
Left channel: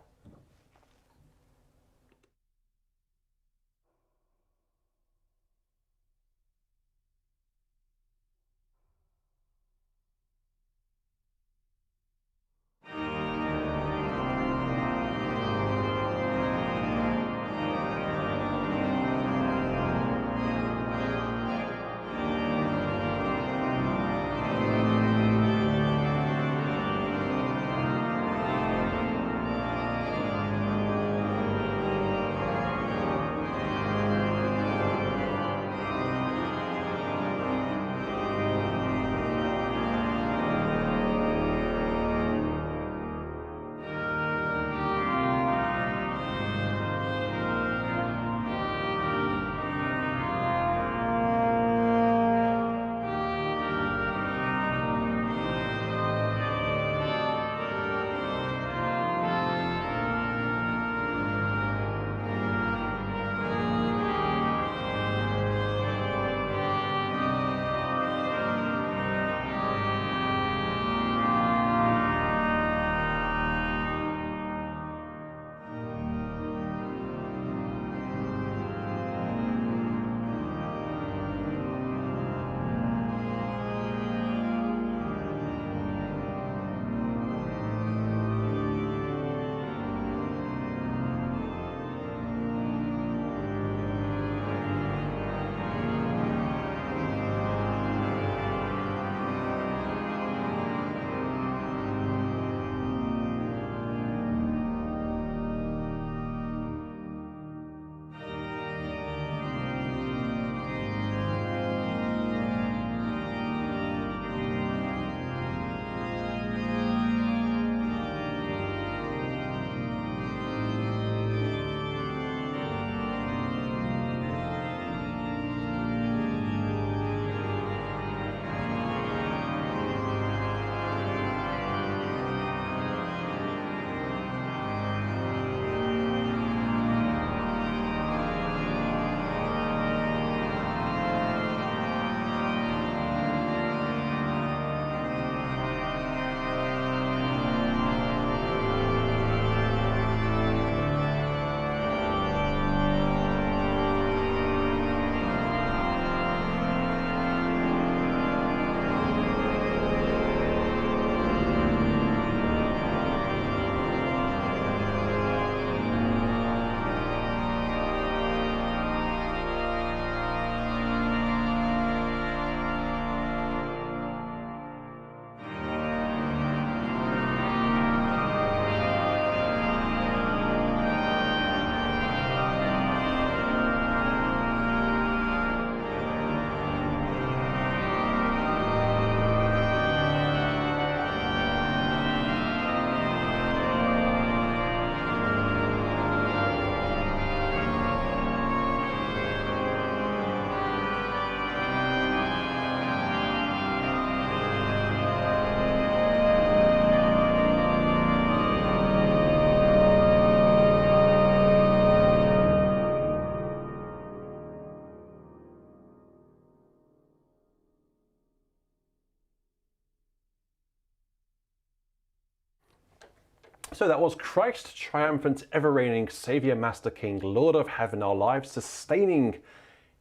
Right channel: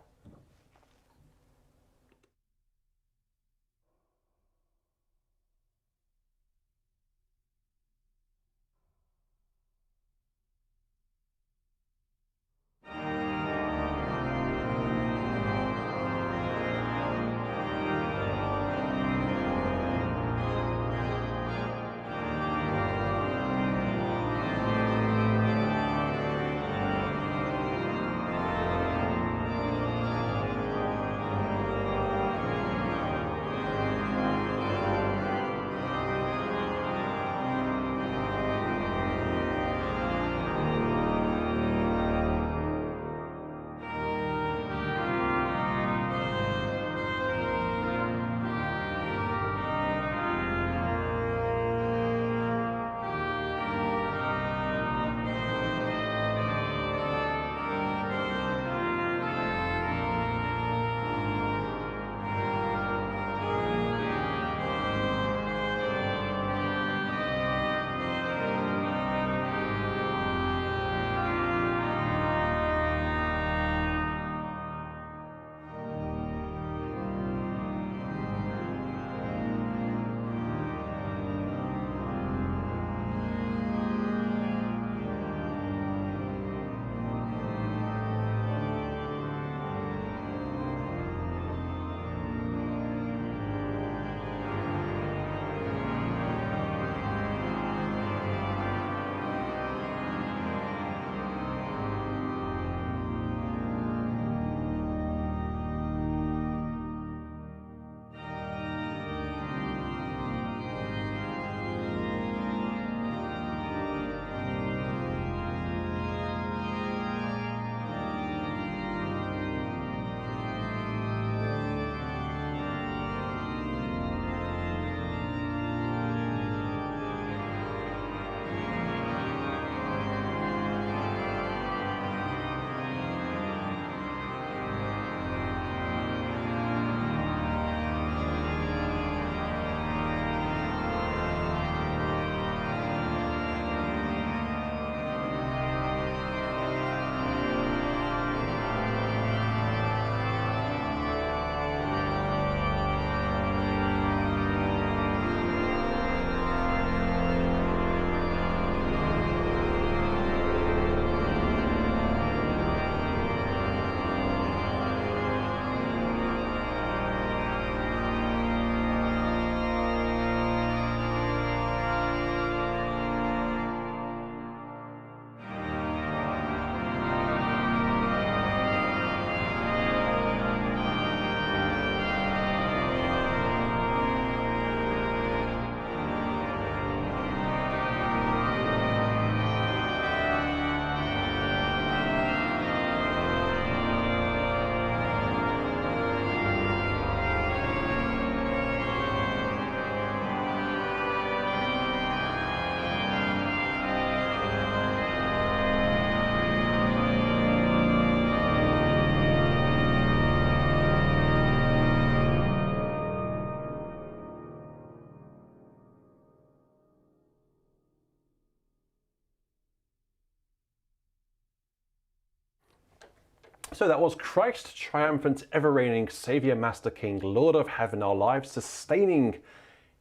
So that was Christ, triumphant, ever-reigning, Saviour, Master, King, Lord of heaven, our lives sustaining.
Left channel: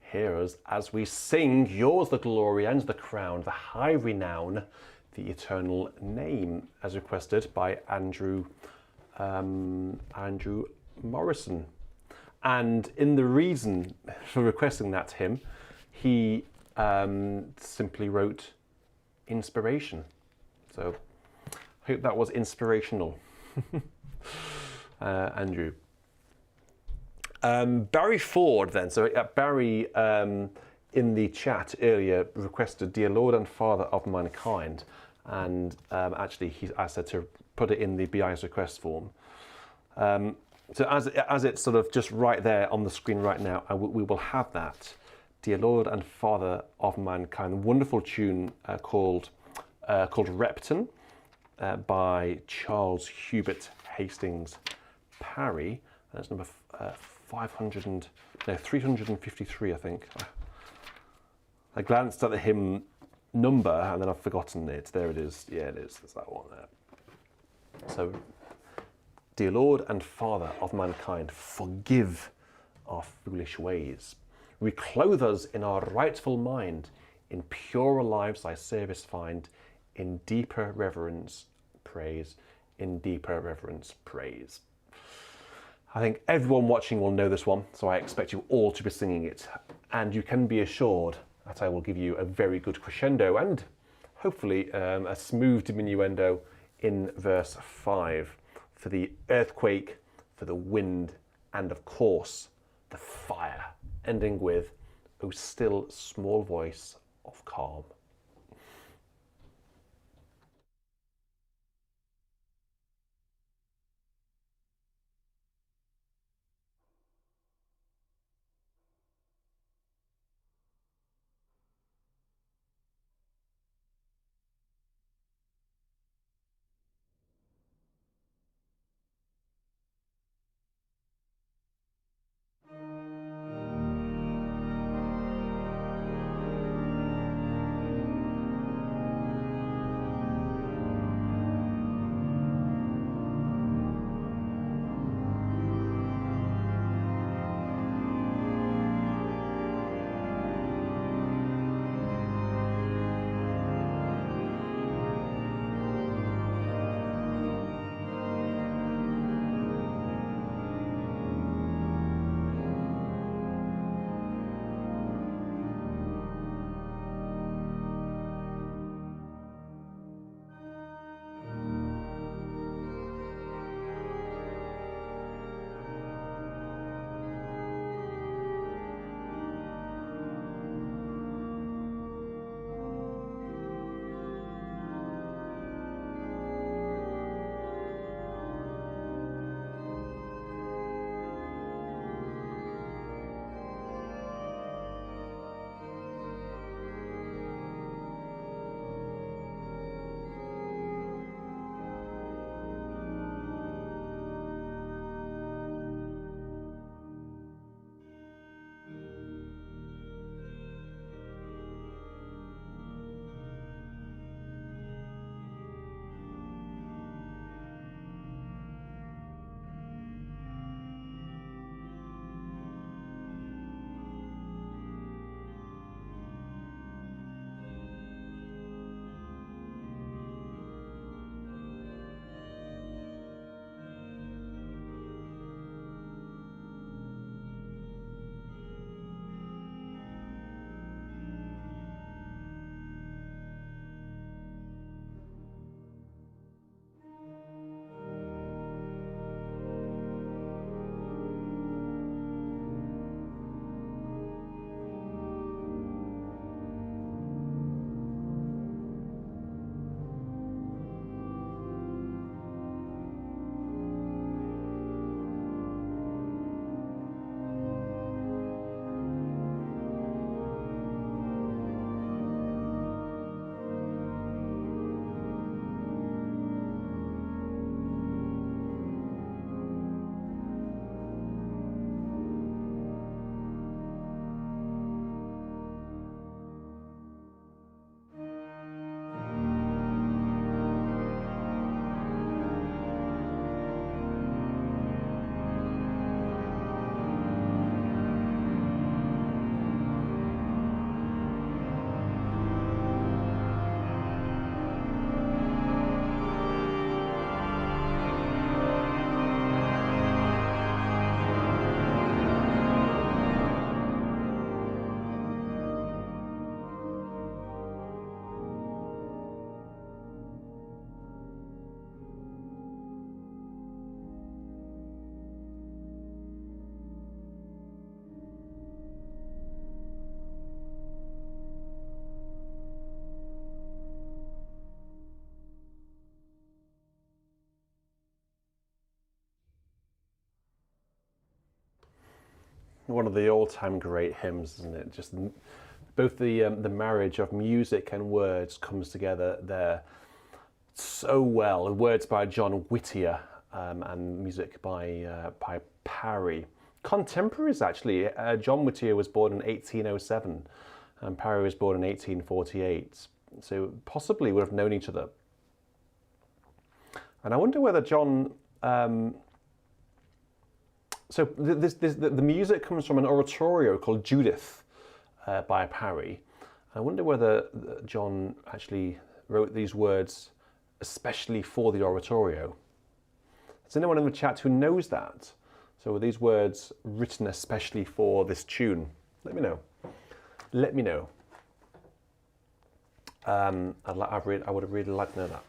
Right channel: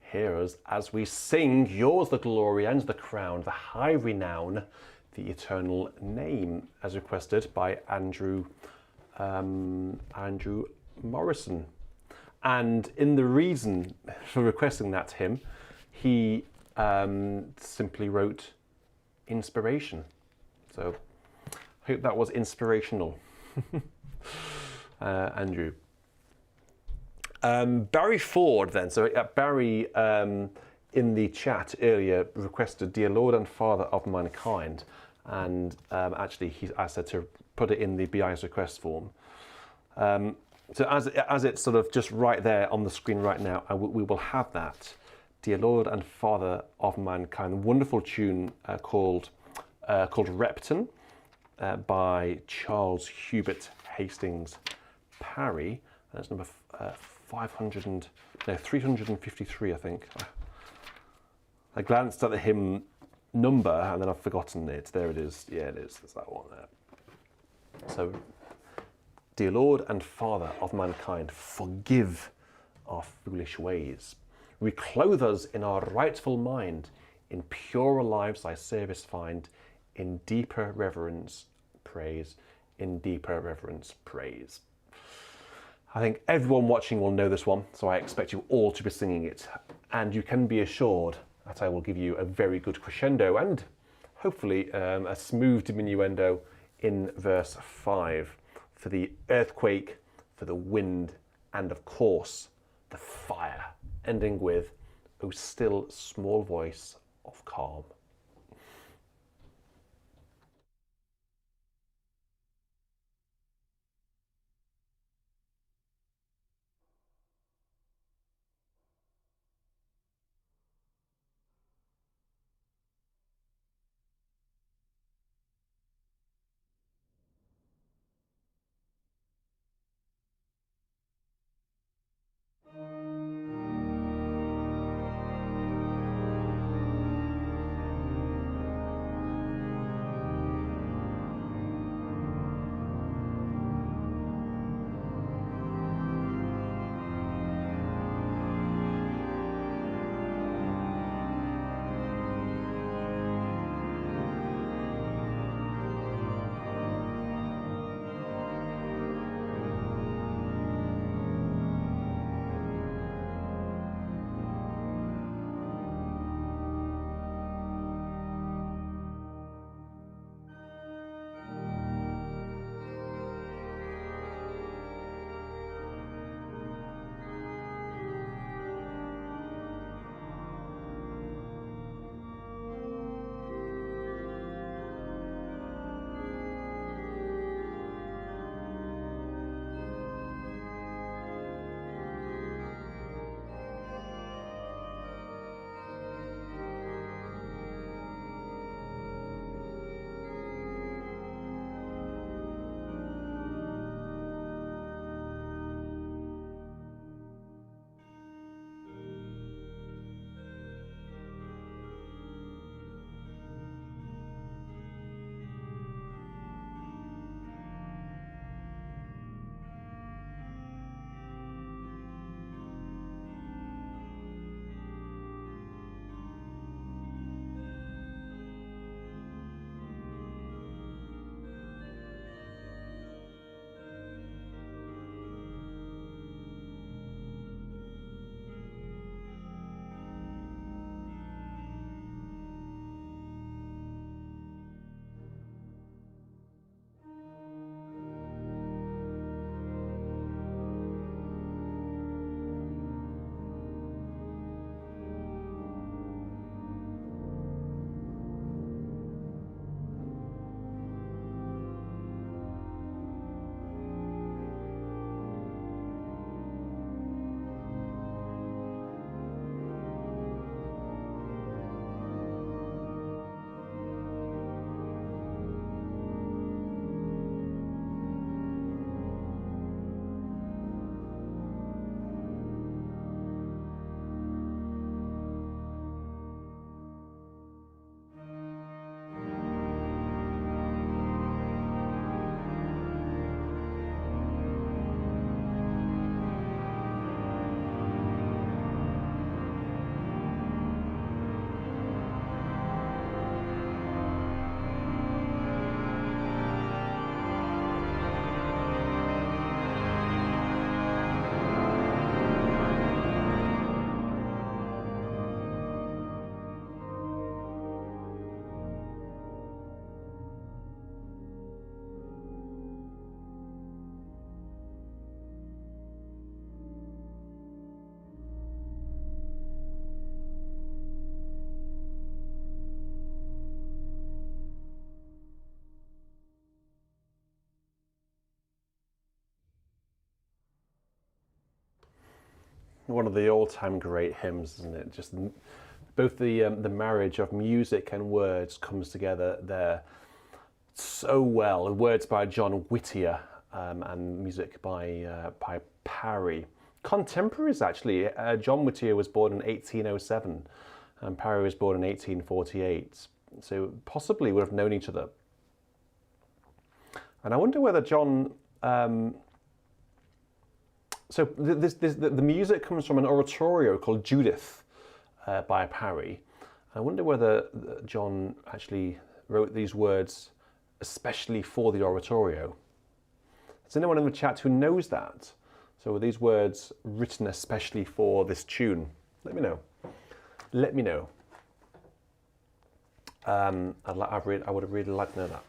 Hear us as we sing, yours the glory and the crown, the high renown, the eternal name, as requested by Andrew Morrison. And in the reason for requesting that hymn, he simply wrote inspiration. So I hope that was inspirational. Andrew. Barry Ford then, so Barry in the chat earlier requested Dear Lord and Father of Mankind, and actually he asked her to put it in the BIS Requests Form. So as it's sort of just right there on the screen right now, we will have that. Dear Lord and Father of Mankind, a wonderful tune called Repton by Charles Hubert Hastings Parry. That's number 353, I think. I glanced at the hymn number and then I've forgotten it. There it is. Yeah, it is. There's that one there. So, Dear Lord and Father of mankind, forgive our foolish ways. Reclothe us in our rightful mind. In purer lives thy service find. In deeper reverence, praise. In deeper reverence, praise. I think everyone watching will know this one, so I expect you all to be singing it. And you can be assured that I will give you a very good crescendo and hopefully a smooth diminuendo in verse 5 for the earthquake, for the wind, and of course, the fire, ending with, O still small voice of calm. one of the all-time great hymns, isn't it? Just both the marriage of music and words comes together there so well. Words by John Whittier and music by Parry. Contemporaries, actually. John Whittier was born in 1807 and Parry was born in 1848. So possibly would have known each other. And I wonder whether John... So the music comes from an oratorio called Judith by Parry. I wonder whether John actually wrote these words especially for the oratorio. Is anyone in the chat who knows that? So were these words written especially for this tune? Let me know. Let me know. I would have really liked to know that.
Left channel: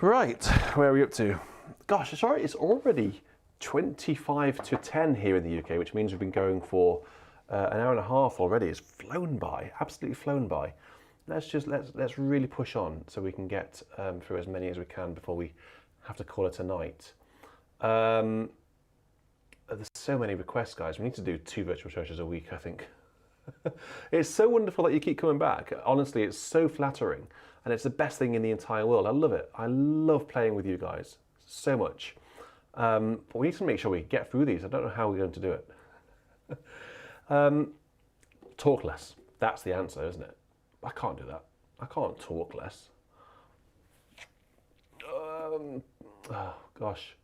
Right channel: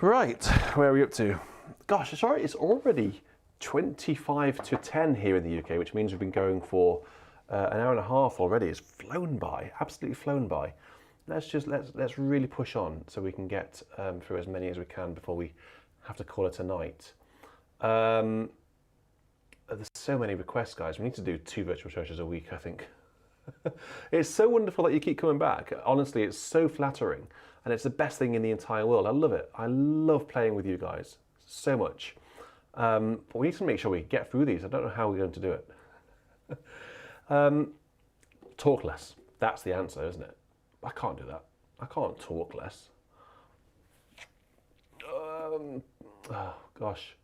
Right, where are we up to? Gosh, sorry, it's already 25 to 10 here in the UK, which means we've been going for an hour and a half already. It's flown by, absolutely flown by. Let's really push on so we can get through as many as we can before we have to call it a night. There's so many requests, guys. We need to do 2 virtual churches a week, I think. It's so wonderful that you keep coming back. Honestly, it's so flattering, and it's the best thing in the entire world. I love it. I love playing with you guys so much. But we need to make sure we get through these. I don't know how we're going to do it. Talk less. That's the answer, isn't it? I can't do that. I can't talk less. Oh, gosh.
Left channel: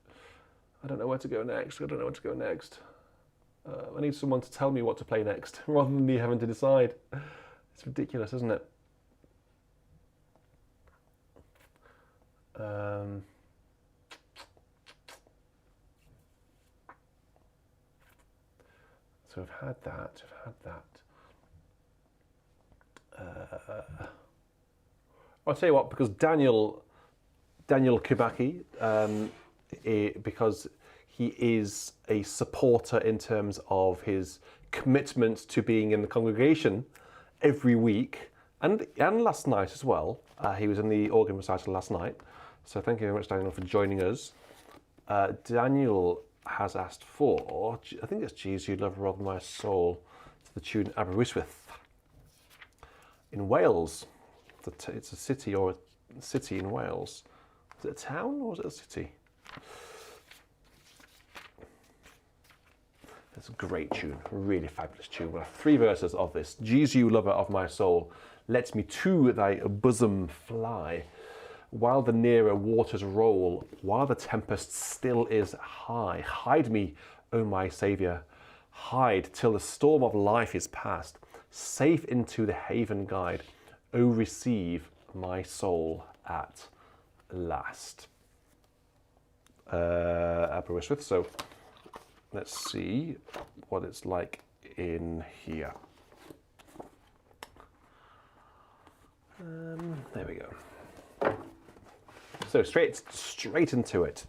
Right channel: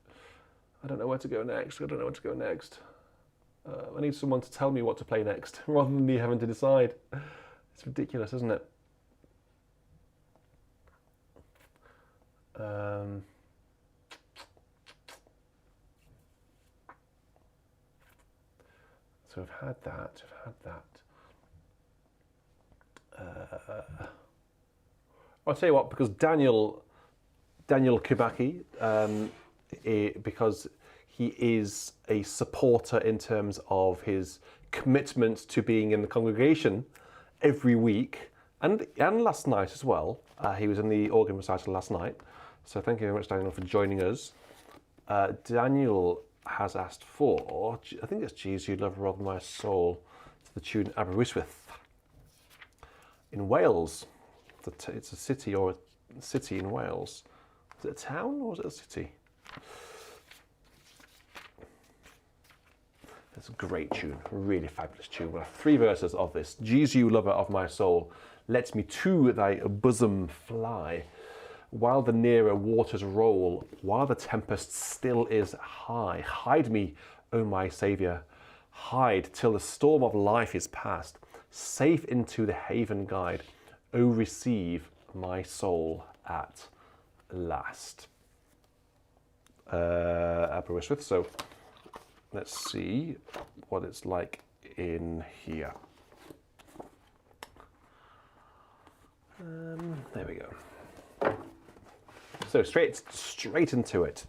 I don't know where to go next. I need someone to tell me what to play next, rather than me having to decide. It's ridiculous, isn't it? So we've had that, I'll tell you what, because Daniel Kibaki, because he is a supporter in terms of his commitment to being in the congregation every week, and last night as well. He was in the organ recital last night, so thank you very much, Daniel, for joining us. Daniel has asked for, I think it's Jesus You Love Rather My Soul, to the tune Aberystwyth in Wales. It's a city in Wales. Is it a town or is it a city? It's a great tune, a really fabulous tune. We have 3 verses of this. Jesus, you lover of my soul, let me to thy bosom fly. While the nearer waters roll, while the tempest still is high, hide me, O my Saviour, hide till the storm of life is past. Safe into the haven guide, O receive my soul at last. Aberystwyth. So let's see what it's like in here. There we go. So straight into it.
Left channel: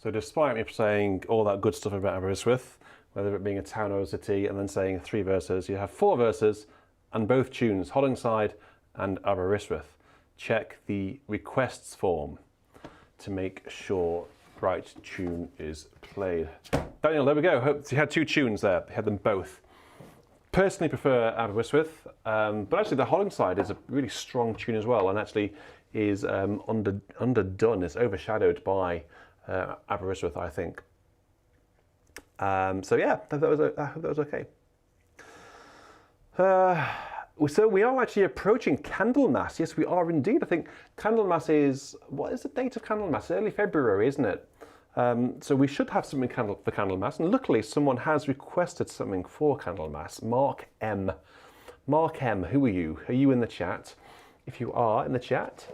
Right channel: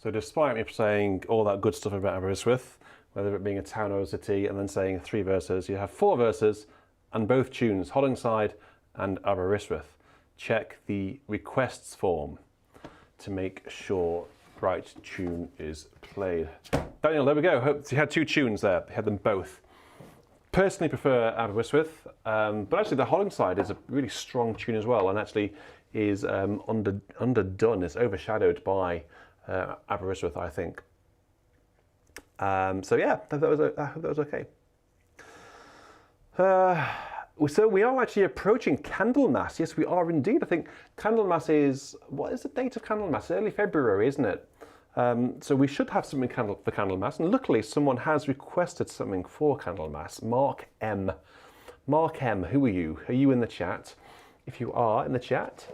So despite me saying all that good stuff about Aberystwyth, whether it being a town or a city, and then saying 3 verses, you have 4 verses and both tunes, Hollingside and Aberystwyth. Check the requests form to make sure right tune is played. Daniel, there we go. Hope you had 2 tunes there. You had them both. Personally prefer Aberystwyth, but actually the Hollingside is a really strong tune as well, and actually is underdone. It's overshadowed by Aberystwyth, I think. So yeah, I hope that was okay. So we are actually approaching Candlemas. Yes, we are indeed. I think Candlemas is, what is the date of Candlemas? Early February, isn't it? So we should have something for Candlemas. And luckily, someone has requested something for Candlemas. Mark M. Mark M, who are you? Are you in the chat? If you are in the chat,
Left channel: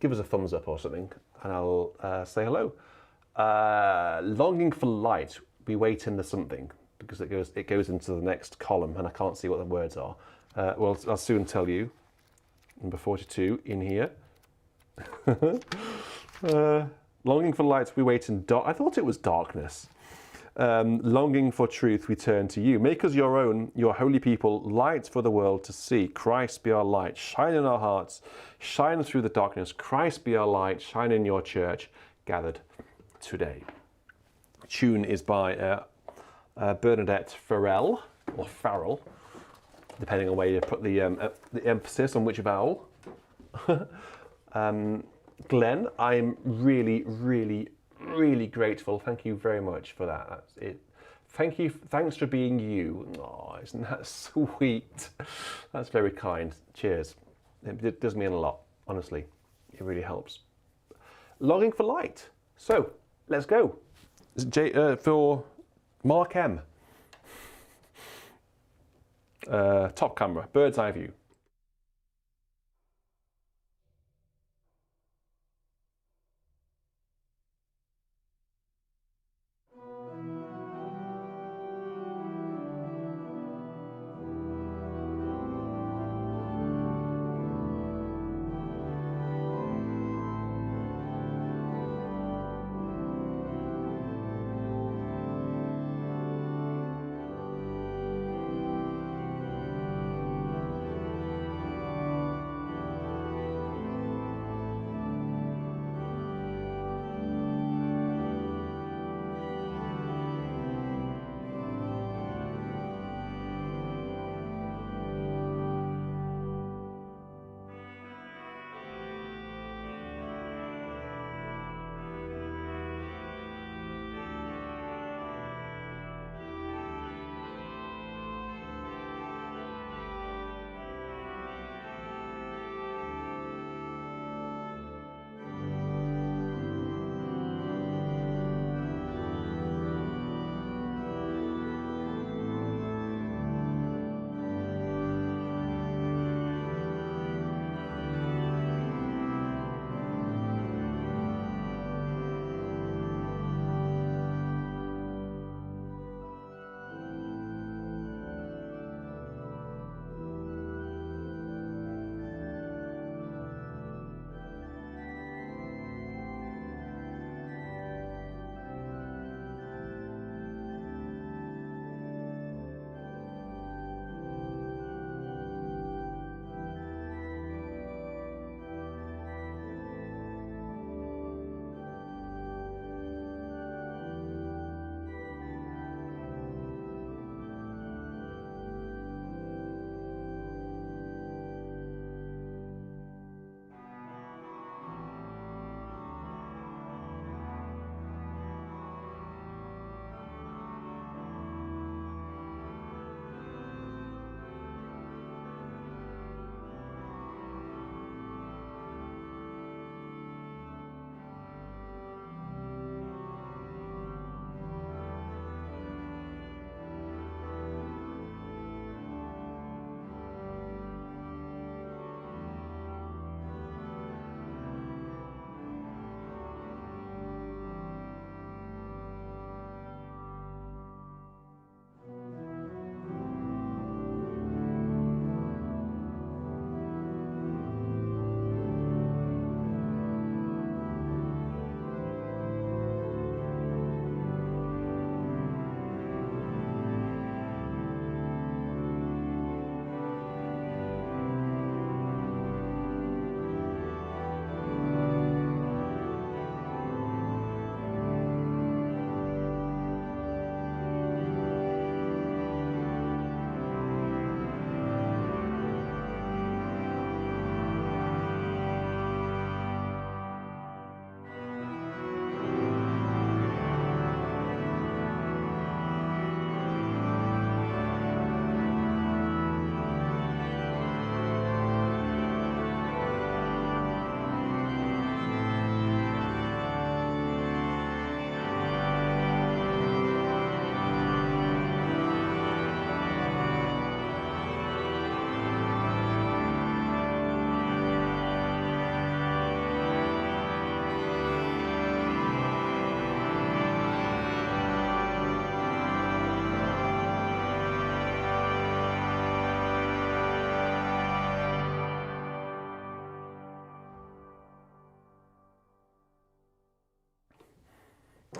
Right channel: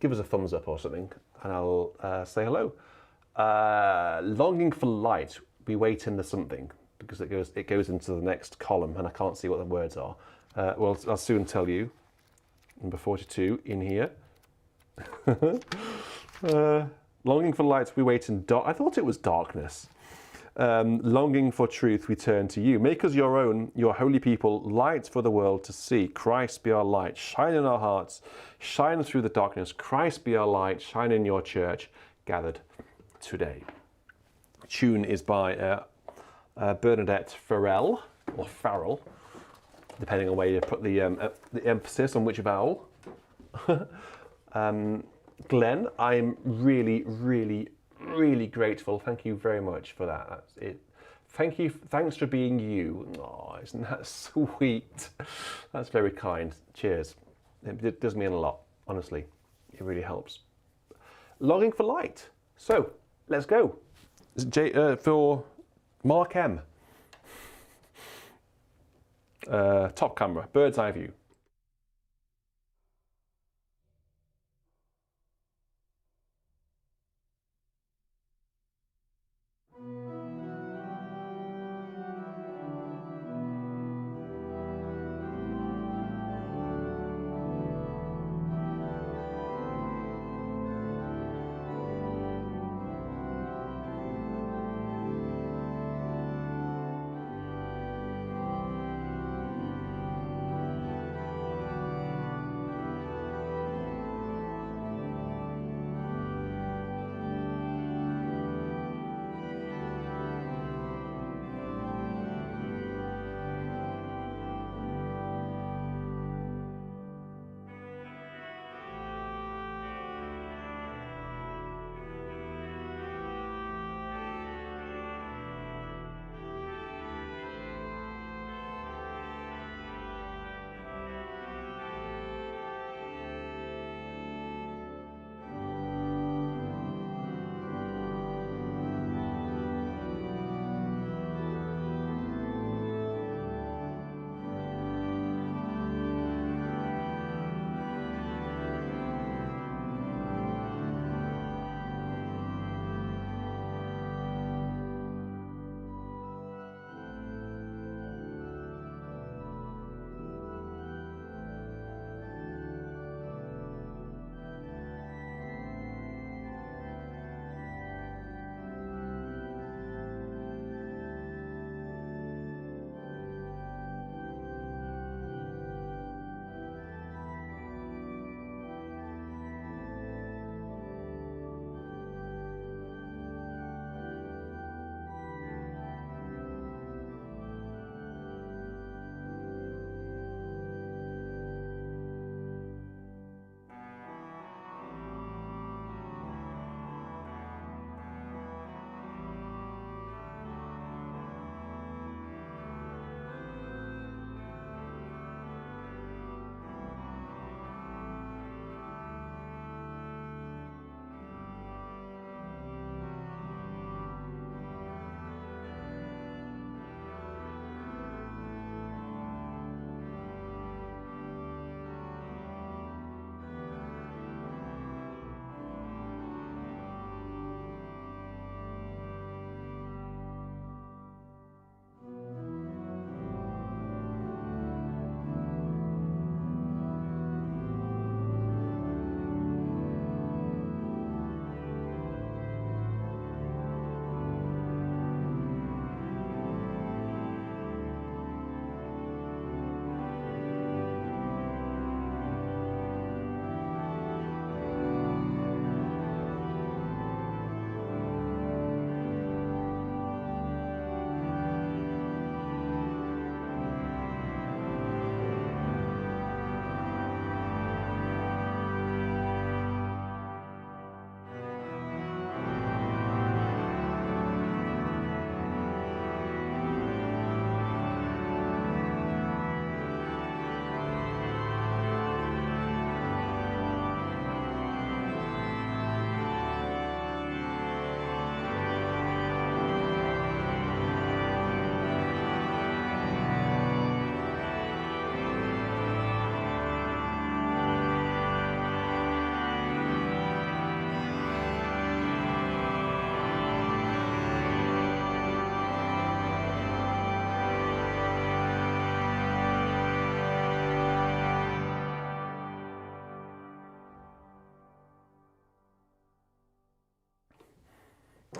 give us a thumbs up or something, and I'll say hello. Longing for light, we wait in the something, because it goes into the next column, and I can't see what the words are. Well, I'll soon tell you. Number 42 in here. Longing for light, we wait in dark. I thought it was darkness. Longing for truth, we turn to you. Make us your own, your holy people, light for the world to see. Christ be our light, shine in our hearts, shine through the darkness. Christ be our light, shine in your church, gathered today. Tune is by Bernadette Farrell, or Farrell, depending on where you put the emphasis on which vowel. Glenn, I'm really, really, really grateful. Thank you very much for that. That's it. Thank you. Thanks for being you. Oh, isn't that sweet? That's very kind. Cheers. It does mean a lot, honestly. It really helps. Longing for light. So, let's go. For Mark M. Top camera, bird's eye view.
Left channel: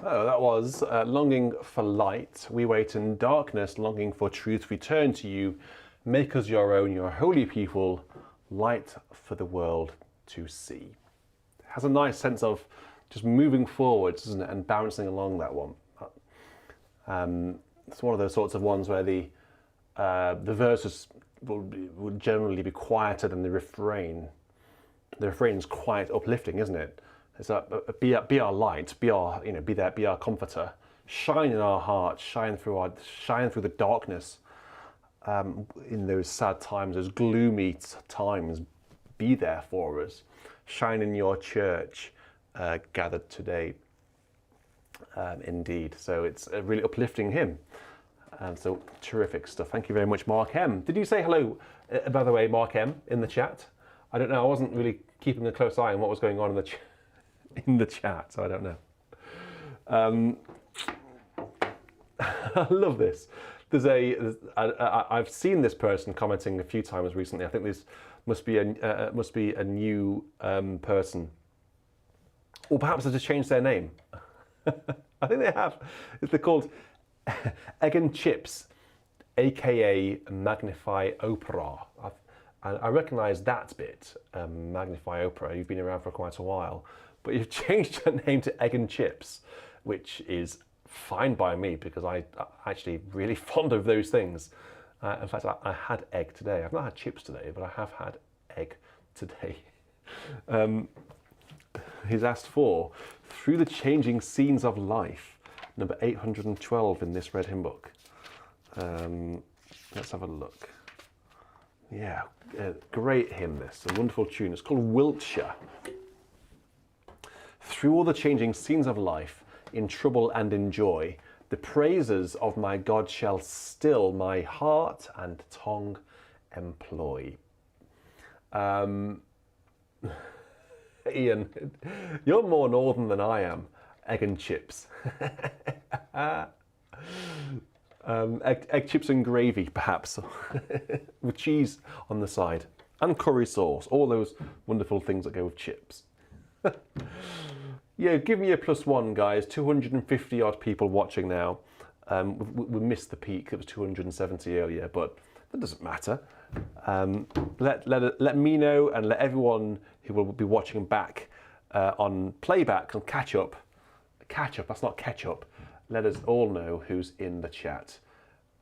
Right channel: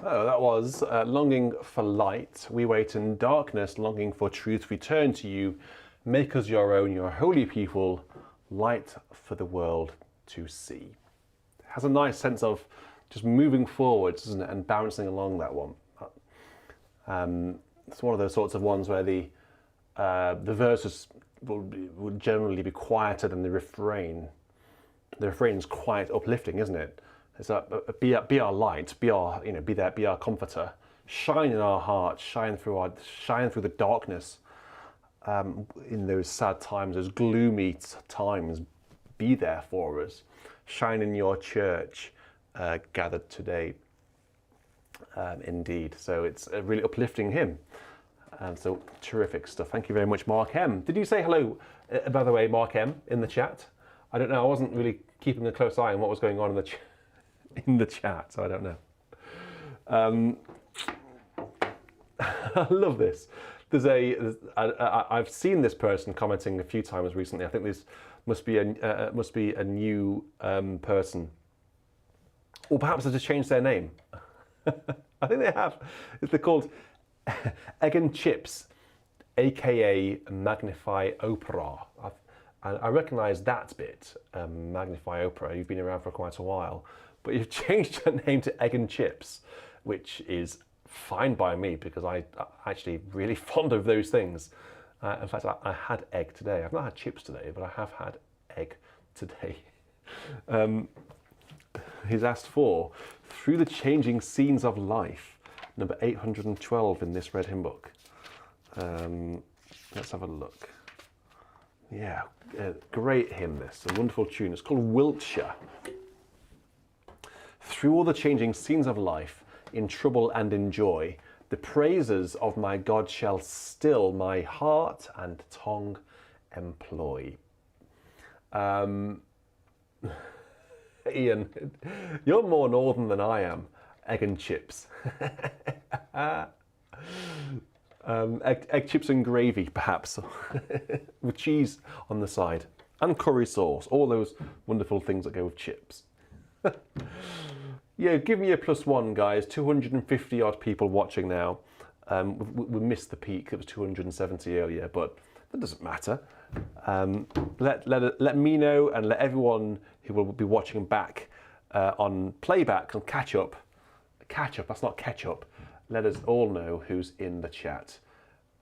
Oh, that was longing for light. We wait in darkness, longing for truth. We turn to you. Make us your own, your holy people, light for the world to see. Has a nice sense of just moving forwards, doesn't it, and bouncing along that one. It's one of those sorts of ones where the verses will generally be quieter than the refrain. The refrain is quite uplifting, isn't it? It's like, be our light, be our, be our comforter. Shine in our hearts, shine through the darkness. In those sad times, those gloomy times, be there for us. Shine in your church, gathered today. Indeed. So it's a really uplifting hymn. So terrific stuff. Thank you very much, Mark M. Did you say hello, by the way, Mark M, in the chat? I don't know. I wasn't really keeping a close eye on what was going on in the chat, so I don't know. I love this. I've seen this person commenting a few times recently. I think this must be a new person, or perhaps they've just changed their name. I think they have. They're called Egg and Chips, aka Magnify Opera. I recognise that bit, Magnify Opera. You've been around for quite a while, but you've changed your name to Egg and Chips, which is fine by me because I'm actually really fond of those things. In fact, I had egg today. I've not had chips today, but I have had egg today. He's asked for Through the Changing Scenes of Life, number 812 in this red hymn book. Let's have a look. Yeah, great hymn this, a wonderful tune. It's called Wiltshire. Through all the changing scenes of life, in trouble and in joy, the praises of my God shall still my heart and tongue employ. Ian, you're more northern than I am. Egg and chips. Egg chips and gravy, perhaps, with cheese on the side, and curry sauce, all those wonderful things that go with chips. Yeah, give me a +1, guys. 250 odd people watching now. We missed the peak. It was 270 earlier, but that doesn't matter. Let me know and let everyone who will be watching back on playback and catch up. That's not ketchup. Let us all know who's in the chat.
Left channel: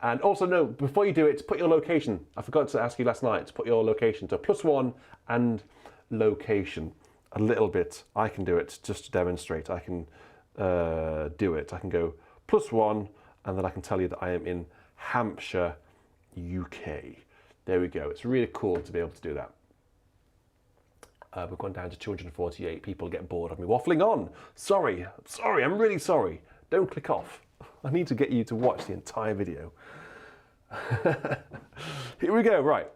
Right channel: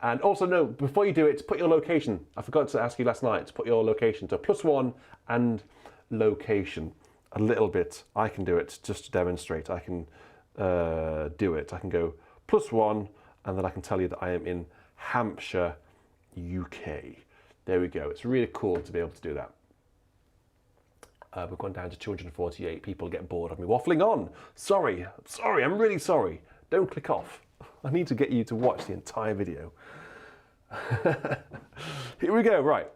And also, no, before you do it, put your location. I forgot to ask you last night to put your location to +1 and location. A little bit. I can do it just to demonstrate. I can do it. I can go +1 and then I can tell you that I am in Hampshire, UK. There we go. It's really cool to be able to do that. We've gone down to 248. People get bored of me waffling on. Sorry, I'm really sorry. Don't click off. I need to get you to watch the entire video. Here we go, right.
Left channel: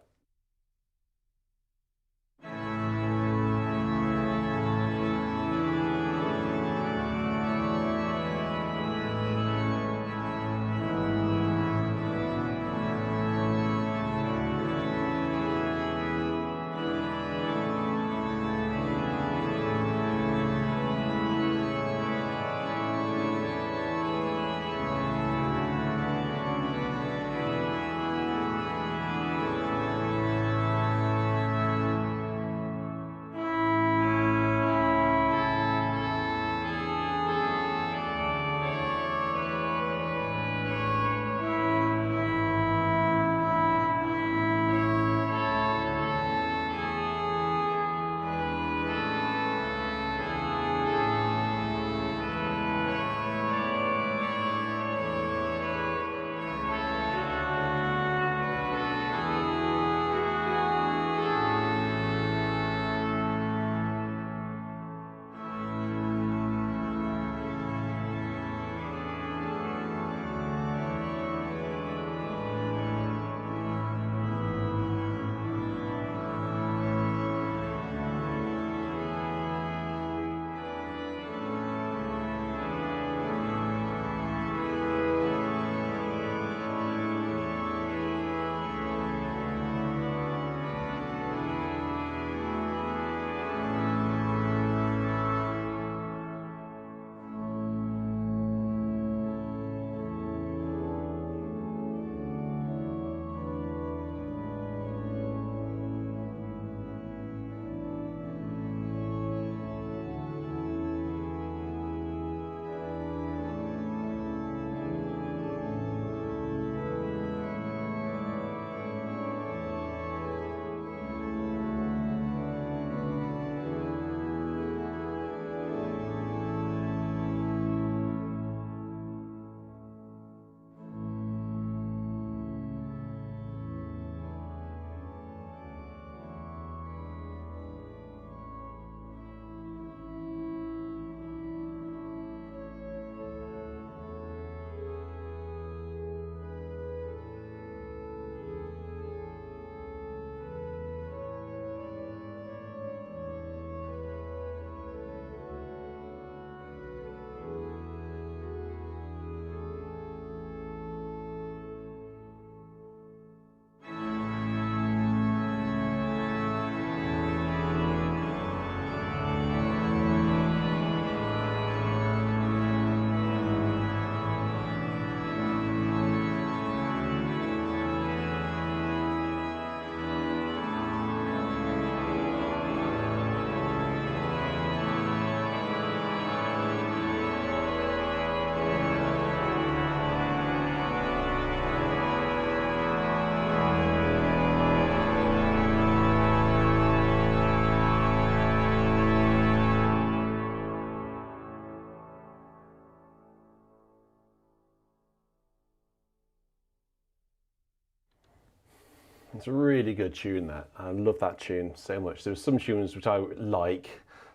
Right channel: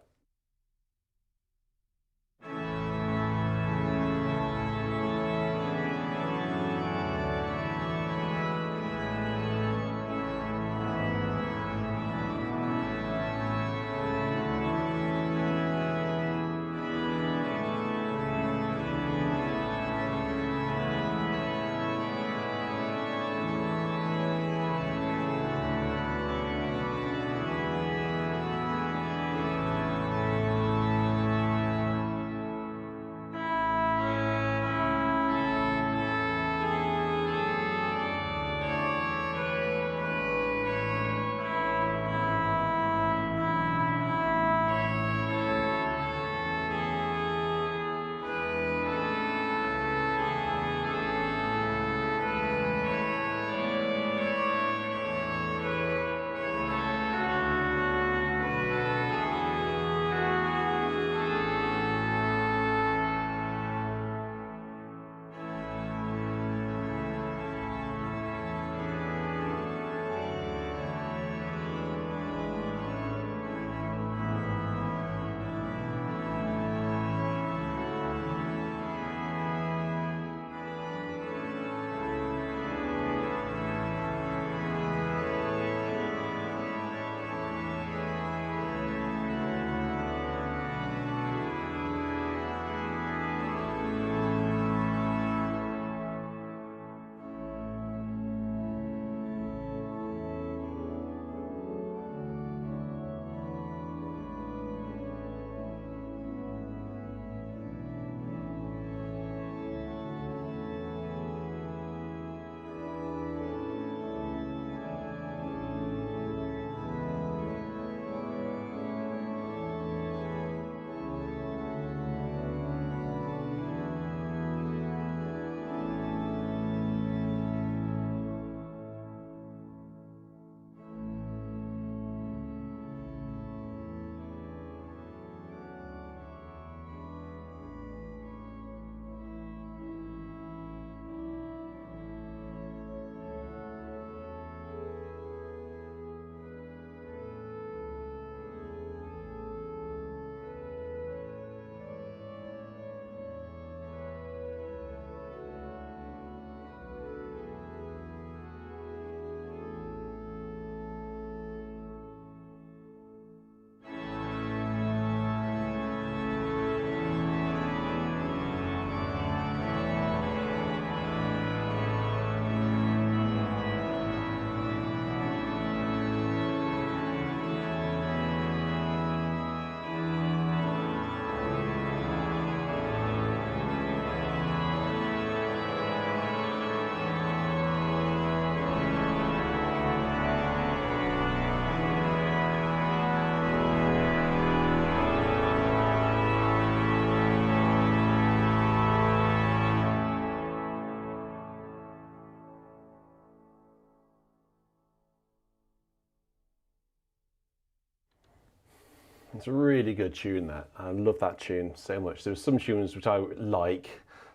It's a really good tune, that. I love that tune so much. There's some tunes which I like,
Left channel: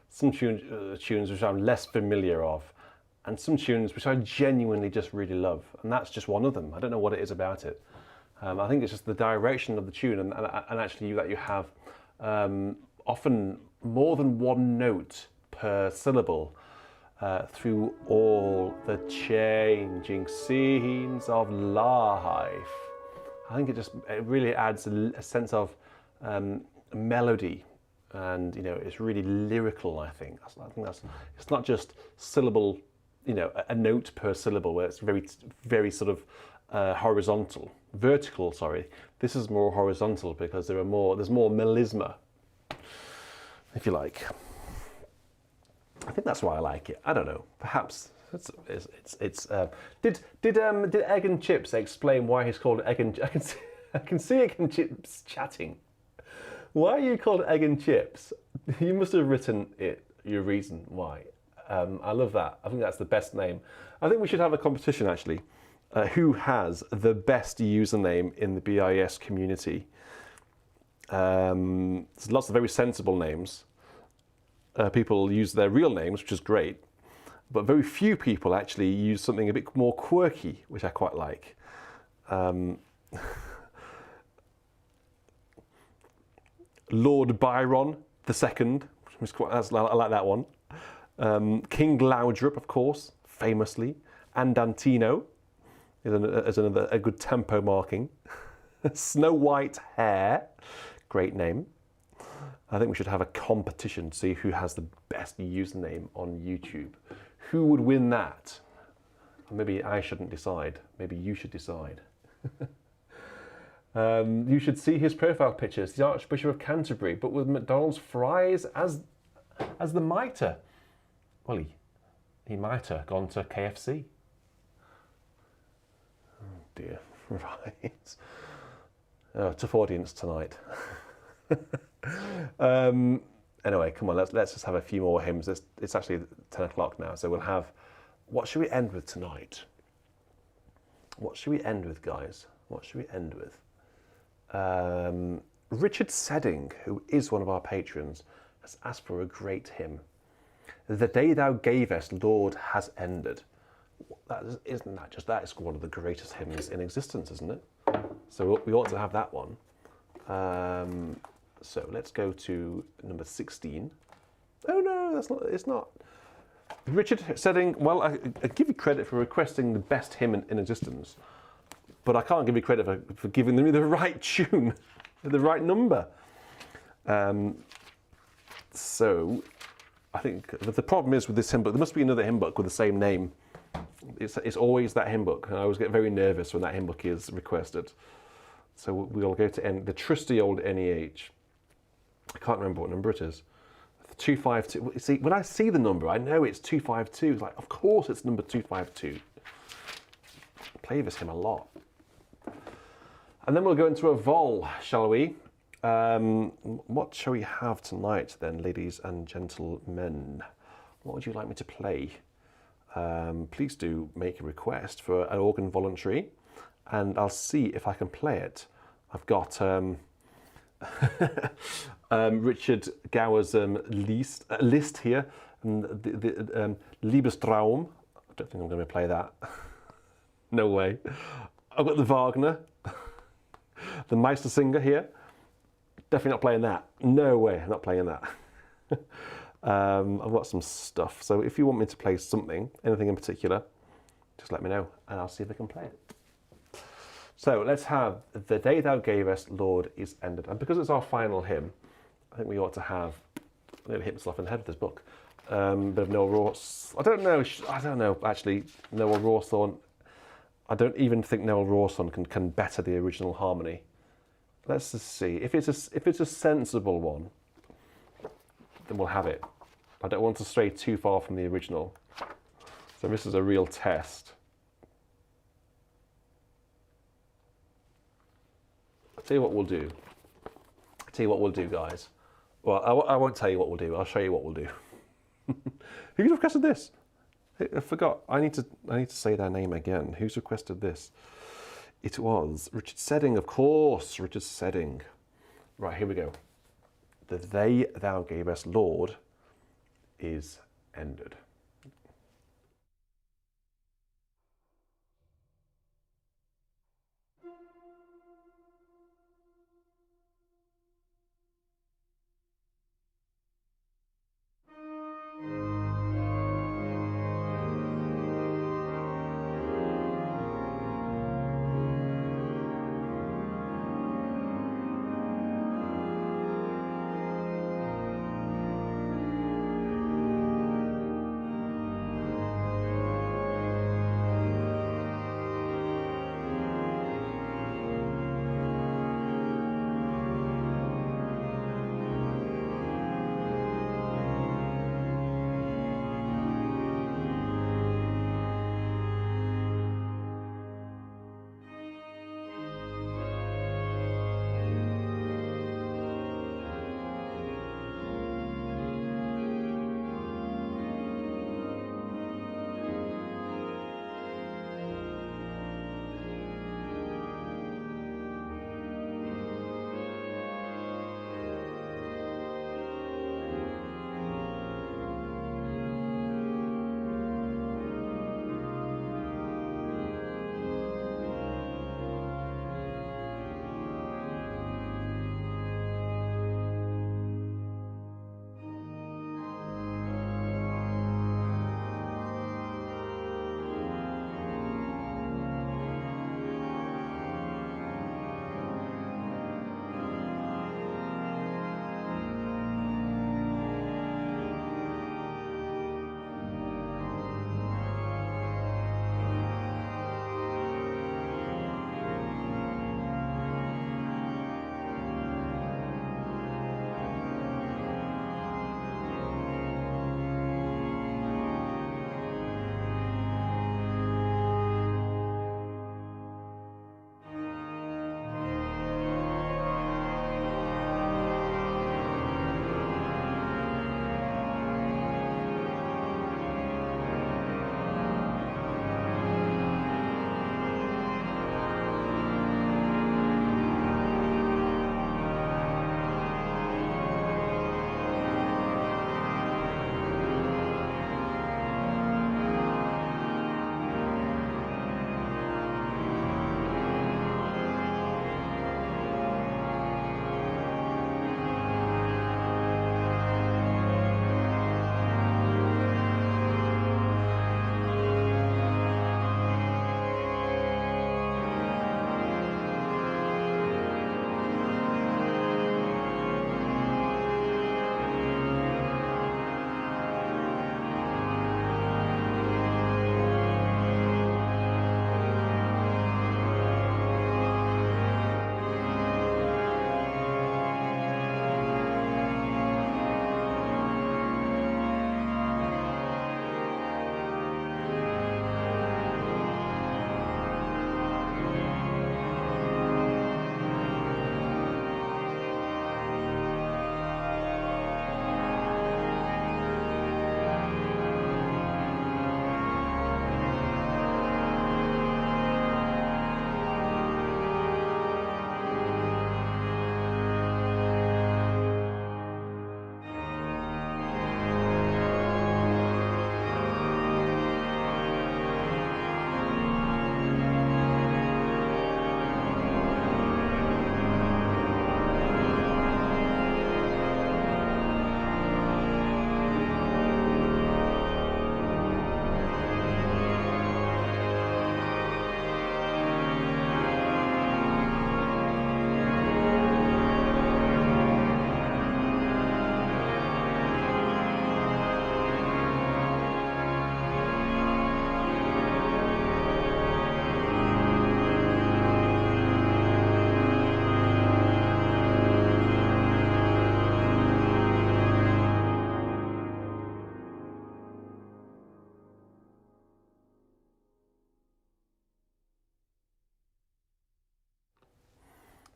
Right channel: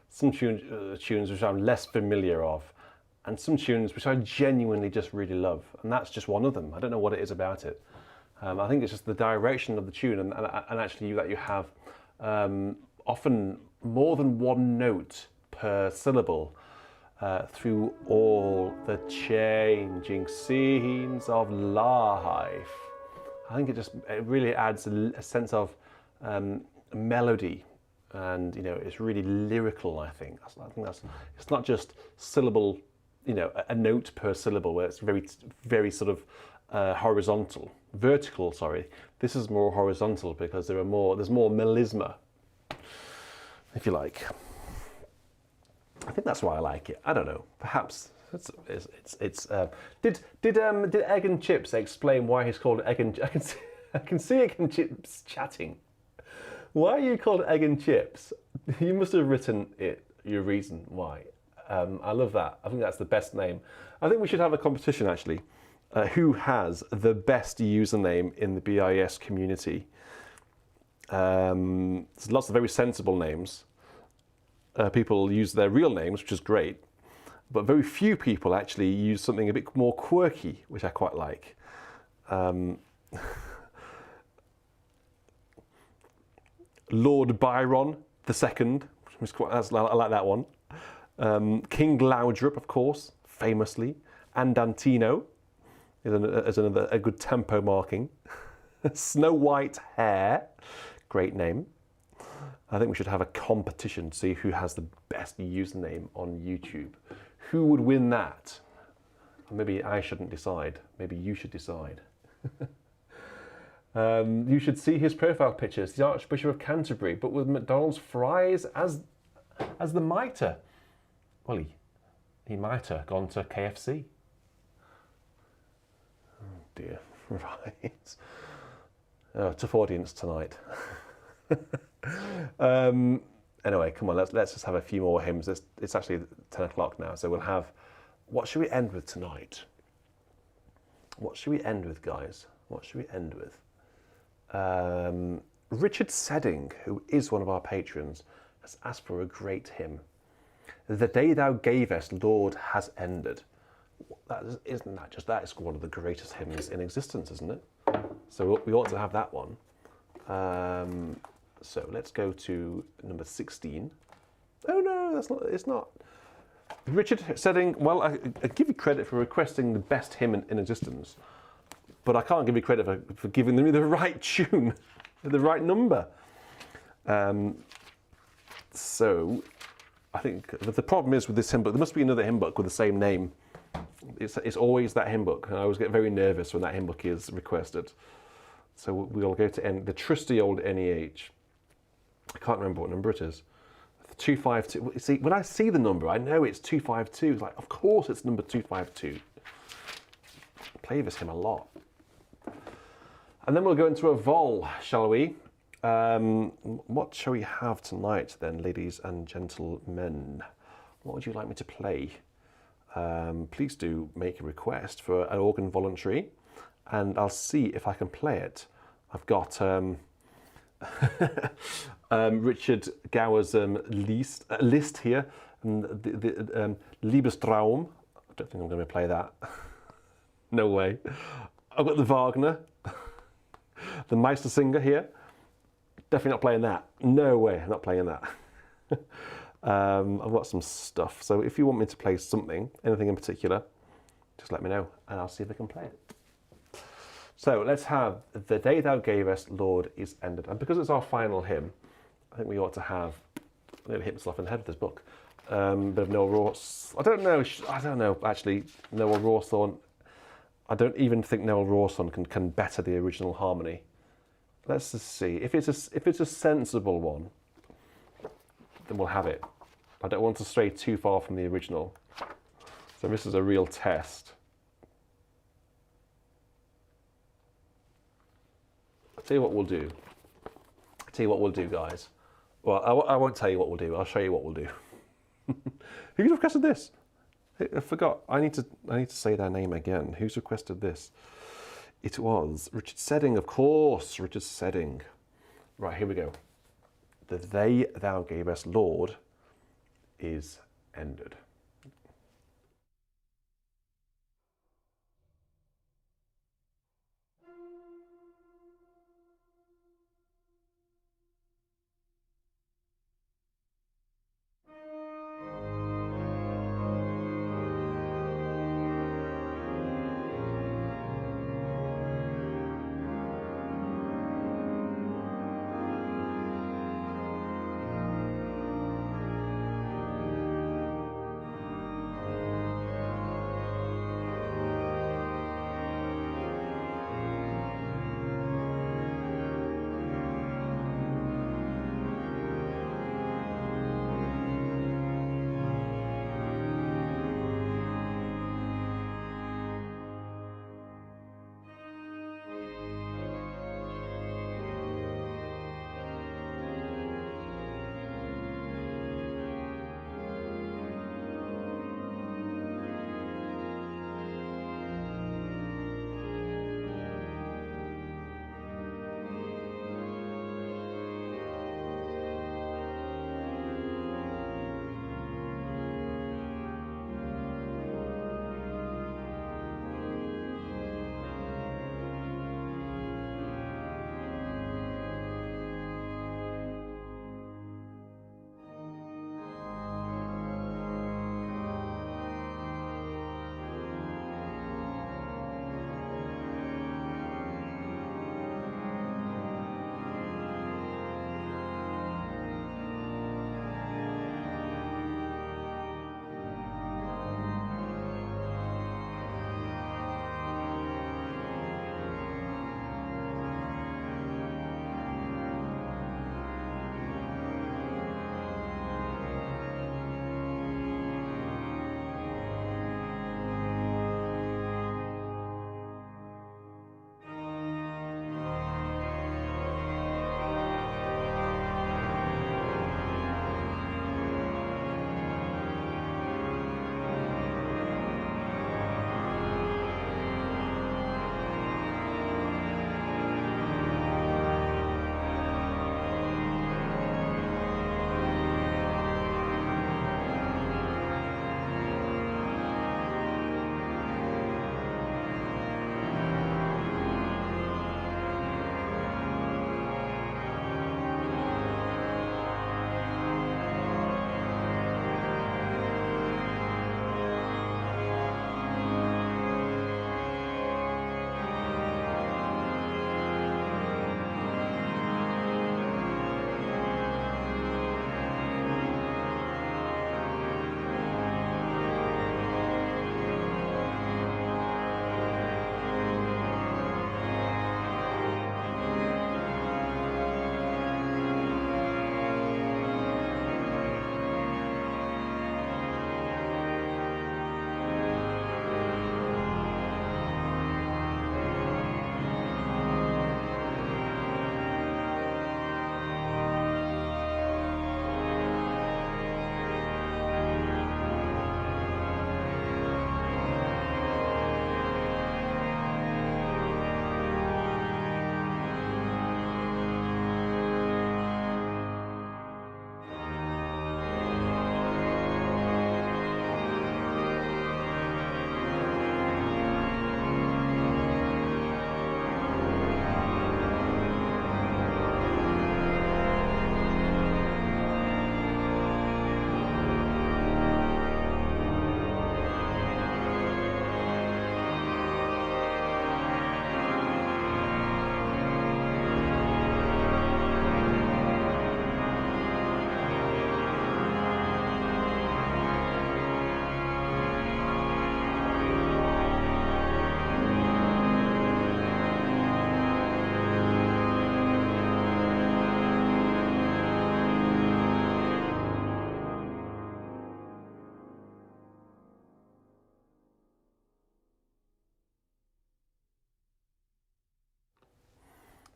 some tunes which I'm less familiar of, and some tunes which I genuinely just really love. And that's just one of them. I don't know what it is about it. I think it's just the direction of the tune, and actually that you have often more than one note per syllable through all the changing scenes of life. I think it really adds a sense of melody, and it's really lyrical. I think it's not just syllable, a note per syllable where it's very sort of vertical. Sorry, this is more horizontal because there's more melisma, if you like. I think that's why I like it. I don't know. Perhaps did Egg and Chips explain why he's called Egg and? I can see Egg and Chips chatting. Why are you called Egg and Chips? You must have written your reason why. I love that. I think that's the best name. I think we should have a competition actually. Who has the best username in the BIS community? There's lots of very sensible names. People use their real names, which is great, but very few people actually use something a bit more quirky, which I quite like. Lord Byron II, I like that one. King Laudrup, of course, famously. Andantino is another a good tempo marking. Snow White Hair, great name. I think we should have a competition to see who has the best username on YouTube. Who would win that? Maybe I shouldn't decide. Maybe you should decide. You should see his profile pictures. The Archbishop of Canterbury, but with McDonald's fries as the mitre. Well, he might have gone to KFC. Oh dear. Right. Oh, tough audience tonight. Anyway, come on, let's just have a few more hymns. It's actually 10 o'clock now, so we'll have. What should we end with tonight? What should we end with, guys? What should we end with? Richard Sedding, who is one of our patrons, has asked for a great hymn. The day thou gavest, Lord, has ended. That is one of the greatest hymns in existence, isn't it? So we ought to have that one. So let's go to number 16. Oh no, it's not. Richard Sedding, well, I give you credit for requesting the best hymn in existence, but I can't give you credit for giving them the right tune, the right number. So I think the problem is with this hymn book, there must be another hymn book with the same name. It's always that hymn book, and I always get very nervous when that hymn book is requested. So we'll go to the trusty old NEH. I can't remember what number it is. 252. See, when I see the number, I know it's 252. It's like, of course, it's number 252. I play this hymn a lot. And then we'll go into a vol, shall we? What shall we have tonight, then, ladies and gentlemen? What would you like me to play? Please do make a request for an organ voluntary, and I'll see if I can play it. I've got Richard Gower's list here, and the Liebestraum. I don't think I'm going to play that. No way. I've got the Wagner, the Meistersinger here. Definitely not playing that. No way, I'm not playing that. I've got some stuff. So if you want me to play something, anything in particular, just let me know, and I'll see if I can play it. So let's have The Day Thou Gavest, Lord, is ended. And because it's our final hymn, I think we ought to have, I'm going to hit myself in the head with this book, bit of Noel Rawson. I don't know, actually, Noel Rawson. I don't even think Noel Rawson can better the original harmony. Let's just see. If it's a sensible one, then we'll have it. I don't want to stray too far from the original. So this is a real test. I'll tell you what we'll do. Guys. Well, I won't tell you what we'll do. I'll show you what we'll do. Who's requested this? I forgot. I need to say their name again. Who's requested this? It was Richard Sedding, of course, Richard Sedding. Right, here we go. The they thou gavest, Lord, is ended.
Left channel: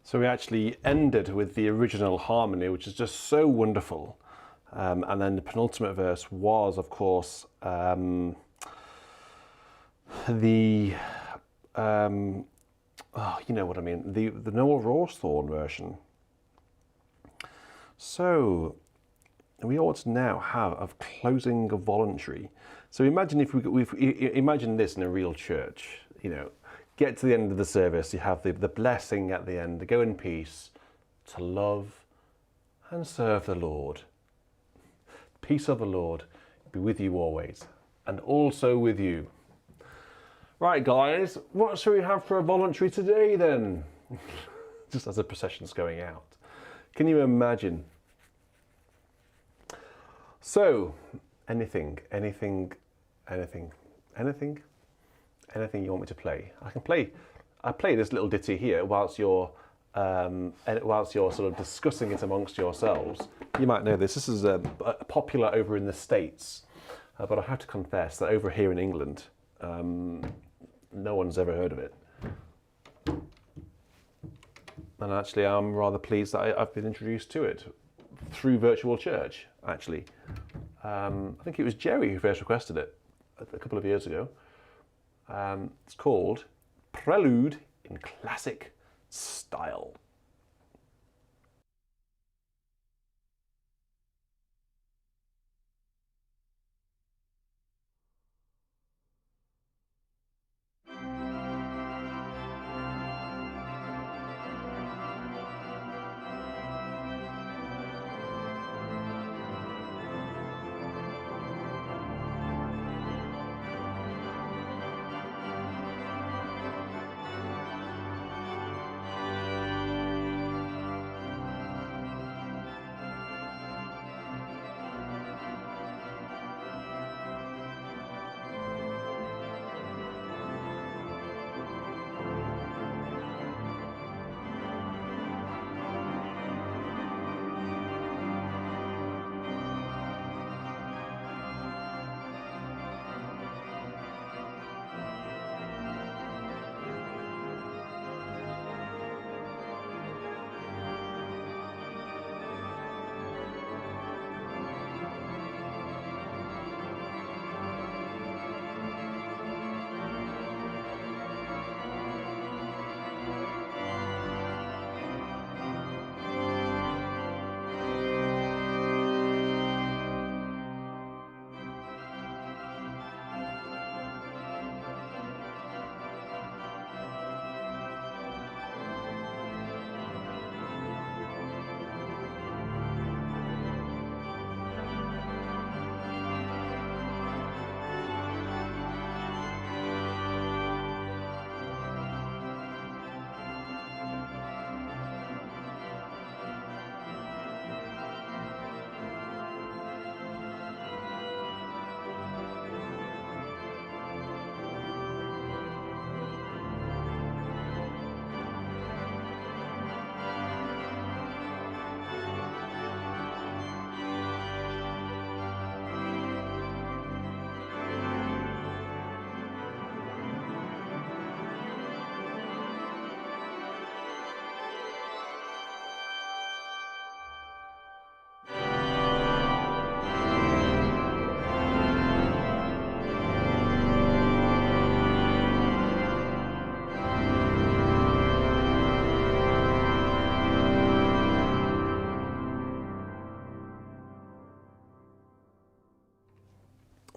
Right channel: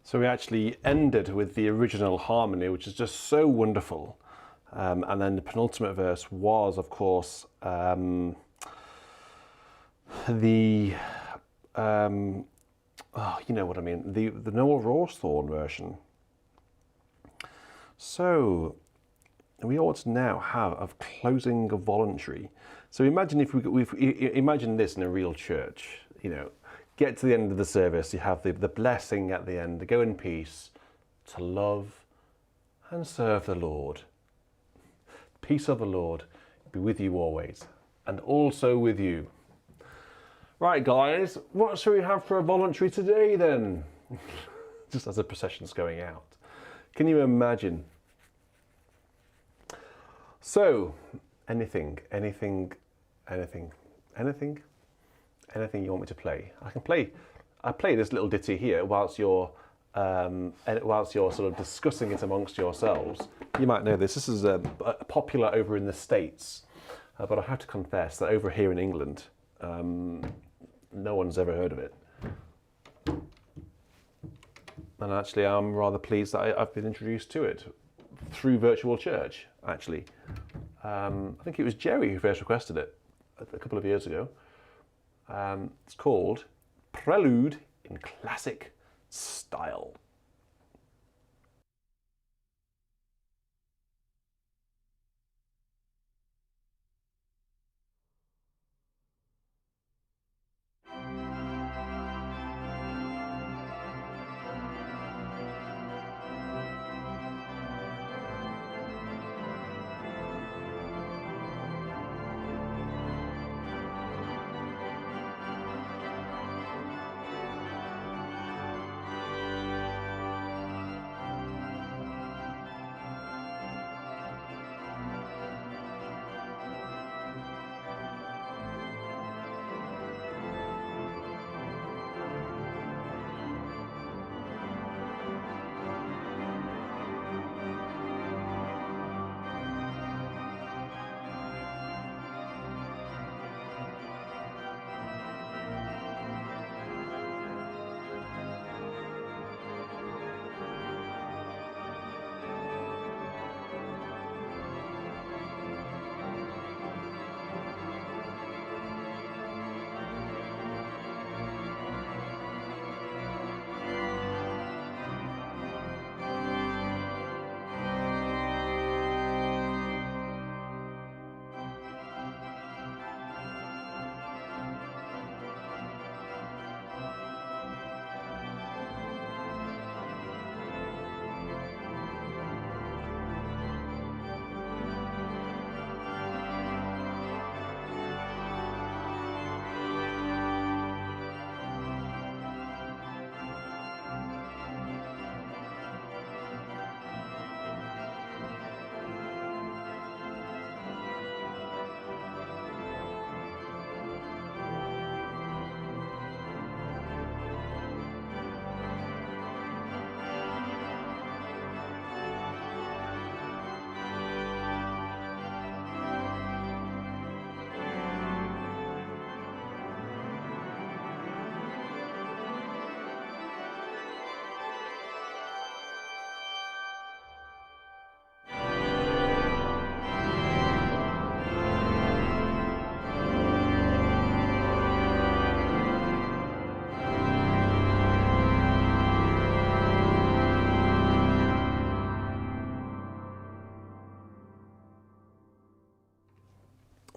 So we actually ended with the original harmony, which is just so wonderful. And then the penultimate verse was, of course, the oh, you know what I mean, the Noel Rawsthorne version. So we ought to now have a closing of voluntary. So imagine if imagine this in a real church. You know, get to the end of the service, you have the blessing at the end, to go in peace, to love and serve the Lord. Peace of the Lord be with you always, and also with you. Right, guys, what shall we have for a voluntary today then? Just as the procession's going out. Can you imagine? So, anything you want me to play? I play this little ditty here whilst you're sort of discussing it amongst yourselves. You might know this. This is popular over in the States, but I have to confess that over here in England, no one's ever heard of it. And actually, I'm rather pleased that I've been introduced to it through Virtual Church, actually. I think it was Jerry who first requested it a couple of years ago. It's called Prelude in Classic Style.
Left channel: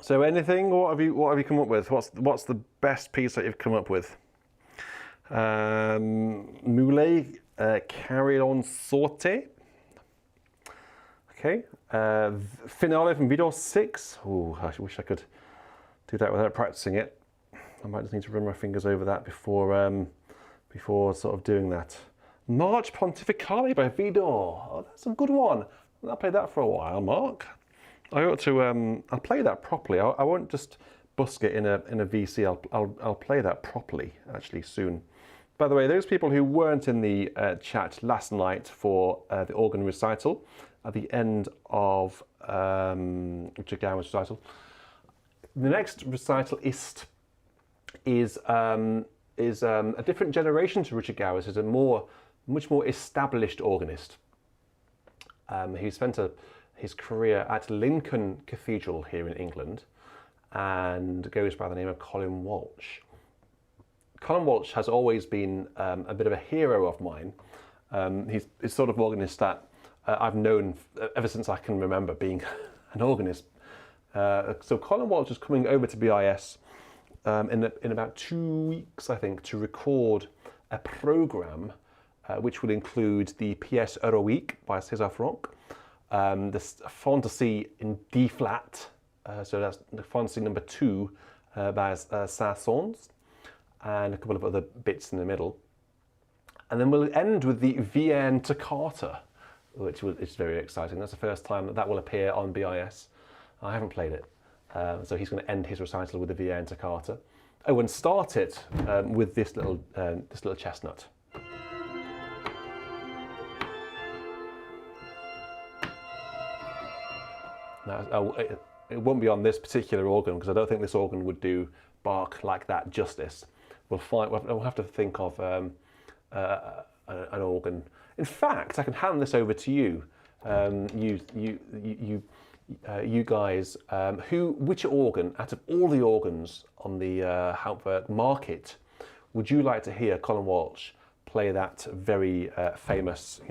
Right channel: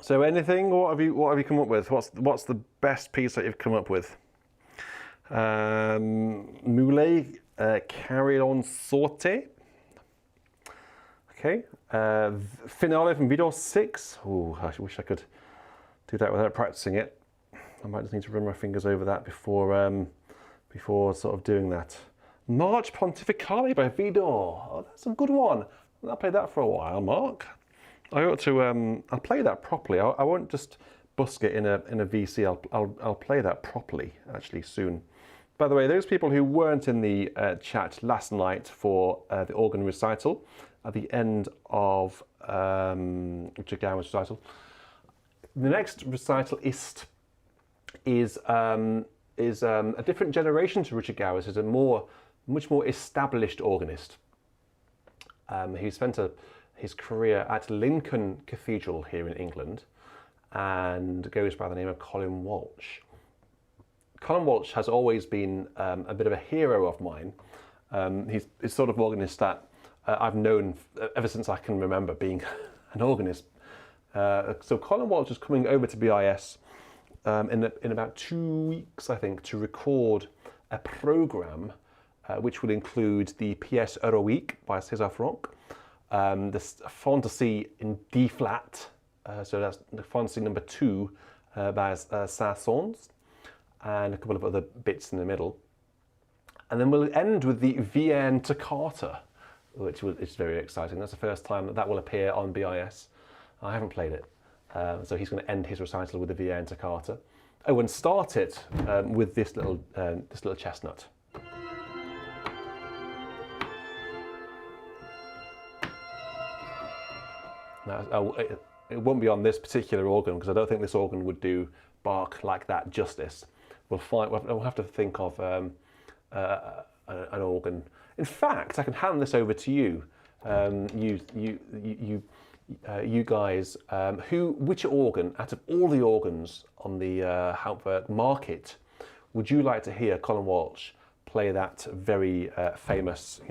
So anything? What have you come up with? What's the best piece that you've come up with? Moulet, Carillon Sauté. Okay. Finale from Video 6. Oh, I wish I could do that without practicing it. I might just need to run my fingers over that before sort of doing that. March Pontificale by Vidor. Oh, that's a good one. I'll play that for a while, Mark. I ought to. I'll play that properly. I won't just busk it in a VC. I'll play that properly actually soon. By the way, those people who weren't in the chat last night for the organ recital at the end of Richard Gower's recital, the next recital is a different generation to Richard Gower's. Is a much more established organist who spent his career at Lincoln Cathedral here in England and goes by the name of Colin Walsh. Colin Walsh has always been a bit of a hero of mine. He's sort of organist that I've known ever since I can remember being an organist. So Colin Walsh is coming over to BIS in about 2 weeks, I think, to record a programme which will include the pièce héroïque by César Franck, the Fantasy in D flat, so that's the Fantasy number 2 by Saint-Saëns, and a couple of other bits in the middle. And then we'll end with the Vienne Toccata, which is very exciting. That's the first time that will appear on BIS. I haven't played it. So he's going to end his recital with the Vienne Toccata. Oh, and start it with this little chestnut. Now, it won't be on this particular organ because I don't think this organ would do Bach like that justice. We'll have to think of an organ. In fact, I can hand this over to you. You guys, which organ out of all the organs on the Hauptwerk market would you like to hear Colin Walsh play that very famous,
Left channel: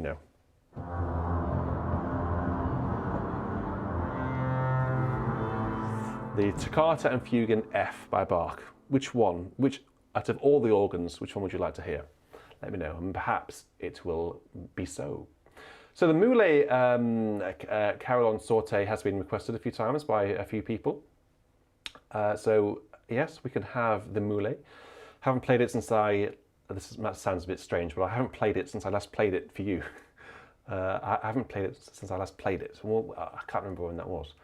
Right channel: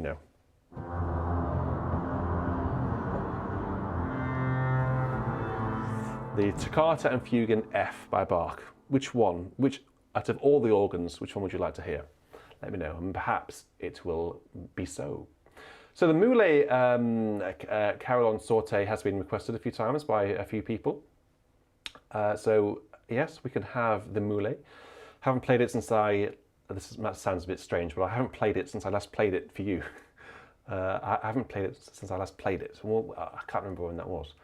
the Toccata and Fugue in F by Bach? Which one? Which out of all the organs, which one would you like to hear? Let me know, and perhaps it will be so. So the Moulet Carillon Sauté has been requested a few times by a few people. So yes, we can have the Moulet. Haven't played it since that sounds a bit strange, but I haven't played it since I last played it for you. I haven't played it since I last played it. Well, I can't remember when that was.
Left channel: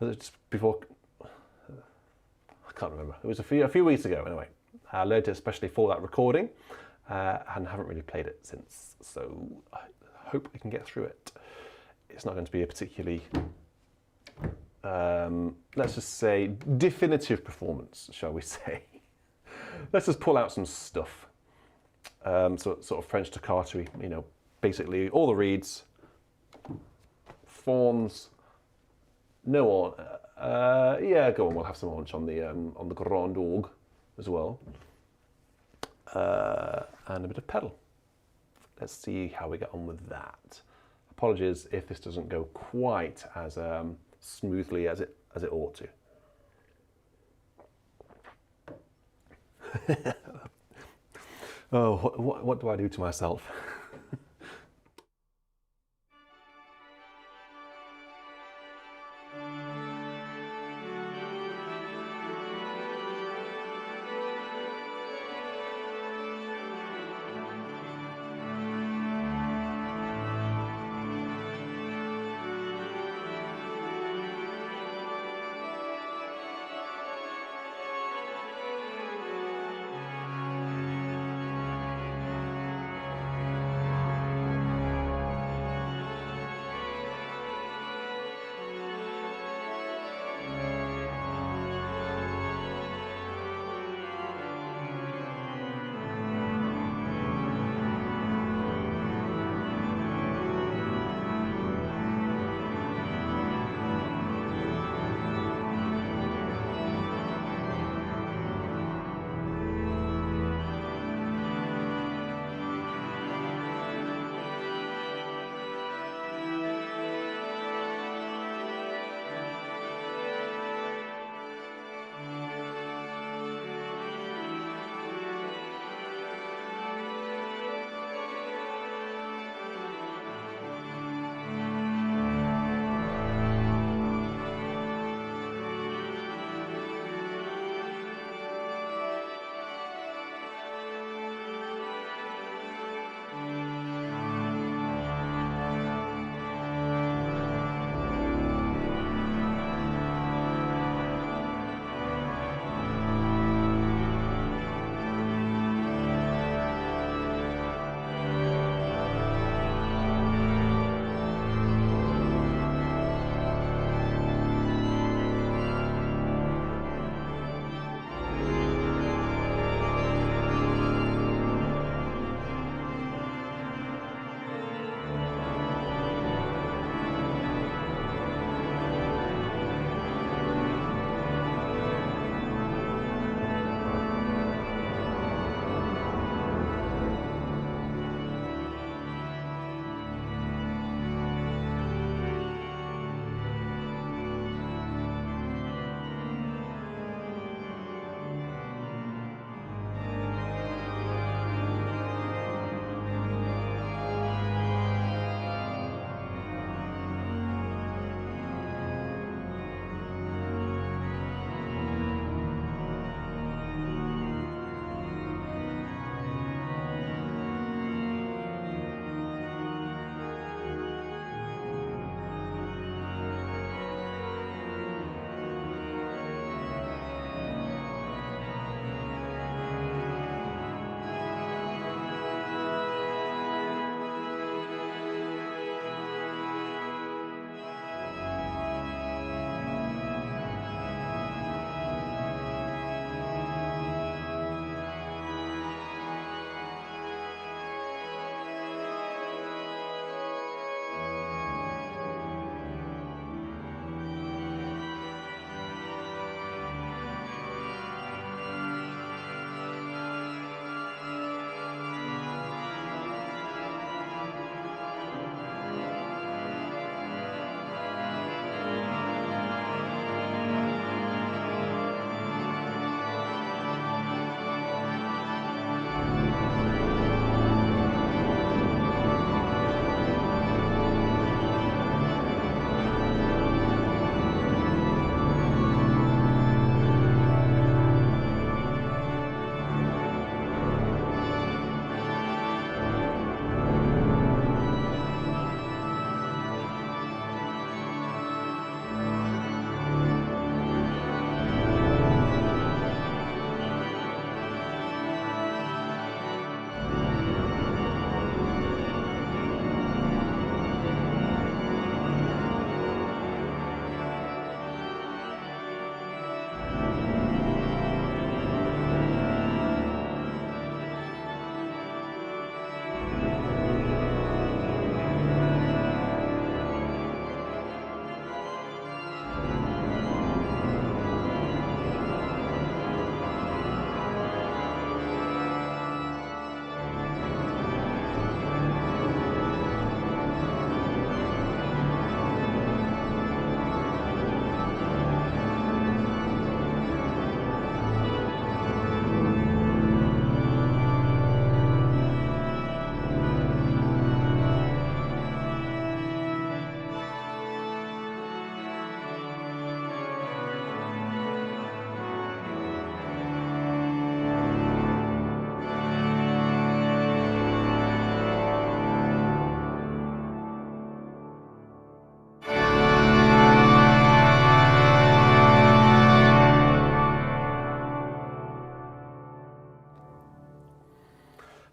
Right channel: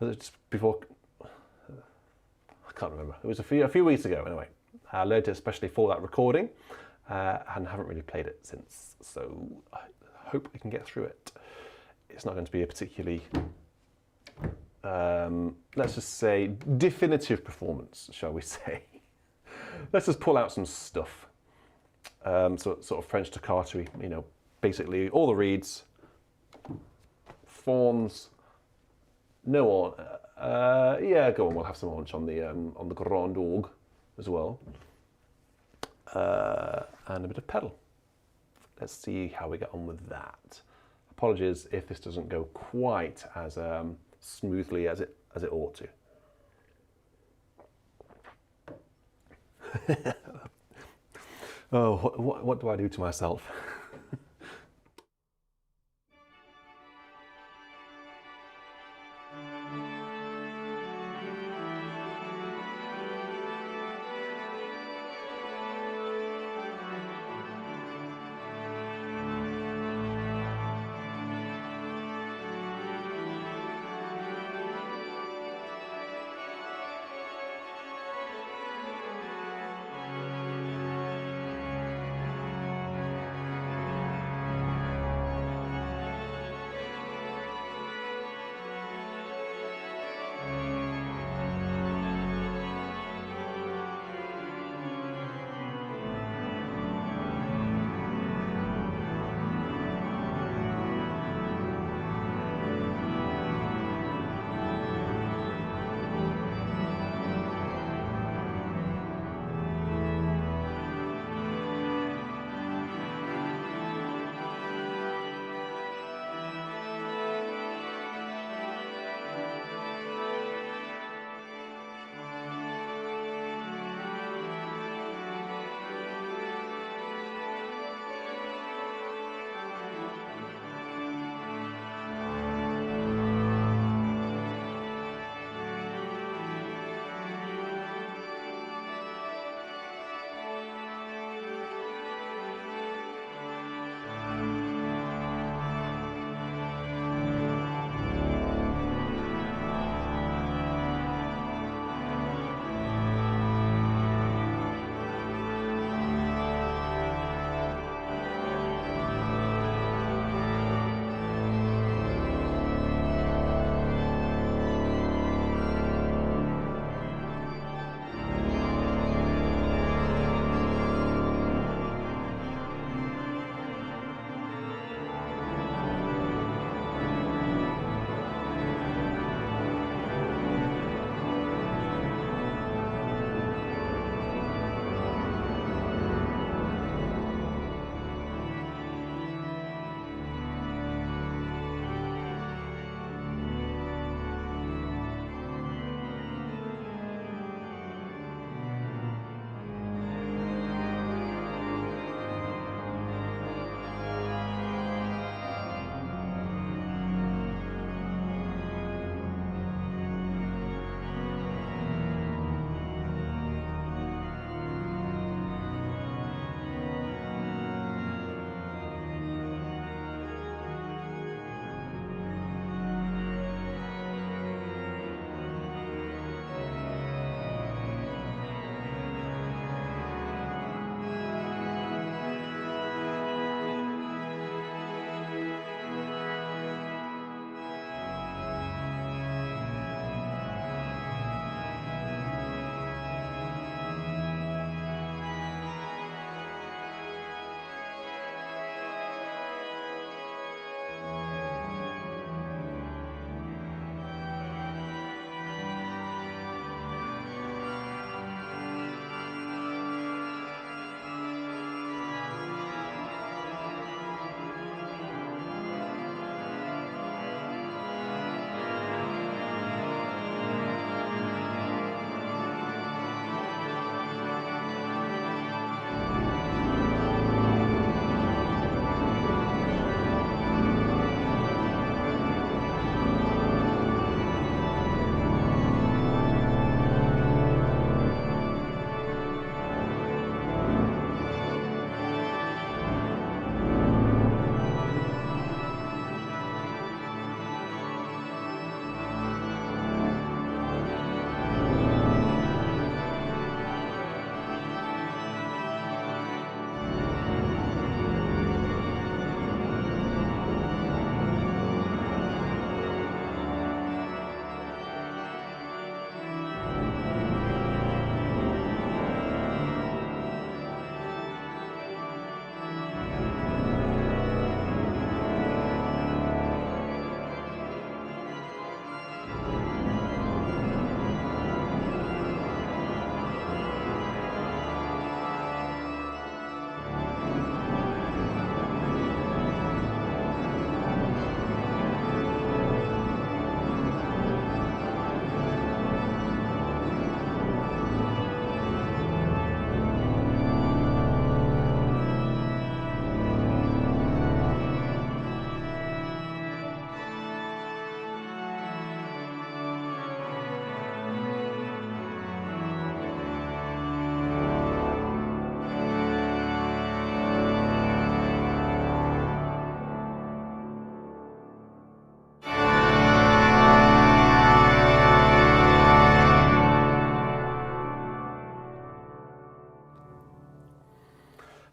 Just before, I can't remember. It was a few weeks ago anyway. I learned it especially for that recording and haven't really played it since. So I hope we can get through it. It's not going to be a particularly, let's just say, definitive performance, shall we say. Let's just pull out some stuff. Sort of French toccata, basically all the reeds, fawns, no on. Yeah, go on. We'll have some haunch on the grand orgue as well, and a bit of pedal. Let's see how we get on with that. Apologies if this doesn't go quite as smoothly as it ought to. Oh, what do I do to myself?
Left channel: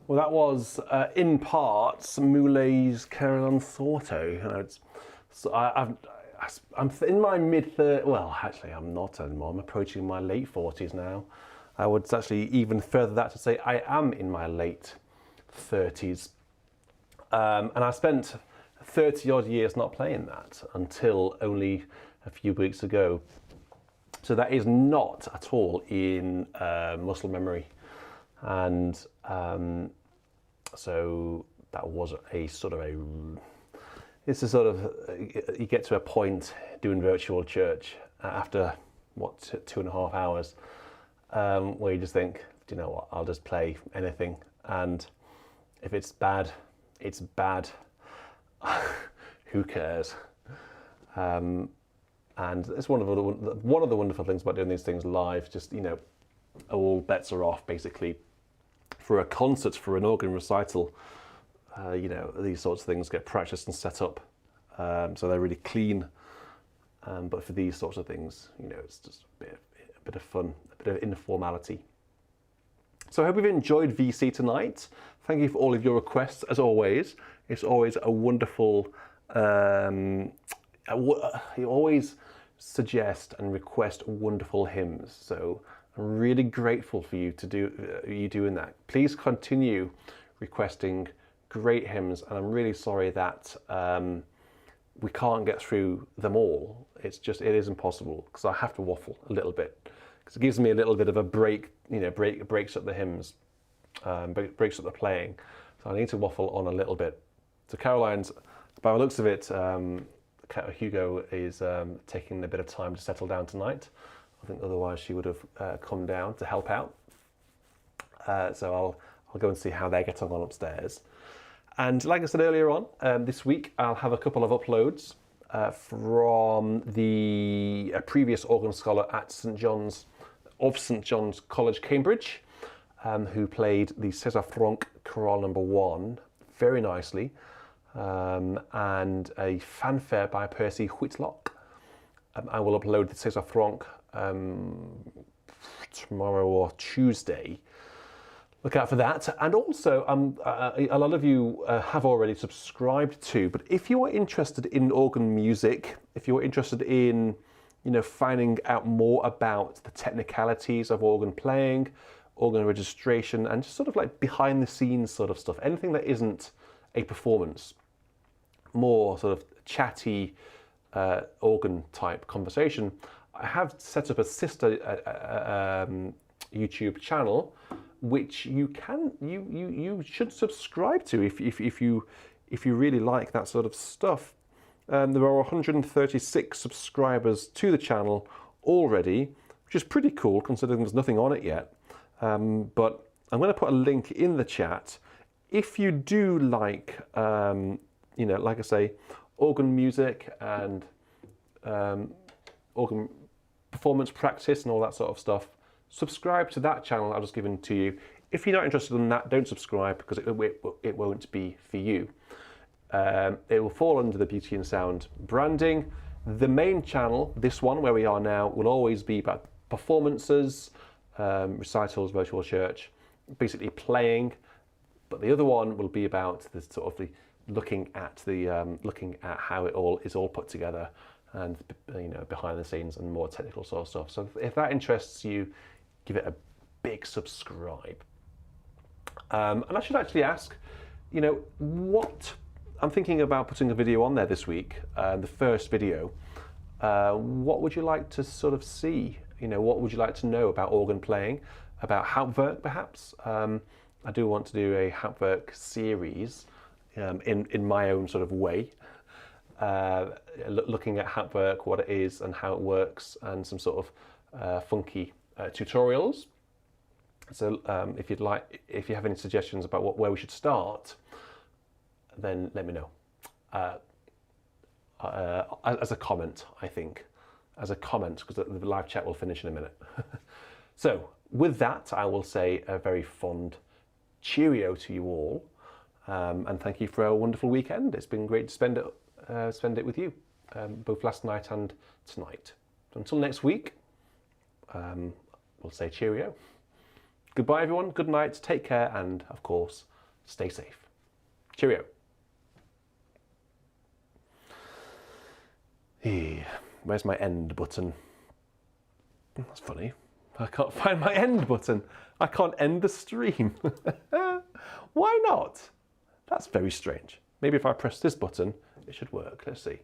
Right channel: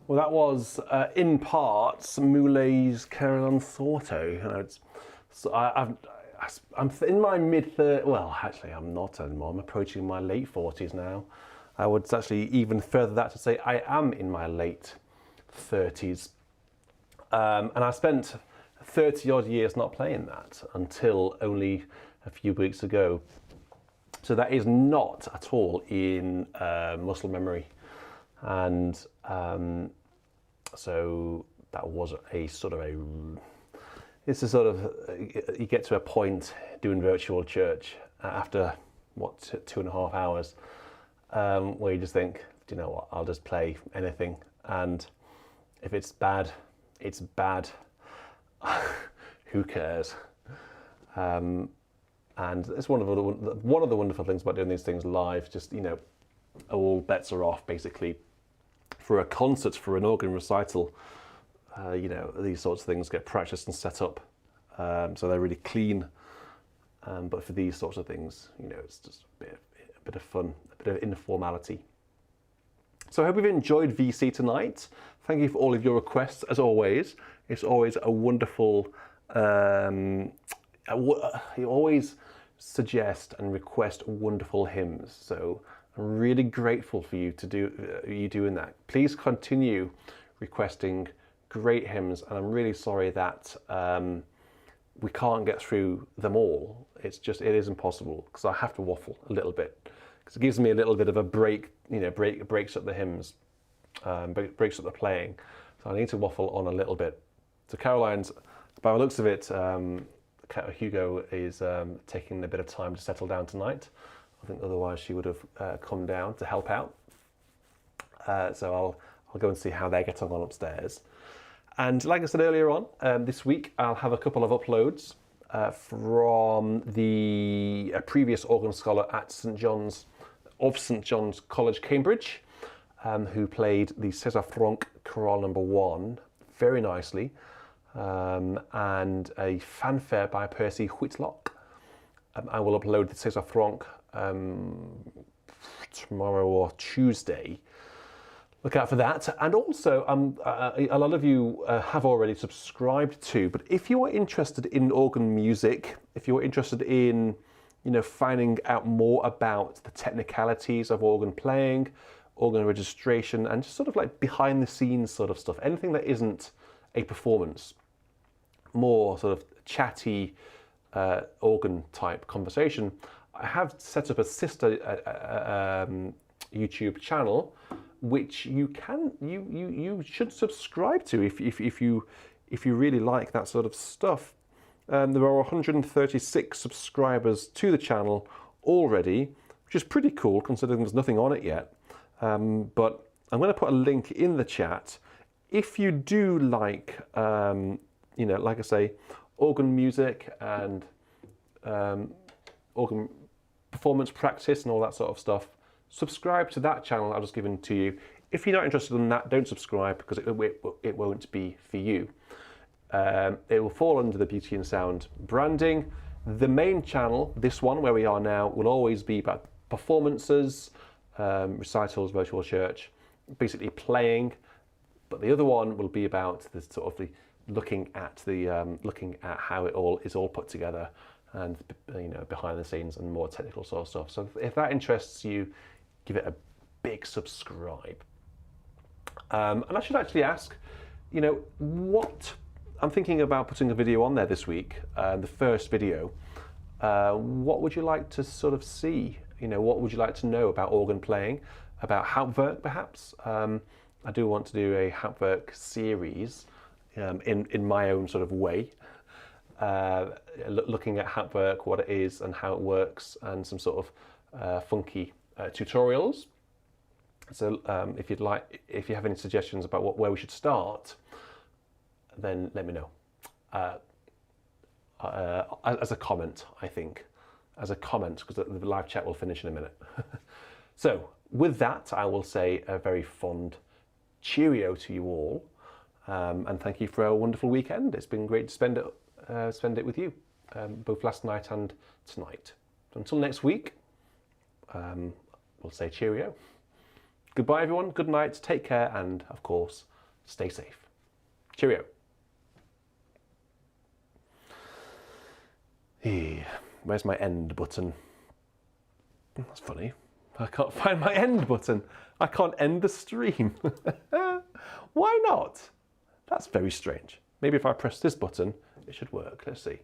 Well, that was in parts Moulet's Caroline Thorto. You know, I'm in my mid-30s. Well, actually, I'm not anymore. I'm approaching my late 40s now. I would actually even further that to say I am in my late 30s. And I spent 30 odd years not playing that until only a few weeks ago. So that is not at all in muscle memory. And so that was a sort of it's a sort of, you get to a point doing virtual church after, what, 2.5 hours, where you just think, do you know what, I'll just play anything. And if it's bad, it's bad. Who cares? And it's one of the wonderful things about doing these things live. Just, you know, all bets are off basically. For a concert, for an organ recital, you know, these sorts of things get practiced and set up, so they're really clean. But for these sorts of things, you know, it's just a bit of fun, a bit of informality. So I hope you've enjoyed VC tonight. Thank you for all of your requests, as always. It's always a wonderful. You always suggest and request wonderful hymns, so I'm really grateful for you doing that. Please continue requesting great hymns, and I'm really sorry that we can't get through them all. It is impossible, because I have to waffle a little bit, because it gives me a little bit of a break, you know, breaks up the hymns, breaks up the playing. So I need to waffle on a little bit. So Caroline's, by the looks of it, Hugo is taking a bit of time to settle down tonight. I think otherwise she would have come down to help out. So I'll go and see how they're getting on upstairs. And like I said earlier on, this week I'll have a couple of uploads from the previous organ scholar at St John's College, Cambridge, who played the César Franck Chorale No. 1 very nicely, and a fanfare by Percy Whitlock. I will upload the César Franck tomorrow or Tuesday. Look out for that. And also, a lot of you have already subscribed to, but if you are interested in organ music, if you're interested in, you know, finding out more about the technicalities of organ playing, organ registration, and just sort of like behind the scenes sort of stuff, anything that isn't a performance, more sort of chatty organ type conversation, I have set up a sister YouTube channel, which you should subscribe to if you really like that sort of stuff. There are 136 subscribers to the channel already, which is pretty cool considering there's nothing on it yet. But I'm going to put a link in the chat. If you do like, you know, like I say, organ music and organ performance practice and all that sort of stuff, subscribe to that channel I've just given to you. If you're not interested in that, don't subscribe, because it won't be for you. It will fall under the Beauty and Sound branding. The main channel, this one where we are now, will always be about performances, recitals, virtual church, basically playing. But the other one will be about the sort of looking at how it all is all put together, and, you know, behind the scenes and more technical sort of stuff. So if that interests you, give it a big subscribe. And I should actually ask, you know, what I'm thinking about putting a video on there this week, the first video. What would you like to sort of see? You know, what would you like to know about organ playing, about Hauptwerk perhaps? I do want to do a Hauptwerk series in my own sort of way, looking at Hauptwerk, what it is and how it works, and some sort of funky tutorials. So if you have any suggestions about where we should start, then let me know. As a comment, I think. As a comment, because the live chat will finish in a minute. So with that, I will say a very fond cheerio to you all, and thank you for a wonderful weekend. It's been great to spend it with you, both last night and tonight. Until next week, we'll say cheerio. Goodbye everyone, good night, take care, and of course, stay safe. Cheerio. Where's my end button? That's funny. I can't find my end button. I can't end the stream. Why not? That's very strange. Maybe if I press this button, it should work. Let's see.